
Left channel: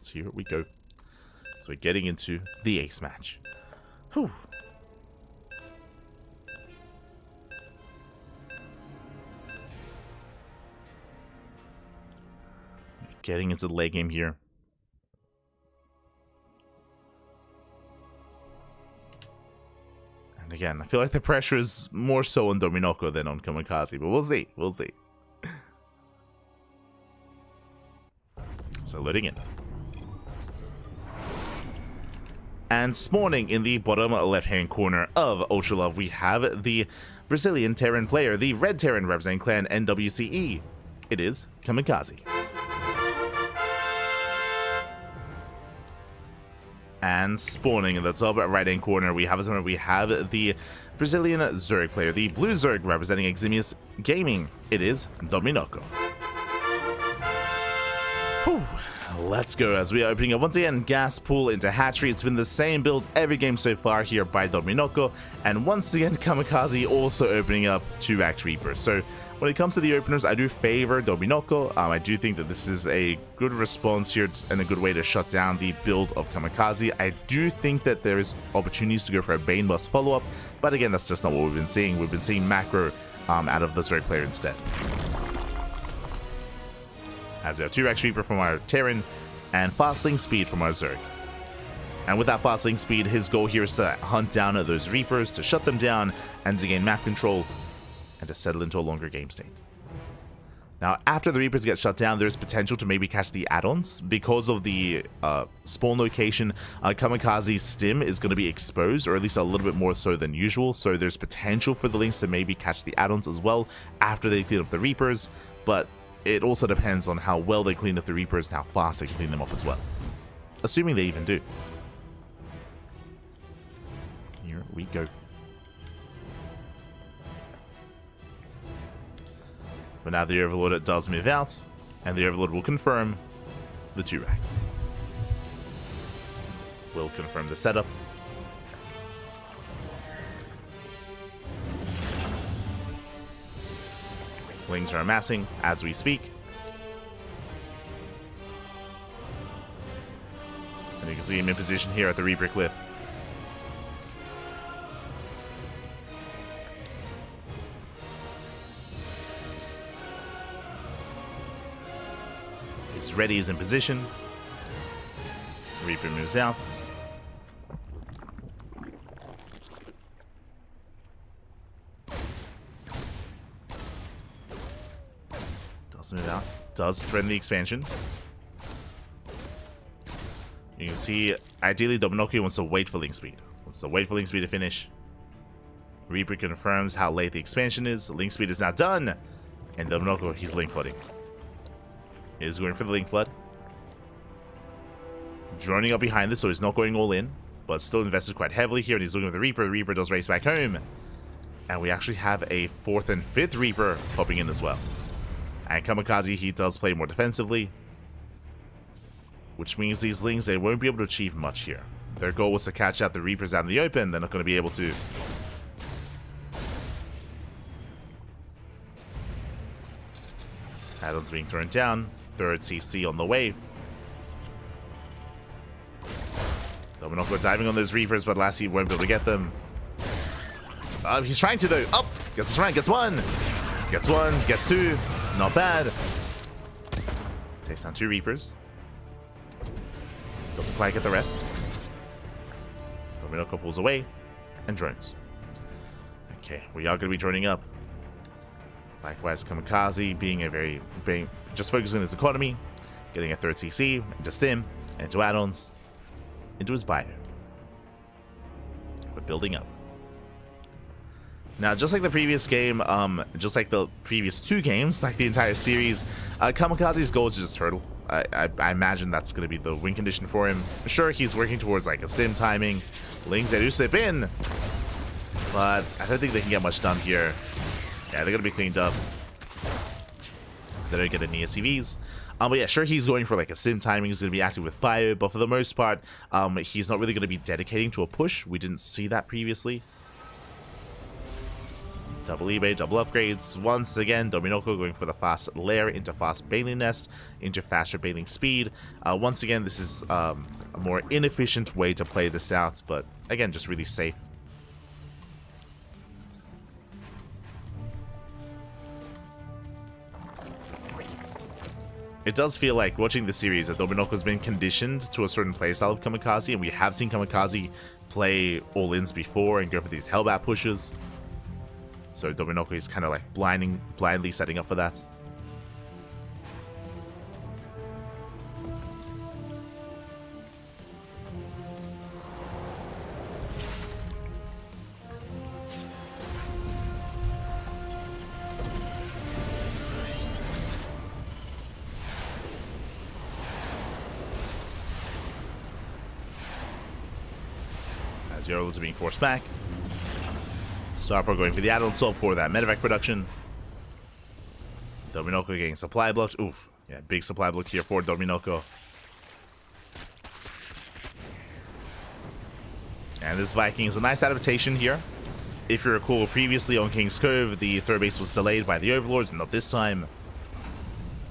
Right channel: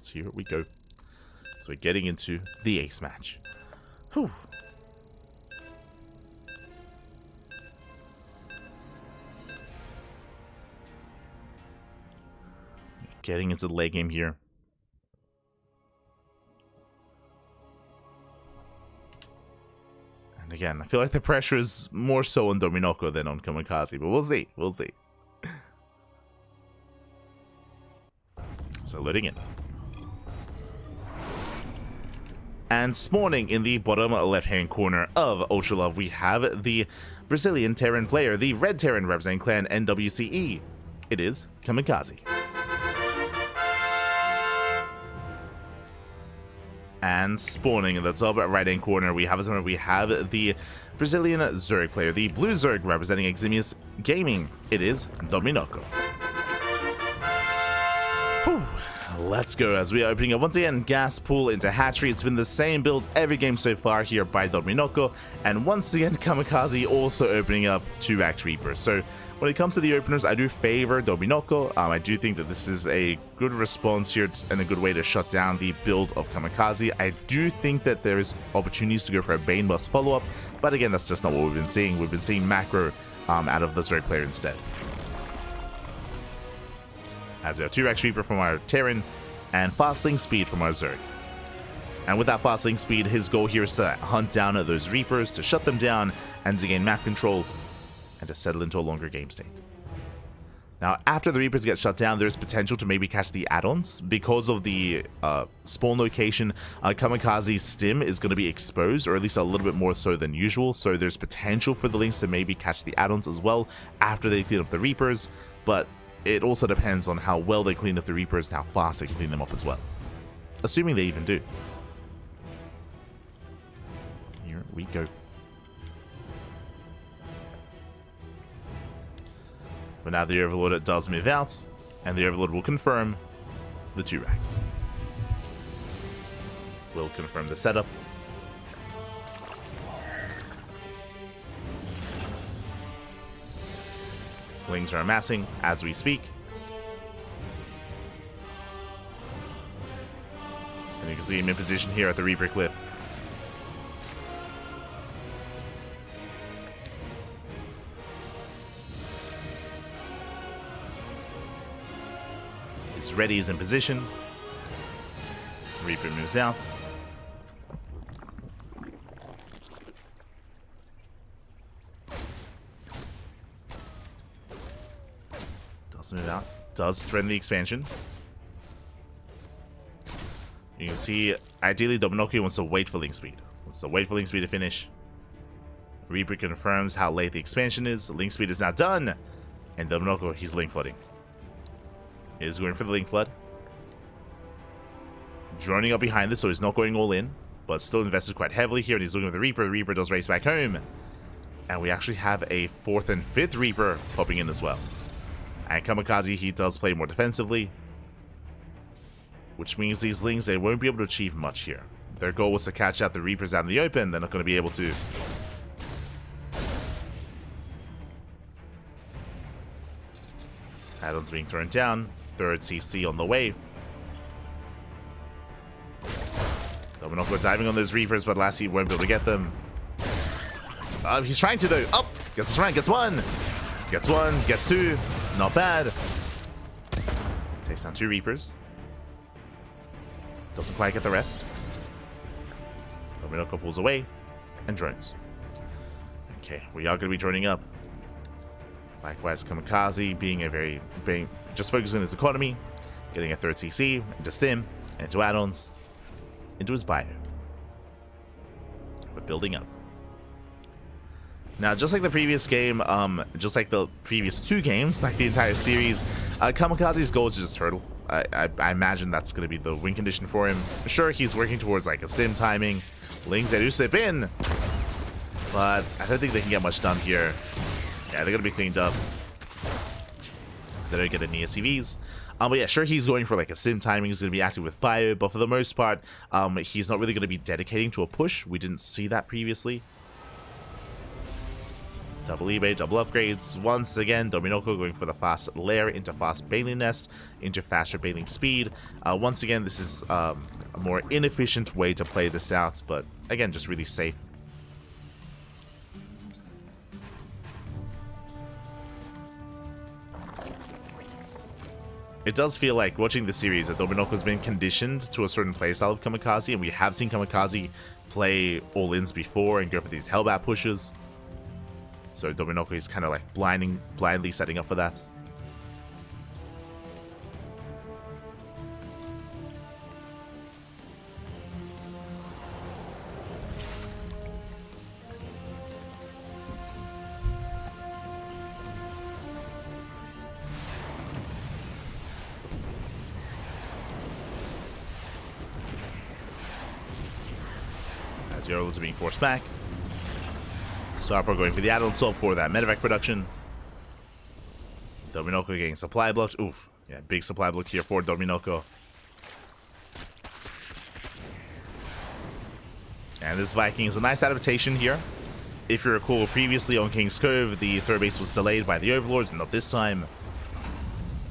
So here we go. So we're getting into the ace match. Whew. Getting into the late game here. And again, I feel like the pressure is more so on Dominoko than on Kamikaze, but we'll see. We'll see. So loading in. And spawning in the bottom left-hand corner of Ultralove, we have the Brazilian Terran player, the Red Terran representing clan NWCE. It is Kamikaze. And spawning in the top right-hand corner, we have the Brazilian Zerg player, the Blue Zerg representing Eximius Gaming. It is Dominoko. Whew. Let's go as we are opening up once again gas pool into hatchery. It's been the same build every game so far here by Dominoko, and once again Kamikaze also opening up 2-Act Reaper. So when it comes to the openers, I do favor Dominoko. I do think that this is a good response here and a good way to shut down the build of Kamikaze. I do think that there is opportunities to go for a Bane Bust follow-up, but again, that's just not what we've been seeing. We've been seeing macro out of the Zerg player instead. As we have 2-Act Reaper from our Terran and Fastling Speed from our Zerg. And with that Fastling Speed, his goal here is to hunt down those Reapers, to shut them down, and to gain map control, and to settle into a longer game state. Now, after the Reapers get shut down, there's potential to maybe catch the add-ons. Because of the spawn location, Kamikaze's stim is going to be exposed, or at least a little bit more so than usual, so there's potential for the Lynx to maybe catch the add-ons as well after they clean up the Reapers, but it also depends on how well they clean up the Reapers and how fast they can clean them up as well. Assuming they even do. Here we go. But now the Overlord does move out, and the Overlord will confirm the 2 racks. Will confirm the setup. Lings are amassing as we speak. And you can see him in position here at the Reaper Cliff. He's ready, he's in position. Reaper moves out. Move out. Does threaten the expansion. You can see, ideally, Dominoko wants to wait for Link Speed. To finish. Reaper confirms how late the expansion is. Link Speed is now done. And Dominoko, he's Link Flooding. He is going for the Link Flood. Droning up behind this, so he's not going all in. But still invested quite heavily here, and he's looking at the Reaper. The Reaper does race back home. And we actually have a 4th and 5th Reaper popping in as well. And Kamikaze, he does play more defensively, which means these Lings, they won't be able to achieve much here. Their goal was to catch out the Reapers out in the open. They're not going to be able to. Add-ons being thrown down. 3rd CC on the way. Dominoko diving on those Reapers, but Lassie won't be able to get them. He's trying to though. Up! Gets his rank, gets 1! Gets 1, gets 2. Not bad. Takes down 2 Reapers. Doesn't quite get the rest. Dominoko pulls away and drones. Okay, we are going to be droning up. Likewise, CranKy being just focusing on his economy, getting a 3rd CC into Stim, into add-ons, into his bio. We're building up. Now, just like the previous game, just like the previous 2 games, like the entire series, CranKy's goal is to just turtle. I imagine that's going to be the win condition for him. Sure, he's working towards like a Stim timing. Lings, they do slip in, but I don't think they can get much done here. Yeah, they're going to be cleaned up. They don't get any SCVs. But yeah, sure, he's going for like a Stim timing. He's going to be active with bio, but for the most part, he's not really going to be dedicating to a push. We didn't see that previously. Double eBay, double upgrades. Once again, Dominoko going for the fast lair into fast bailing nest, into faster bailing speed. Once again, this is a more inefficient way to play this out, but again, just really safe. It does feel like, watching the series, that Dominoko's been conditioned to a certain playstyle of CranKy, and we have seen CranKy play all-ins before and go for these Hellbat pushes. So Dominoko is kind of like blindly setting up for that. As Yorlds are being forced back. Starpro going for the add-on swap for that medevac production. Dominoko getting supply blocked. Oof. Yeah, big supply block here for Dominoko. And this Viking is a nice adaptation here. If you recall, previously on King's Cove, the 3rd base was delayed by the Overlords, and not this time,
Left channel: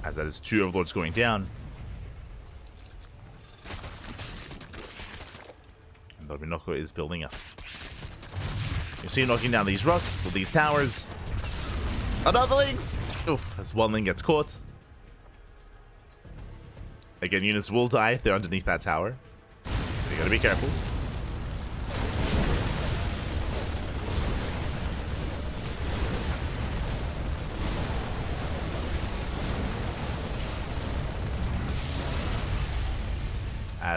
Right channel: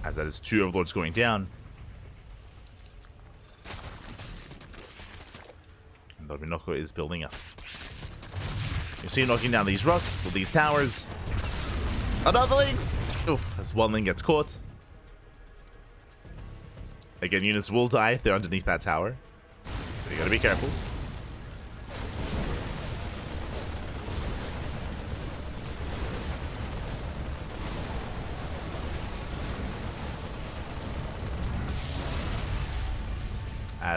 as that is 2 Overlords going down. And Dominoko is building up. You see him knocking down these rocks, these towers. Another Lynx! Oof, as one Link gets caught. Again, units will die if they're underneath that tower. So you gotta be careful.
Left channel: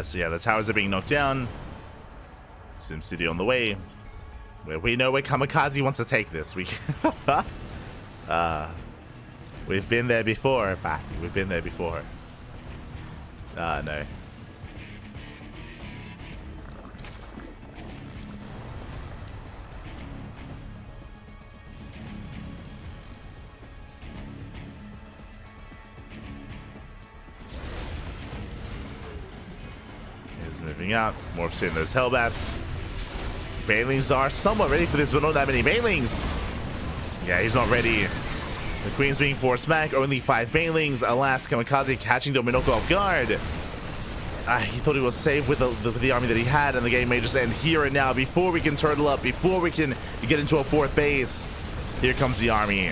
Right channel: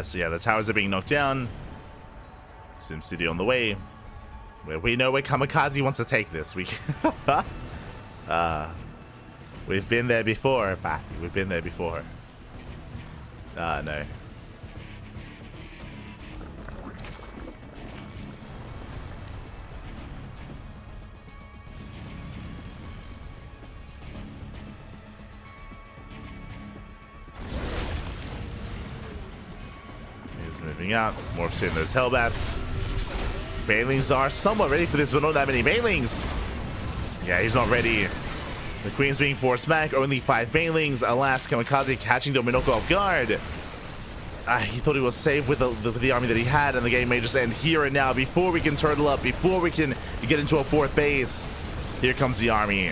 So yeah, the towers are being knocked down. SimCity on the way. Where we know where CranKy wants to take this. We've been there before, Patty. We've been there before. No. He's moving out. Morphs in those Hellbats. Banelings are somewhat ready for this, but not that many Banelings. Yeah, he's not ready. The Queen's being forced back. Only 5 Banelings. Alas, CranKy catching Dominoko off guard. He thought he was safe with the army that he had, and the game may just end here and now. Before we can turtle up, before we can get into a 4th base, here comes the army.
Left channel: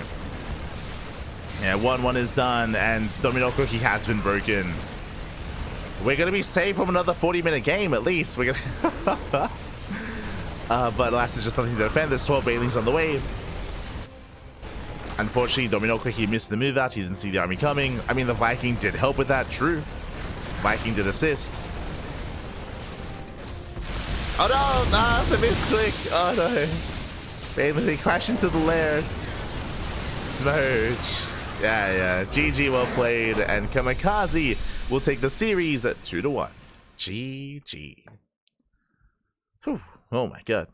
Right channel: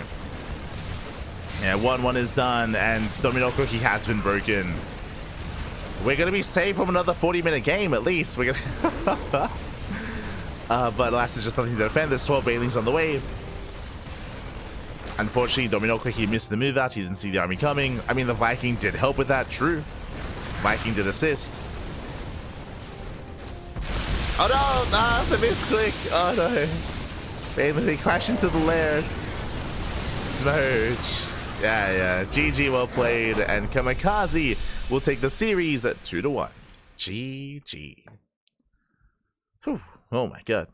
Yeah, 1-1 is done, and Dominoko, he has been broken. We're going to be safe from another 40-minute game, at least. We're gonna but alas, there's just nothing to defend. There's 12 Banelings on the way. Unfortunately, Dominoko, he missed the move out. He didn't see the army coming. I mean, the Viking did help with that, true. Viking did assist. Oh no, nah, the misclick. Oh no. Baneling crash into the lair. Smooch. Yeah. GG, well played. And CranKy will take the series at 2-1. GG. Whew. Oh my god.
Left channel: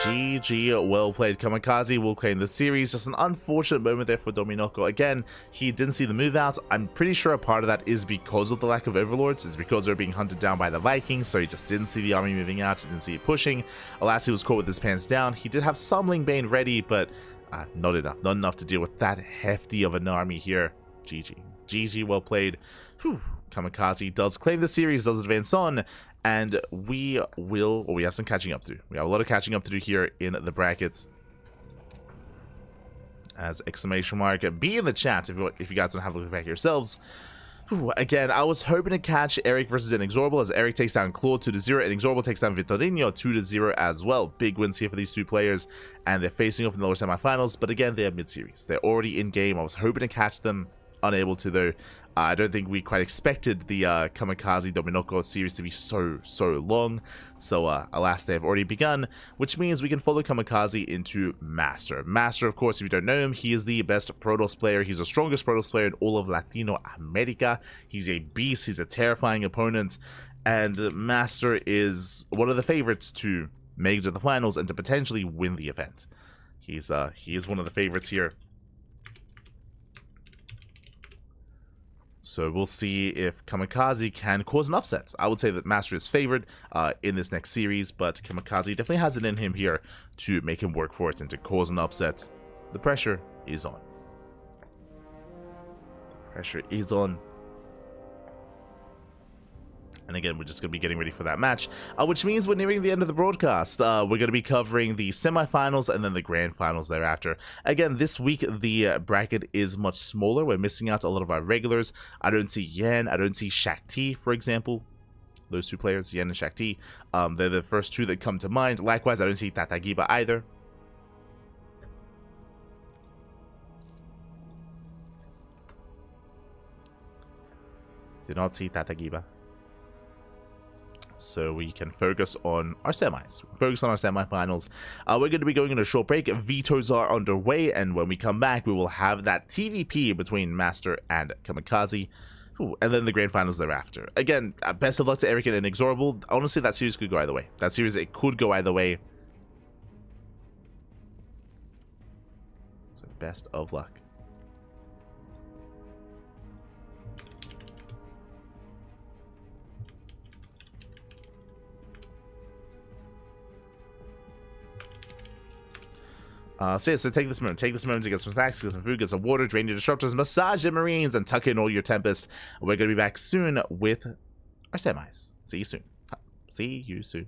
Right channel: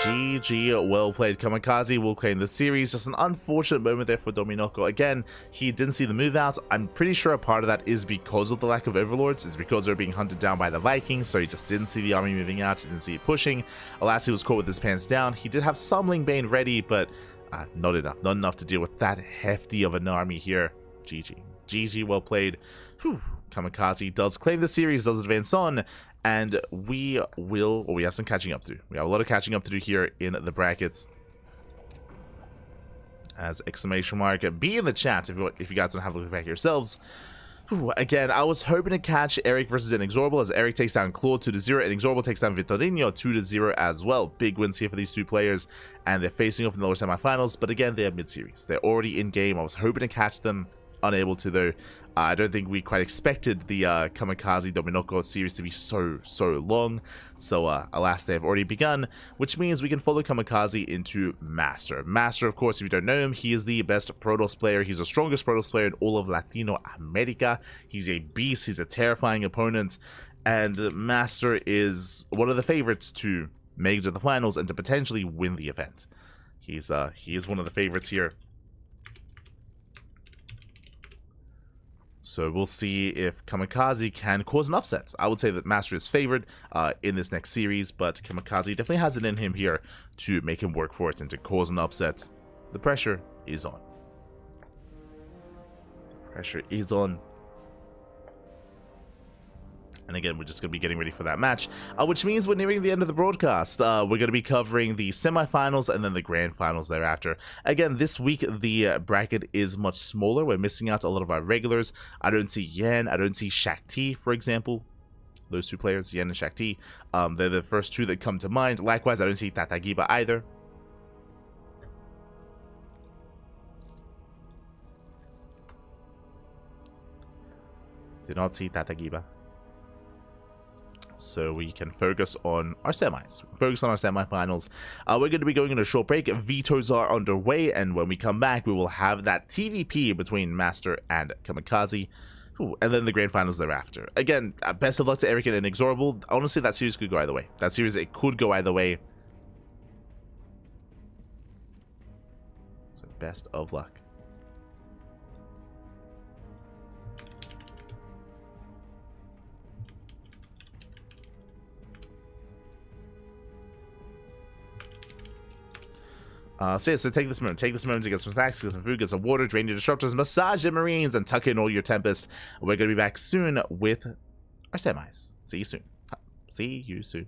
GG, well played. CranKy will claim the series. Just an unfortunate moment there for Dominoko. Again, he didn't see the move out. I'm pretty sure a part of that is because of the lack of Overlords. It's because they're being hunted down by the Vikings, so he just didn't see the army moving out. He didn't see it pushing. Alas, he was caught with his pants down. He did have some Lingbane ready, but not enough. Not enough to deal with that hefty of an army here. GG. GG, well played. Whew. CranKy does claim the series, does advance on, and we have some catching up to do. We have a lot of catching up to do here in the brackets. As exclamation mark be in the chat if you guys want to have a look back yourselves. Again, I was hoping to catch Erik versus INexorable, as Erik takes down Claude 2-0, and INexorable takes down Vitorino 2-0 as well. Big wins here for these two players, and they're facing off in the lower semifinals, but again, they're mid-series. They're already in-game. I was hoping to catch them. Unable to, though. I don't think we quite expected the Kamikaze Dominoko series to be so long. So, alas, they have already begun, which means we can follow Kamikaze into MasTeR. MasTeR, of course, if you don't know him, he is the best Protoss player. He's the strongest Protoss player in all of Latino America. He's a beast. He's a terrifying opponent. And MasTeR is one of the favorites to make it to the finals and to potentially win the event. He is one of the favorites here. So we'll see if Kamikaze can cause an upset. I would say that MasTeR is favored in this next series, but Kamikaze definitely has it in him here to make him work for it and to cause an upset. The pressure is on. The pressure is on. And again, we're just going to be getting ready for that match, which means we're nearing the end of the broadcast. We're going to be covering the semifinals and then the grand finals thereafter. Again, this week, the bracket is much smaller. We're missing out a lot of our regulars. I don't see Yan. I don't see Shakti, for example. Those two players, Yan and Shakti. They're the first two that come to mind. Likewise, I don't see Tatagiba either. Did not see Tatagiba. So we can focus on our semis. Focus on our semifinals. We're going to be going on a short break. Vetoes are underway, and when we come back, we will have that TVP between MasTeR and Kamikaze. Ooh, and then the grand finals thereafter. Again, best of luck to Erik and INexorable. Honestly, that series could go either way. That series, it could go either way. So best of luck. So take this moment to get some snacks, get some food, get some water, drain your disruptors, massage your marines, and tuck in all your tempest. We're going to be back soon with our semis. See you soon. See you soon.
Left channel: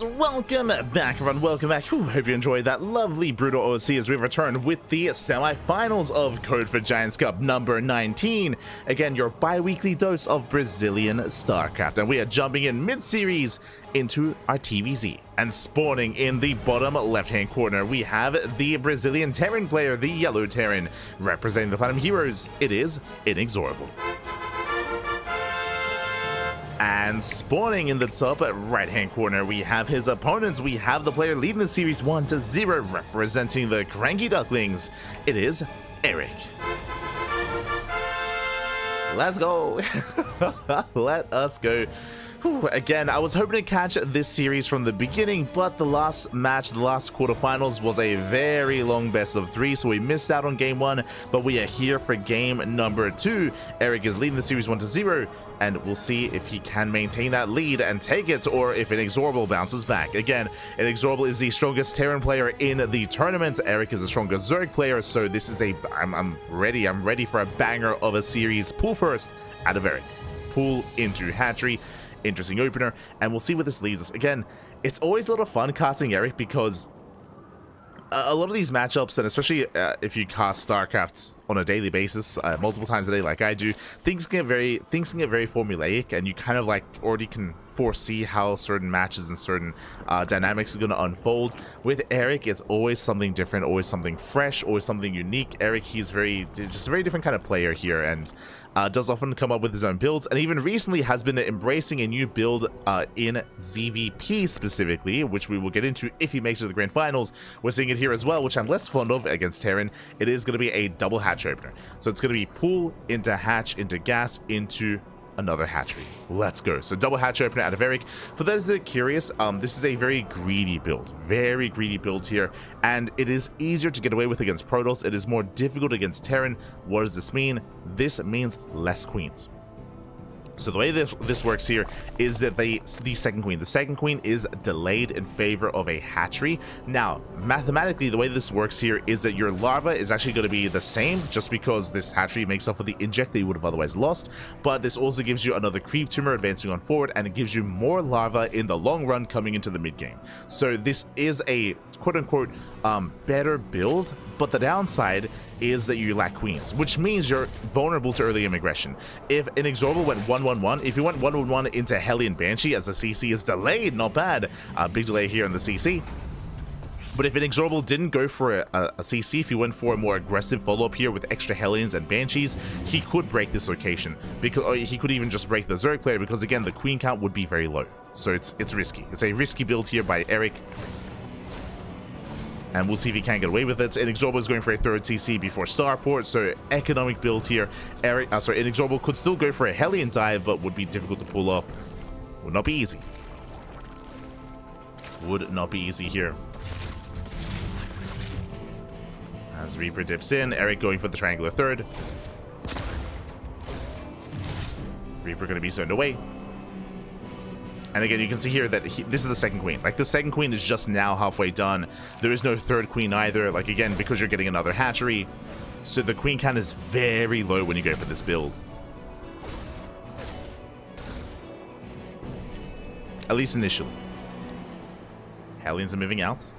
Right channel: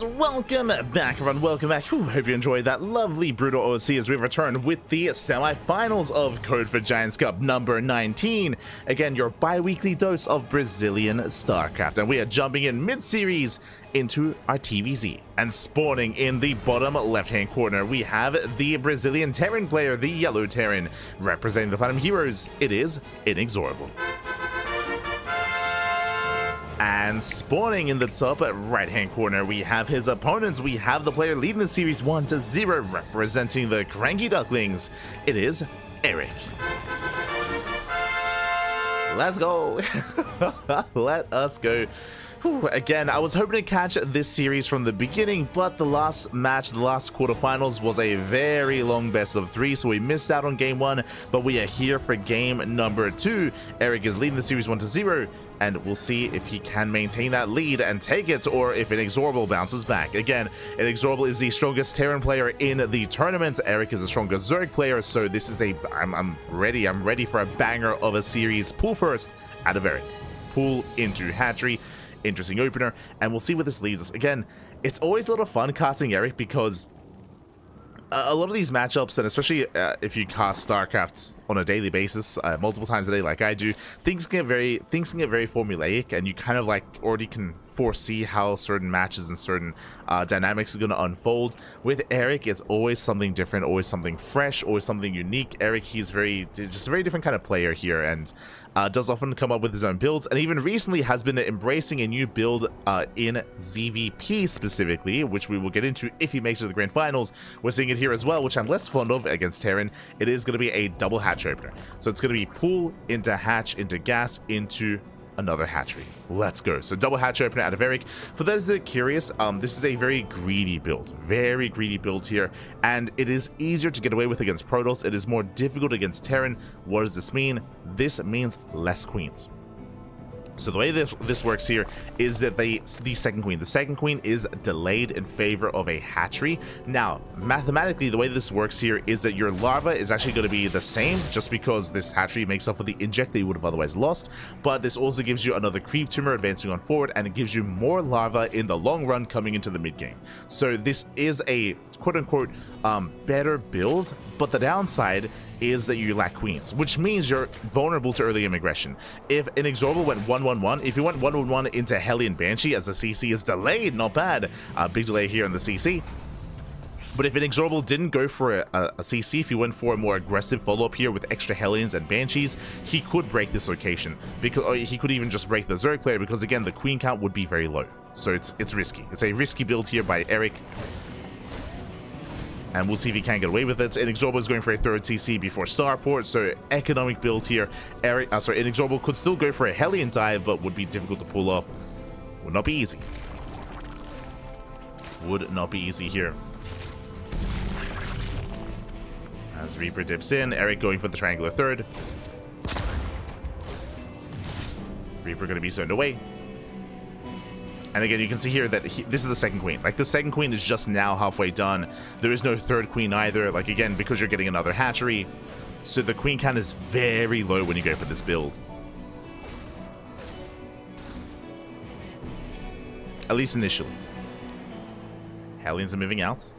Alright, welcome back everyone, welcome back. Hope you enjoyed that lovely Brutal OC as we return with the semi-finals of Code for Giants Cup number 19. Again, your bi-weekly dose of Brazilian StarCraft, and we are jumping in mid-series into our TVZ. And spawning in the bottom left-hand corner, we have the Brazilian Terran player, the Yellow Terran. Representing the Platinum Heroes, it is INexorable. And spawning in the top right-hand corner, we have his opponents. We have the player leading the series 1-0, representing the CranKy Ducklings. It is Erik. Let's go. Let us go. Whew, again, I was hoping to catch this series from the beginning, but the last match, the last quarterfinals, was a very long best of 3, so we missed out on game 1, but we are here for game number 2. Erik is leading the series 1-0, and we'll see if he can maintain that lead and take it, or if INexorable bounces back. Again, INexorable is the strongest Terran player in the tournament. Erik is the strongest Zerg player, so this is I'm ready for a banger of a series. Pool first out of Erik. Pool into hatchery. Interesting opener, and we'll see where this leads us. Again, it's always a lot of fun casting Erik because a lot of these matchups, and especially if you cast StarCraft on a daily basis, multiple times a day like I do, things can get very formulaic, and you kind of like already can foresee how certain matches and certain dynamics are going to unfold. With Erik, it's always something different, always something fresh, always something unique. Erik, he's just a very different kind of player here, and does often come up with his own builds, and even recently has been embracing a new build in ZVP specifically, which we will get into if he makes it to the grand finals. We're seeing it here as well, which I'm less fond of against Terran. It is going to be a double hatch opener, so it's going to be pool into hatch into gas into another hatchery. Let's go. So double hatch opener out of Erik. For those that are curious, this is a very greedy build here, and it is easier to get away with against Protoss. It is more difficult against Terran. What does this mean? This means less queens. So the way this works here is that the second queen is delayed in favor of a hatchery. Now, mathematically, the way this works here is that your larva is actually going to be the same, just because this hatchery makes up for the inject that you would have otherwise lost. But this also gives you another creep tumor advancing on forward, and it gives you more larva in the long run coming into the mid game. So this is a quote-unquote better build, but the downside is that you lack queens, which means you're vulnerable to early game aggression. If INexorable went 1-1-1, if you went 1-1-1 into Hellion Banshee, as the CC is delayed, not bad, big delay here in the CC. But if INexorable didn't go for a CC, if he went for a more aggressive follow-up here with extra Hellions and Banshees, he could break this location, or he could even just break the Zerg player, because again, the queen count would be very low. So it's risky. It's a risky build here by Erik, and we'll see if he can get away with it. INexorable is going for a third CC before Starport, so economic build here. INexorable could still go for a Hellion dive, but would be difficult to pull off. Would not be easy. Would not be easy here. As Reaper dips in, Erik going for the triangular third. Reaper going to be zoned away. And again, you can see here that this is the second queen. Like, the second queen is just now halfway done. There is no third queen either. Like, again, because you're getting another hatchery. So the queen count is very low when you go for this build. At least initially. Hellions are moving out.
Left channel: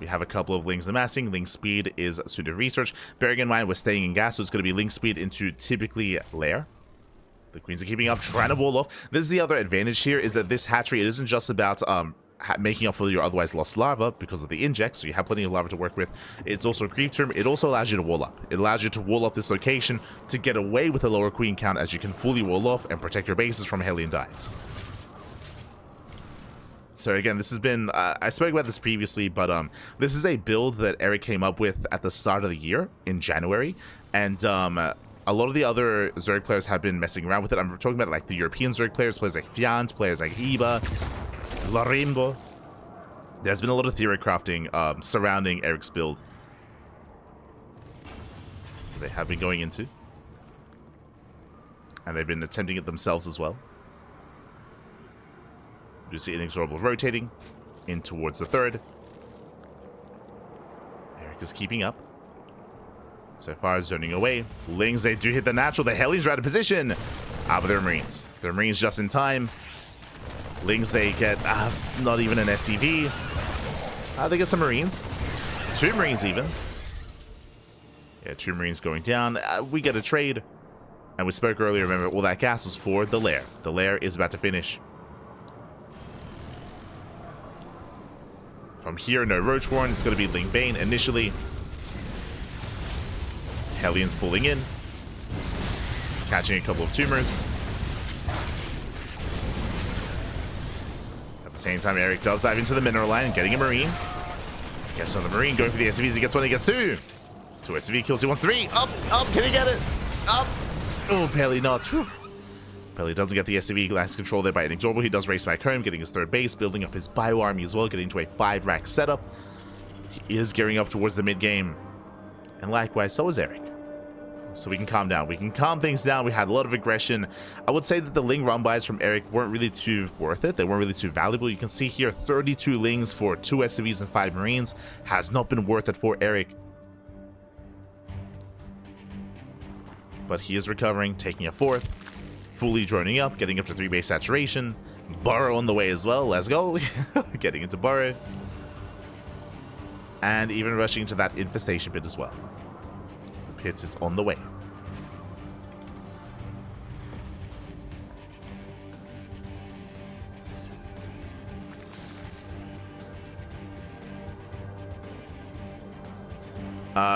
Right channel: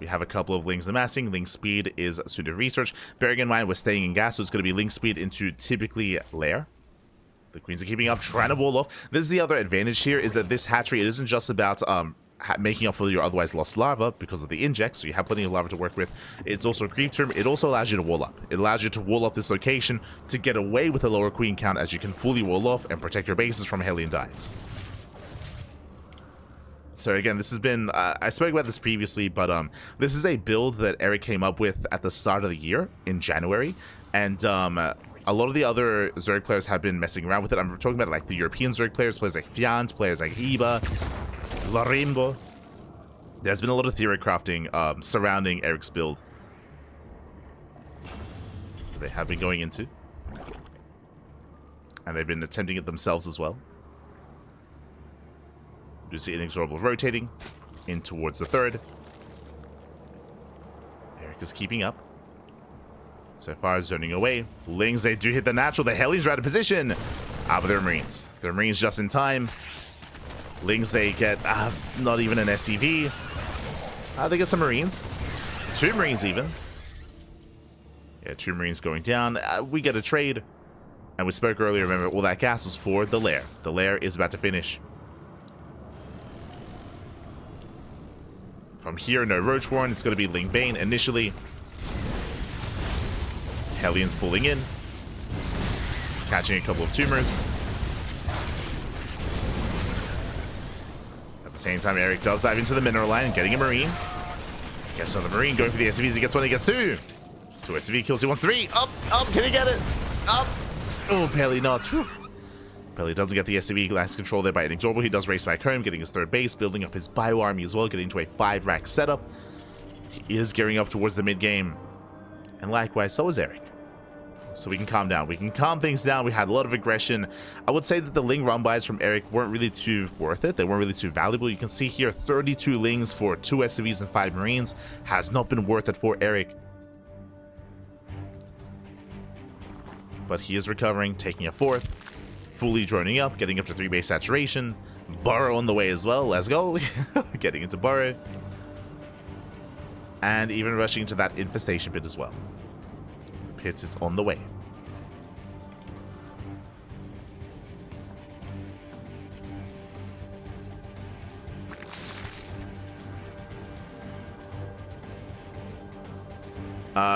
We have a couple of links amassing. Link speed is suited research. Bearing in mind we're staying in gas, so it's going to be link speed into typically lair. The queens are keeping up, trying to wall off. This is the other advantage here, is that this hatchery, it isn't just about making up for your otherwise lost larva because of the inject, so you have plenty of larva to work with. It's also a creep term. It also allows you to wall up. It allows you to wall up this location to get away with a lower queen count, as you can fully wall off and protect your bases from Hellion dives. So again, this has been, I spoke about this previously, but this is a build that Erik came up with at the start of the year in January, and a lot of the other Zerg players have been messing around with it. I'm talking about like the European Zerg players, players like Fiant, players like Iba, Larimbo. There's been a lot of theory crafting surrounding Erik's build that they have been going into, and they've been attempting it themselves as well. You see INexorable rotating in towards the third. Erik is keeping up. So far, zoning away. Lings, they do hit the natural. The Hellions are out of position. But they're Marines. They're Marines just in time. Lings, they get not even an SCV. They get some Marines. 2 Marines even. Yeah, 2 Marines going down. We get a trade. And we spoke earlier, remember, all that gas was for the lair. The lair is about to finish. From here, no Roach Warren. It's going to be Ling Bane initially. Hellions pulling in. Catching a couple of tumors. At the same time, Erik does dive into the mineral line, getting a Marine. Gets another Marine, going for the SCVs. He gets 1, he gets 2. 2 SCV kills, he wants 3. Up, can he get it? Up. Oh, barely not. Whew. Barely doesn't get the SCV. Last control there by INexorable. He does race back home, getting his 3rd base, building up his bio army as well, getting to a 5-rack setup. He is gearing up towards the mid-game. And likewise, so is Erik. So we can calm down. We can calm things down. We had a lot of aggression. I would say that the Ling run buys from Erik weren't really too worth it. They weren't really too valuable. You can see here 32 Lings for 2 SCVs and 5 Marines has not been worth it for Erik. But he is recovering, taking a 4th, fully droning up, getting up to 3 base saturation. Burrow on the way as well. Let's go. Getting into Burrow. And even rushing into that infestation pit as well. Pit is on the way.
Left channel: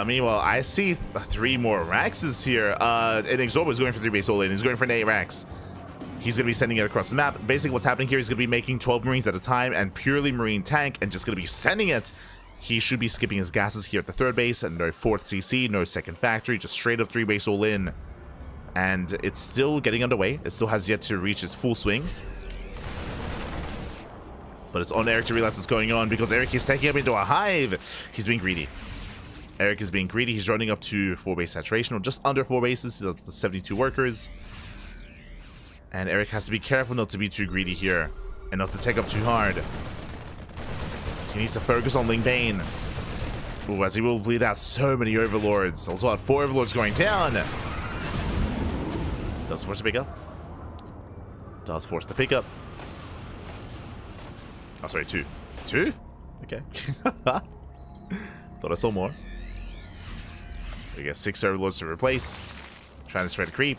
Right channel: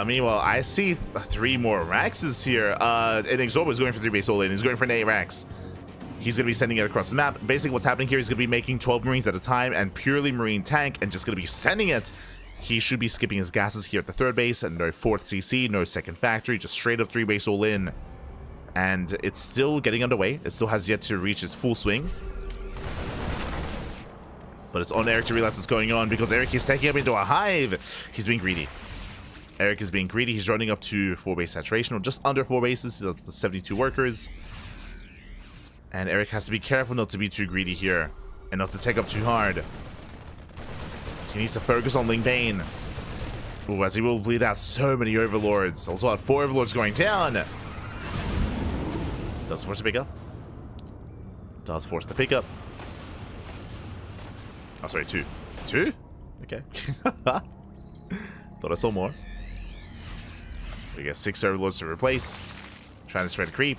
Meanwhile, I see 3 more Raxes here. INexorable is going for 3 base all in. He's going for an 8 Rax. He's going to be sending it across the map. Basically, what's happening here is going to be making 12 Marines at a time and purely Marine tank and just going to be sending it. He should be skipping his gases here at the 3rd base and no 4th CC, no 2nd factory, just straight up 3 base all in. And it's still getting underway. It still has yet to reach its full swing. But it's on Erik to realize what's going on because Erik is taking up into a hive. He's being greedy. Erik is being greedy. He's running up to 4 base saturation, or just under 4 bases. He's at the 72 workers. And Erik has to be careful not to be too greedy here and not to take up too hard. He needs to focus on Ling Bane. Ooh, as he will bleed out so many Overlords. Also had 4 Overlords going down. Does force the pickup. Does force the pickup. Oh, sorry, 2. 2? Okay. Thought I saw more. We get 6 Overlords to replace. Trying to spread creep.